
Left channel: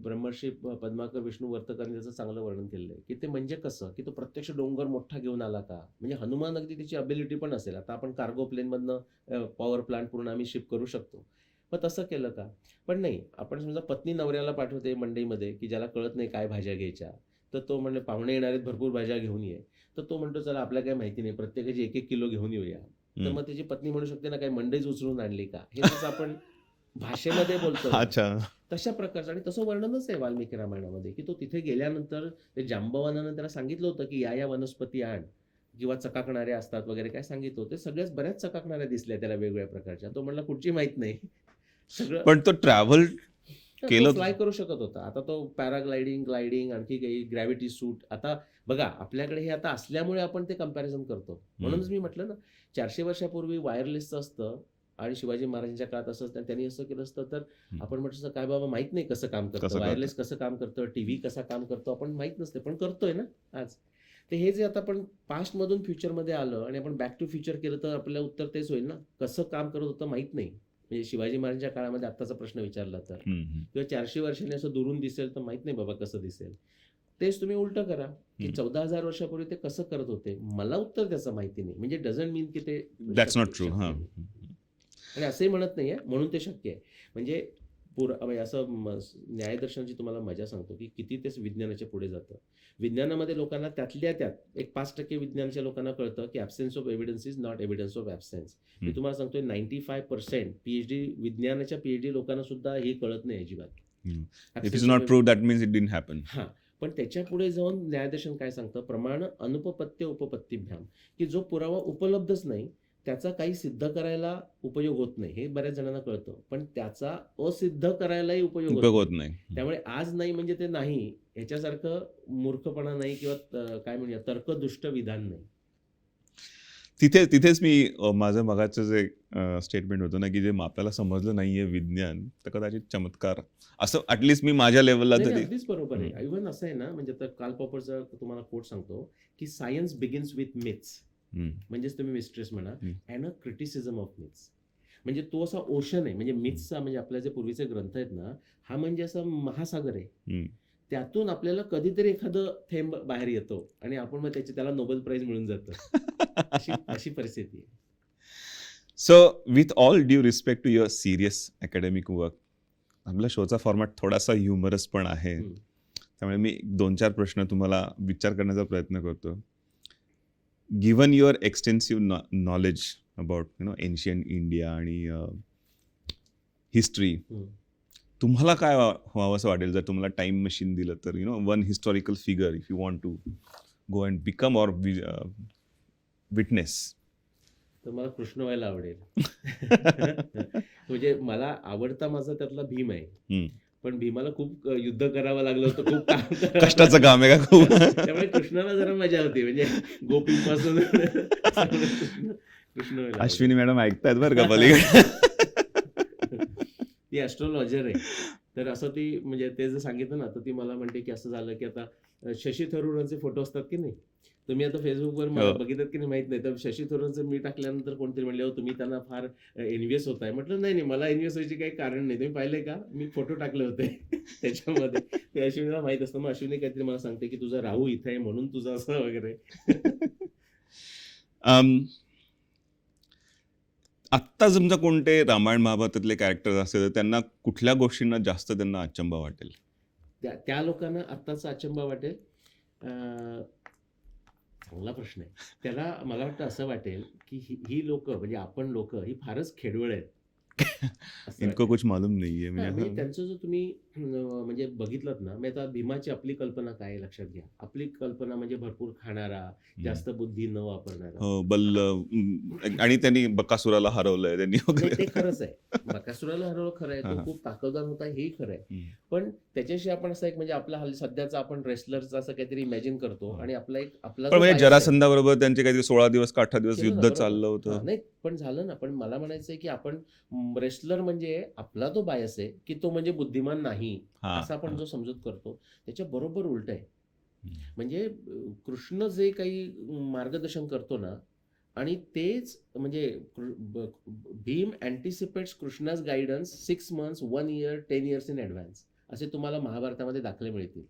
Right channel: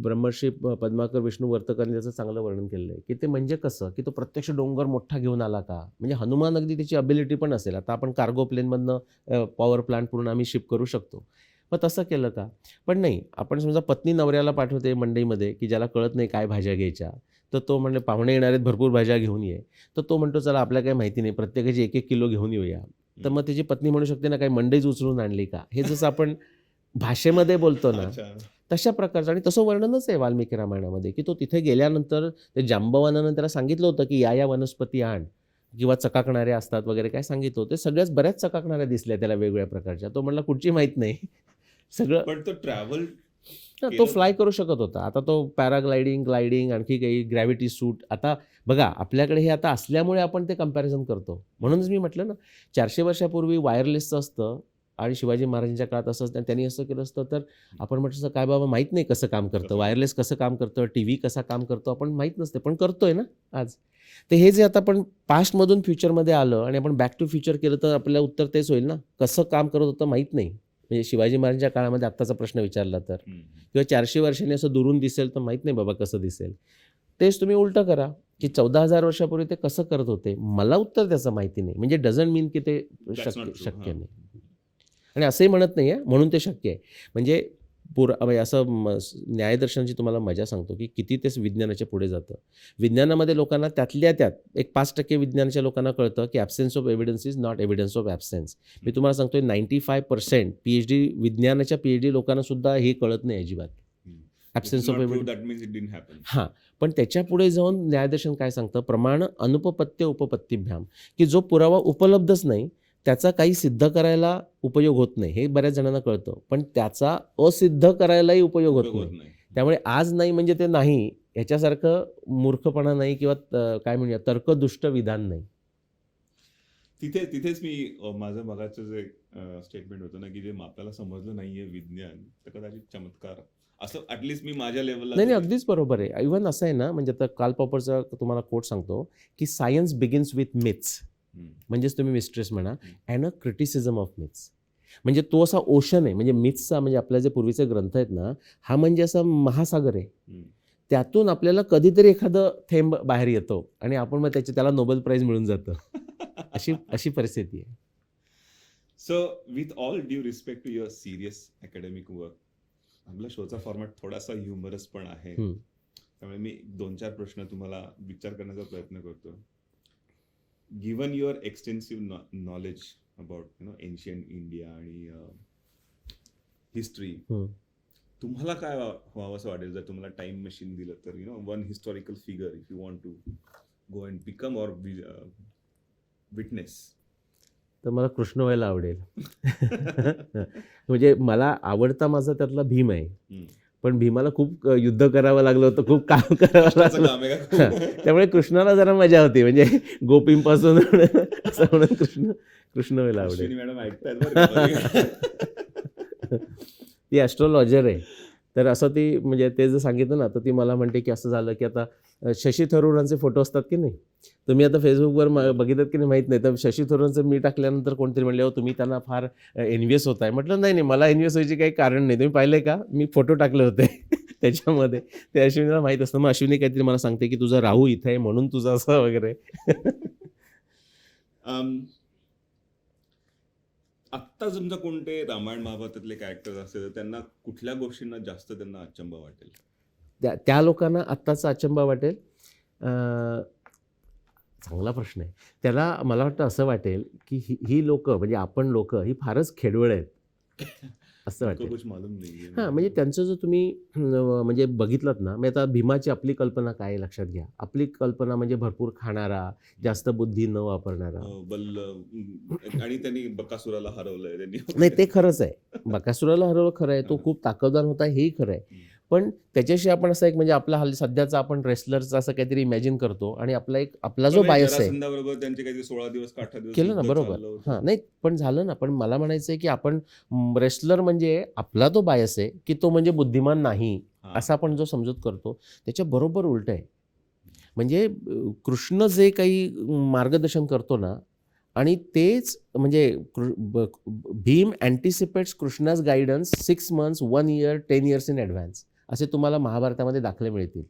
ब्रह्मर्षी पद्माकर विष्णू वर्तकरने त्याचं चांगलं वर्णन केलेलं आहे की ते म्हणजे कसं, की तो प्रत्यक्ष डोंगर मोठा घेऊन आला का, म्हणजे हनुमान अगदी त्याची अबिलिटी पण असेल. आता आपण कार्गो प्लेनमधनं पॉवर प्लांट पूर्ण आम्ही शिप करू शकतो, मग तसं केलं का? पण नाही. आपण समजा पत्नी नवऱ्याला पाठवते मंडईमध्ये की ज्याला कळत नाही काय भाज्या घ्यायच्या, तर तो म्हणले पाहुणे येणार आहेत, भरपूर भाज्या घेऊन ये. तर तो म्हणतो चला आपल्याला काही माहिती नाही, प्रत्येकाची 1-1 किलो घेऊन येऊया. तर मग त्याची पत्नी म्हणू शकते ना, काही मंडईच उचलून आणली का? हे जसं आपण भाषेमध्ये बोलतो ना, अच्छा. तशा प्रकारचं. आणि तसं वर्णनच आहे वाल्मिकी रामायणामध्ये की तो तिथे गेल्यानंतर ते जांबवानानं त्याला सांगितलं होतं की या वनस्पती आण, किंवा चकाकणाऱ्या असतात वगैरे काय सांगितलं होतं. सगळ्याच बऱ्याच चकाकणाऱ्या दिसल्या त्याला वेगवेगळ्या प्रकारच्या. तो म्हणला कुठची माहीत नाही. सगळं पण तो ट्रॅव्हल तो केलं. फ्लाय करू शकत होता. आता तो पॅराग्लायडिंग, ग्लायडिंग, आणखी काही ग्रॅव्हिटी सूट. आता बघा आपल्याकडे हे आता असल्यामुळे आपण ते कंपॅरिझन करतो. म्हणूनच मी म्हटलं ना, 400 वर्षापूर्वी वायरलेसचं असतं आणि शिवाजी महाराजांच्या काळात असं असतं, त्यांनी असं केलं असतं तर आपण म्हटलं काय बाबा माहीत नाही कसं काम करतं, कसं वायरलेस कसं काम करतं, टीव्ही कसा काम करतो, आपण माहीत नसते, पण करतोय ना आज. तर हे जे आता आपण पास्टमधून फ्युचरमध्ये आलं आणि आपण बॅक टू फ्युचर केलं तर आपल्याला उत्तर तेच होईल ना, कसं काम करत होतं माहीत नाही. म्हणजे शिवाजी महाराजांच्या काळामध्ये आत्ताचा प्रश्न विचारला तर, किंवा 400 वर्षांनी असं दुरून दिसेल तर माहीत नाही बाबा कसं दिसेल. तेच तुम्ही उलटं करा की 14,000 वर्षापूर्वी ते कसं करत होते, मला उत्तर त्याचं माहिती नाही. म्हणजे डझंट मीन की ते दॅट्स नॉट ट्रू. शक्य नाही. आणि असंही म्हणत नाही आहे म्हणून ते शक्य आहे. म्हणजे म्हणजे असं न्यायदर्शनाची तुम्हाला मजा सांगतो की किती ते विज्ञानाच्या पुढे जातं. विज्ञानामध्ये लोकांना त्यातल्या त्यात एक 5% विज्ञानाच्या लोकांना कळतं की absence of evidence is not evidence of absence. मी तुम्हाला सांगतोय 95% PhD विज्ञानाच्या PhD लोकांना सुद्धा हे कळत नाही अजिबात. It is not prove that means it didn't happen. हां, पण त्याच्या पुढे जाऊन न्यायदर्शन काय सांगतं, प्रमाण अनुपपत्य उपपत्तिभ्याम, की जो पुरावा उपलब्धच नाही त्याचा काही सिद्ध करायला उपयोग होत नाही. हे बऱ्याच जणांना कळतं, पण त्याचा असिद्ध करायलाही उपयोग उपयोग होत होत नाही. नाही. त्यामुळे आज नाही म्हणजे ते नाही ह्याच्यासारखं मूर्खपणा नाही किंवा काय म्हणूया तर्कदुष्ट विधान नाही. तिथेच मी माझं मगाचं जे स्टेटमेंट होतं ना, की जे आपल्याला समजलं नाहीये विज्ञान, तर कदाचित चमत्कार असं ॲटलिस्ट मी माझ्या लेवलला नाही, अगदीच बरोबर आहे. इव्हन असं आहे ना, म्हणजे आता कार्ल पॉपरचा तुम्हाला कोट सांगतो, की सायन्स बिगिन्स विथ मिथ्स. म्हणजेच तुम्ही मिस्ट्रेस म्हणा and a criticism of myths. म्हणजे तो असा ओशन आहे, म्हणजे मिथ्सचा म्हणजे आपल्या जे पूर्वीचे ग्रंथ आहेत ना, हा म्हणजे असा महासागर आहे. त्यातून आपल्याला कधीतरी एखादं थेंब बाहेर येतो आणि आपण मग त्याला नोबेल प्राइज मिळून जातं. अशी परिस्थिती आहे. So with all due respect to your serious academic work, आपल्या शोचा फॉर्मॅट थोडासा ह्युमरस पण आहे. त्यामुळे मी 2-4 प्रश्न तुम्हाला विचार करण्याचा प्रयत्न करतो. Given your extensive knowledge about ancient India आणि हिस्ट्री, तुम्हाला काय व्हावं असं वाटेल जर तुम्हाला टाइम मशीन दिलं तर? One historical figure if you want to go and become or witness. तर मला कृष्ण व्हायला आवडेल. म्हणजे मला आवडता माझा त्यातला भीम आहे. पण भीमाला खूप युद्ध करावं लागलं होतं, खूप काम कष्टाचं काम आहे का खूप? त्यामुळे कृष्णाला जरा मजा होती, म्हणजे गोपींपासून कृष्ण व्हायला. अश्विनी मॅडम ऐकतायत बरं का पलीकडे. ती ॲस्ट्रॉलॉजर आहे. तर असं ती म्हणजे ते जे सांगितलं ना, तर ती मला म्हणते की असं झालं की आता शशी थरूरांचे फोटो असतात की नाही, तुम्ही आता फेसबुकवर बघितलं की नाही माहीत नाही, तर शशी थरूरांचं मी टाकल्यानंतर कोणतरी म्हणले, हो तुम्ही त्यांना फार एनव्हियस होताय. म्हटलं नाही मला एनव्हियस व्हायची काही कारण नाही. तुम्ही पाहिले का मी फोटो टाकले होते त्याच्यामध्ये. ते अश्विनीला माहीत असतं. मग अश्विनी काहीतरी मला सांगते की तुझा राहू इथे आहे म्हणून तुझं असं वगैरे. आत्ता समजा कोणते रामायण महाभारतातले कॅरेक्टर असतील तर त्यांना कुठल्या गोष्टींना जास्त त्यांना अचंबा वाटेल? त्या लोकांना आत्ताचा अचंबा वाटेल. चांगला प्रश्न आहे. त्याला मला वाटतं असं वाटेल की ही लोक म्हणजे आपण लोक ही फारच खेडवळ आहेत असं इनको कुछ मालूम नाहीये. हां, म्हणजे त्यांचं जर तुम्ही म्हणजे बघितलं ना, मी आता भीमाची आपली कल्पना काय आहे लक्षात घ्या. आपली कल्पना म्हणजे भरपूर खाणारा, जास्त बुद्धी न वापरणारा. आणि त्यांनी बकासुराला हरवलंय त्यांनी. नाही ते खरंच आहे. बकासुराला हरवलं खरं आहे. तो खूप ताकदवान होता हेही खरं आहे. पण त्याच्याशी आपण असं एक म्हणजे आपला सध्याचा आपण रेसलरचा असं काहीतरी इमॅजिन करतो आणि आपला जो बायस आहे जरासंधाबरोबर त्यांचे काहीतरी 16 दिवस का 18 दिवस युद्ध चाललं होतं. नाही पण झालं ना. पण मला म्हणायचं आहे की आपण रेसलर म्हणजे आपला तो बायस आहे की तो म्हणजे बुद्धिमान नाही असा आपण जो समजूत करतो त्याच्या बरोबर उलट आहे. म्हणजे कृष्ण जे काही मार्गदर्शन करतो ना आणि तेच म्हणजे Bhim anticipates Krishna's guidance 6 months 1 year 10 years in advance असे तुम्हाला महाभारतामध्ये दाखले मिळतील.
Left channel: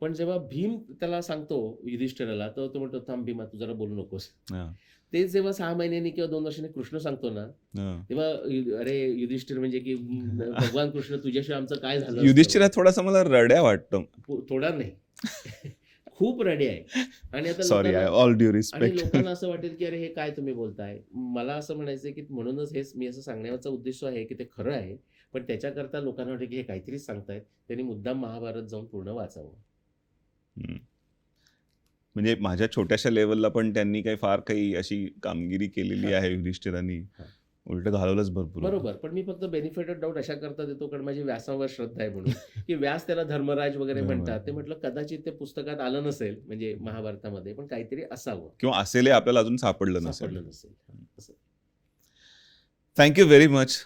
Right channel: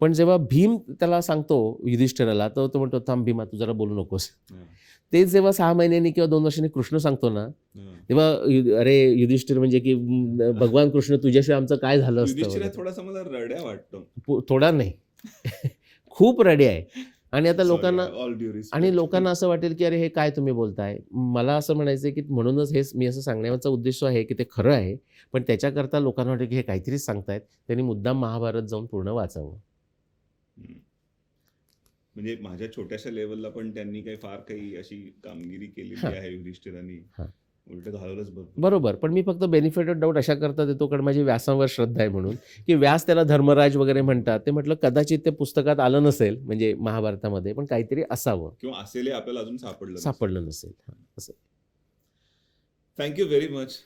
पण जेव्हा भीम त्याला सांगतो युधिष्ठिराला तर तो म्हणतो थांब भीमा तू जरा बोलू नकोस. तेच जेव्हा 6 महिन्यांनी किंवा 2 वर्षांनी कृष्ण सांगतो ना तेव्हा अरे युधिष्ठिर म्हणजे की भगवान कृष्ण तुझ्याशिवाय आमचं काय झालं. युधिष्ठिर थोडासा मला रड्या वाटतो. थोडा नाही खूप रडे आहे. आणि आता लोकांना लोकांना असं वाटेल की अरे हे काय तुम्ही बोलताय. मला असं म्हणायचं की म्हणूनच हे मी असं सांगण्याचा उद्देश आहे की ते खरं आहे पण त्याच्याकरता लोकांना वाटेल की हे काहीतरीच सांगतायत. त्यांनी मुद्दाम महाभारत जाऊन पूर्ण वाचावं. म्हणजे माझ्या छोट्याशा लेवलला पण त्यांनी फार काही अशी कामगिरी केलेली आहे युधिष्ठिरांनी. उलट घालवलंच भरपूर. बरोबर. पण मी फक्त बेनिफिट ऑफ डाऊट अशा करता देतो कारण माझी व्यासावर श्रद्धा आहे म्हणून की व्यास त्याला धर्मराज वगैरे म्हणतात. ते म्हटलं कदाचित ते पुस्तकात आलं नसेल म्हणजे महाभारतामध्ये पण काहीतरी असावं किंवा असेल आपल्याला अजून सापडलं नसेल. Thank you very much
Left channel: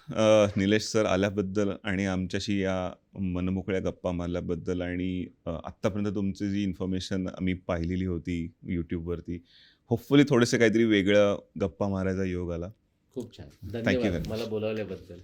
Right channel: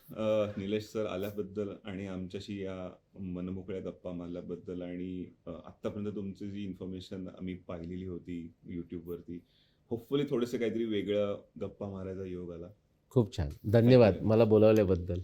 Nilesh sir आल्याबद्दल आणि आमच्याशी या मनमोकळ्या गप्पा मारल्याबद्दल आणि आत्तापर्यंत तुमची जी इन्फॉर्मेशन आम्ही पाहिलेली होती यूट्यूबवरती होपफुली थोडेसे काहीतरी वेगळं गप्पा मारायचा योग आला. खूप छान. धन्यवाद मला बोलावल्याबद्दल.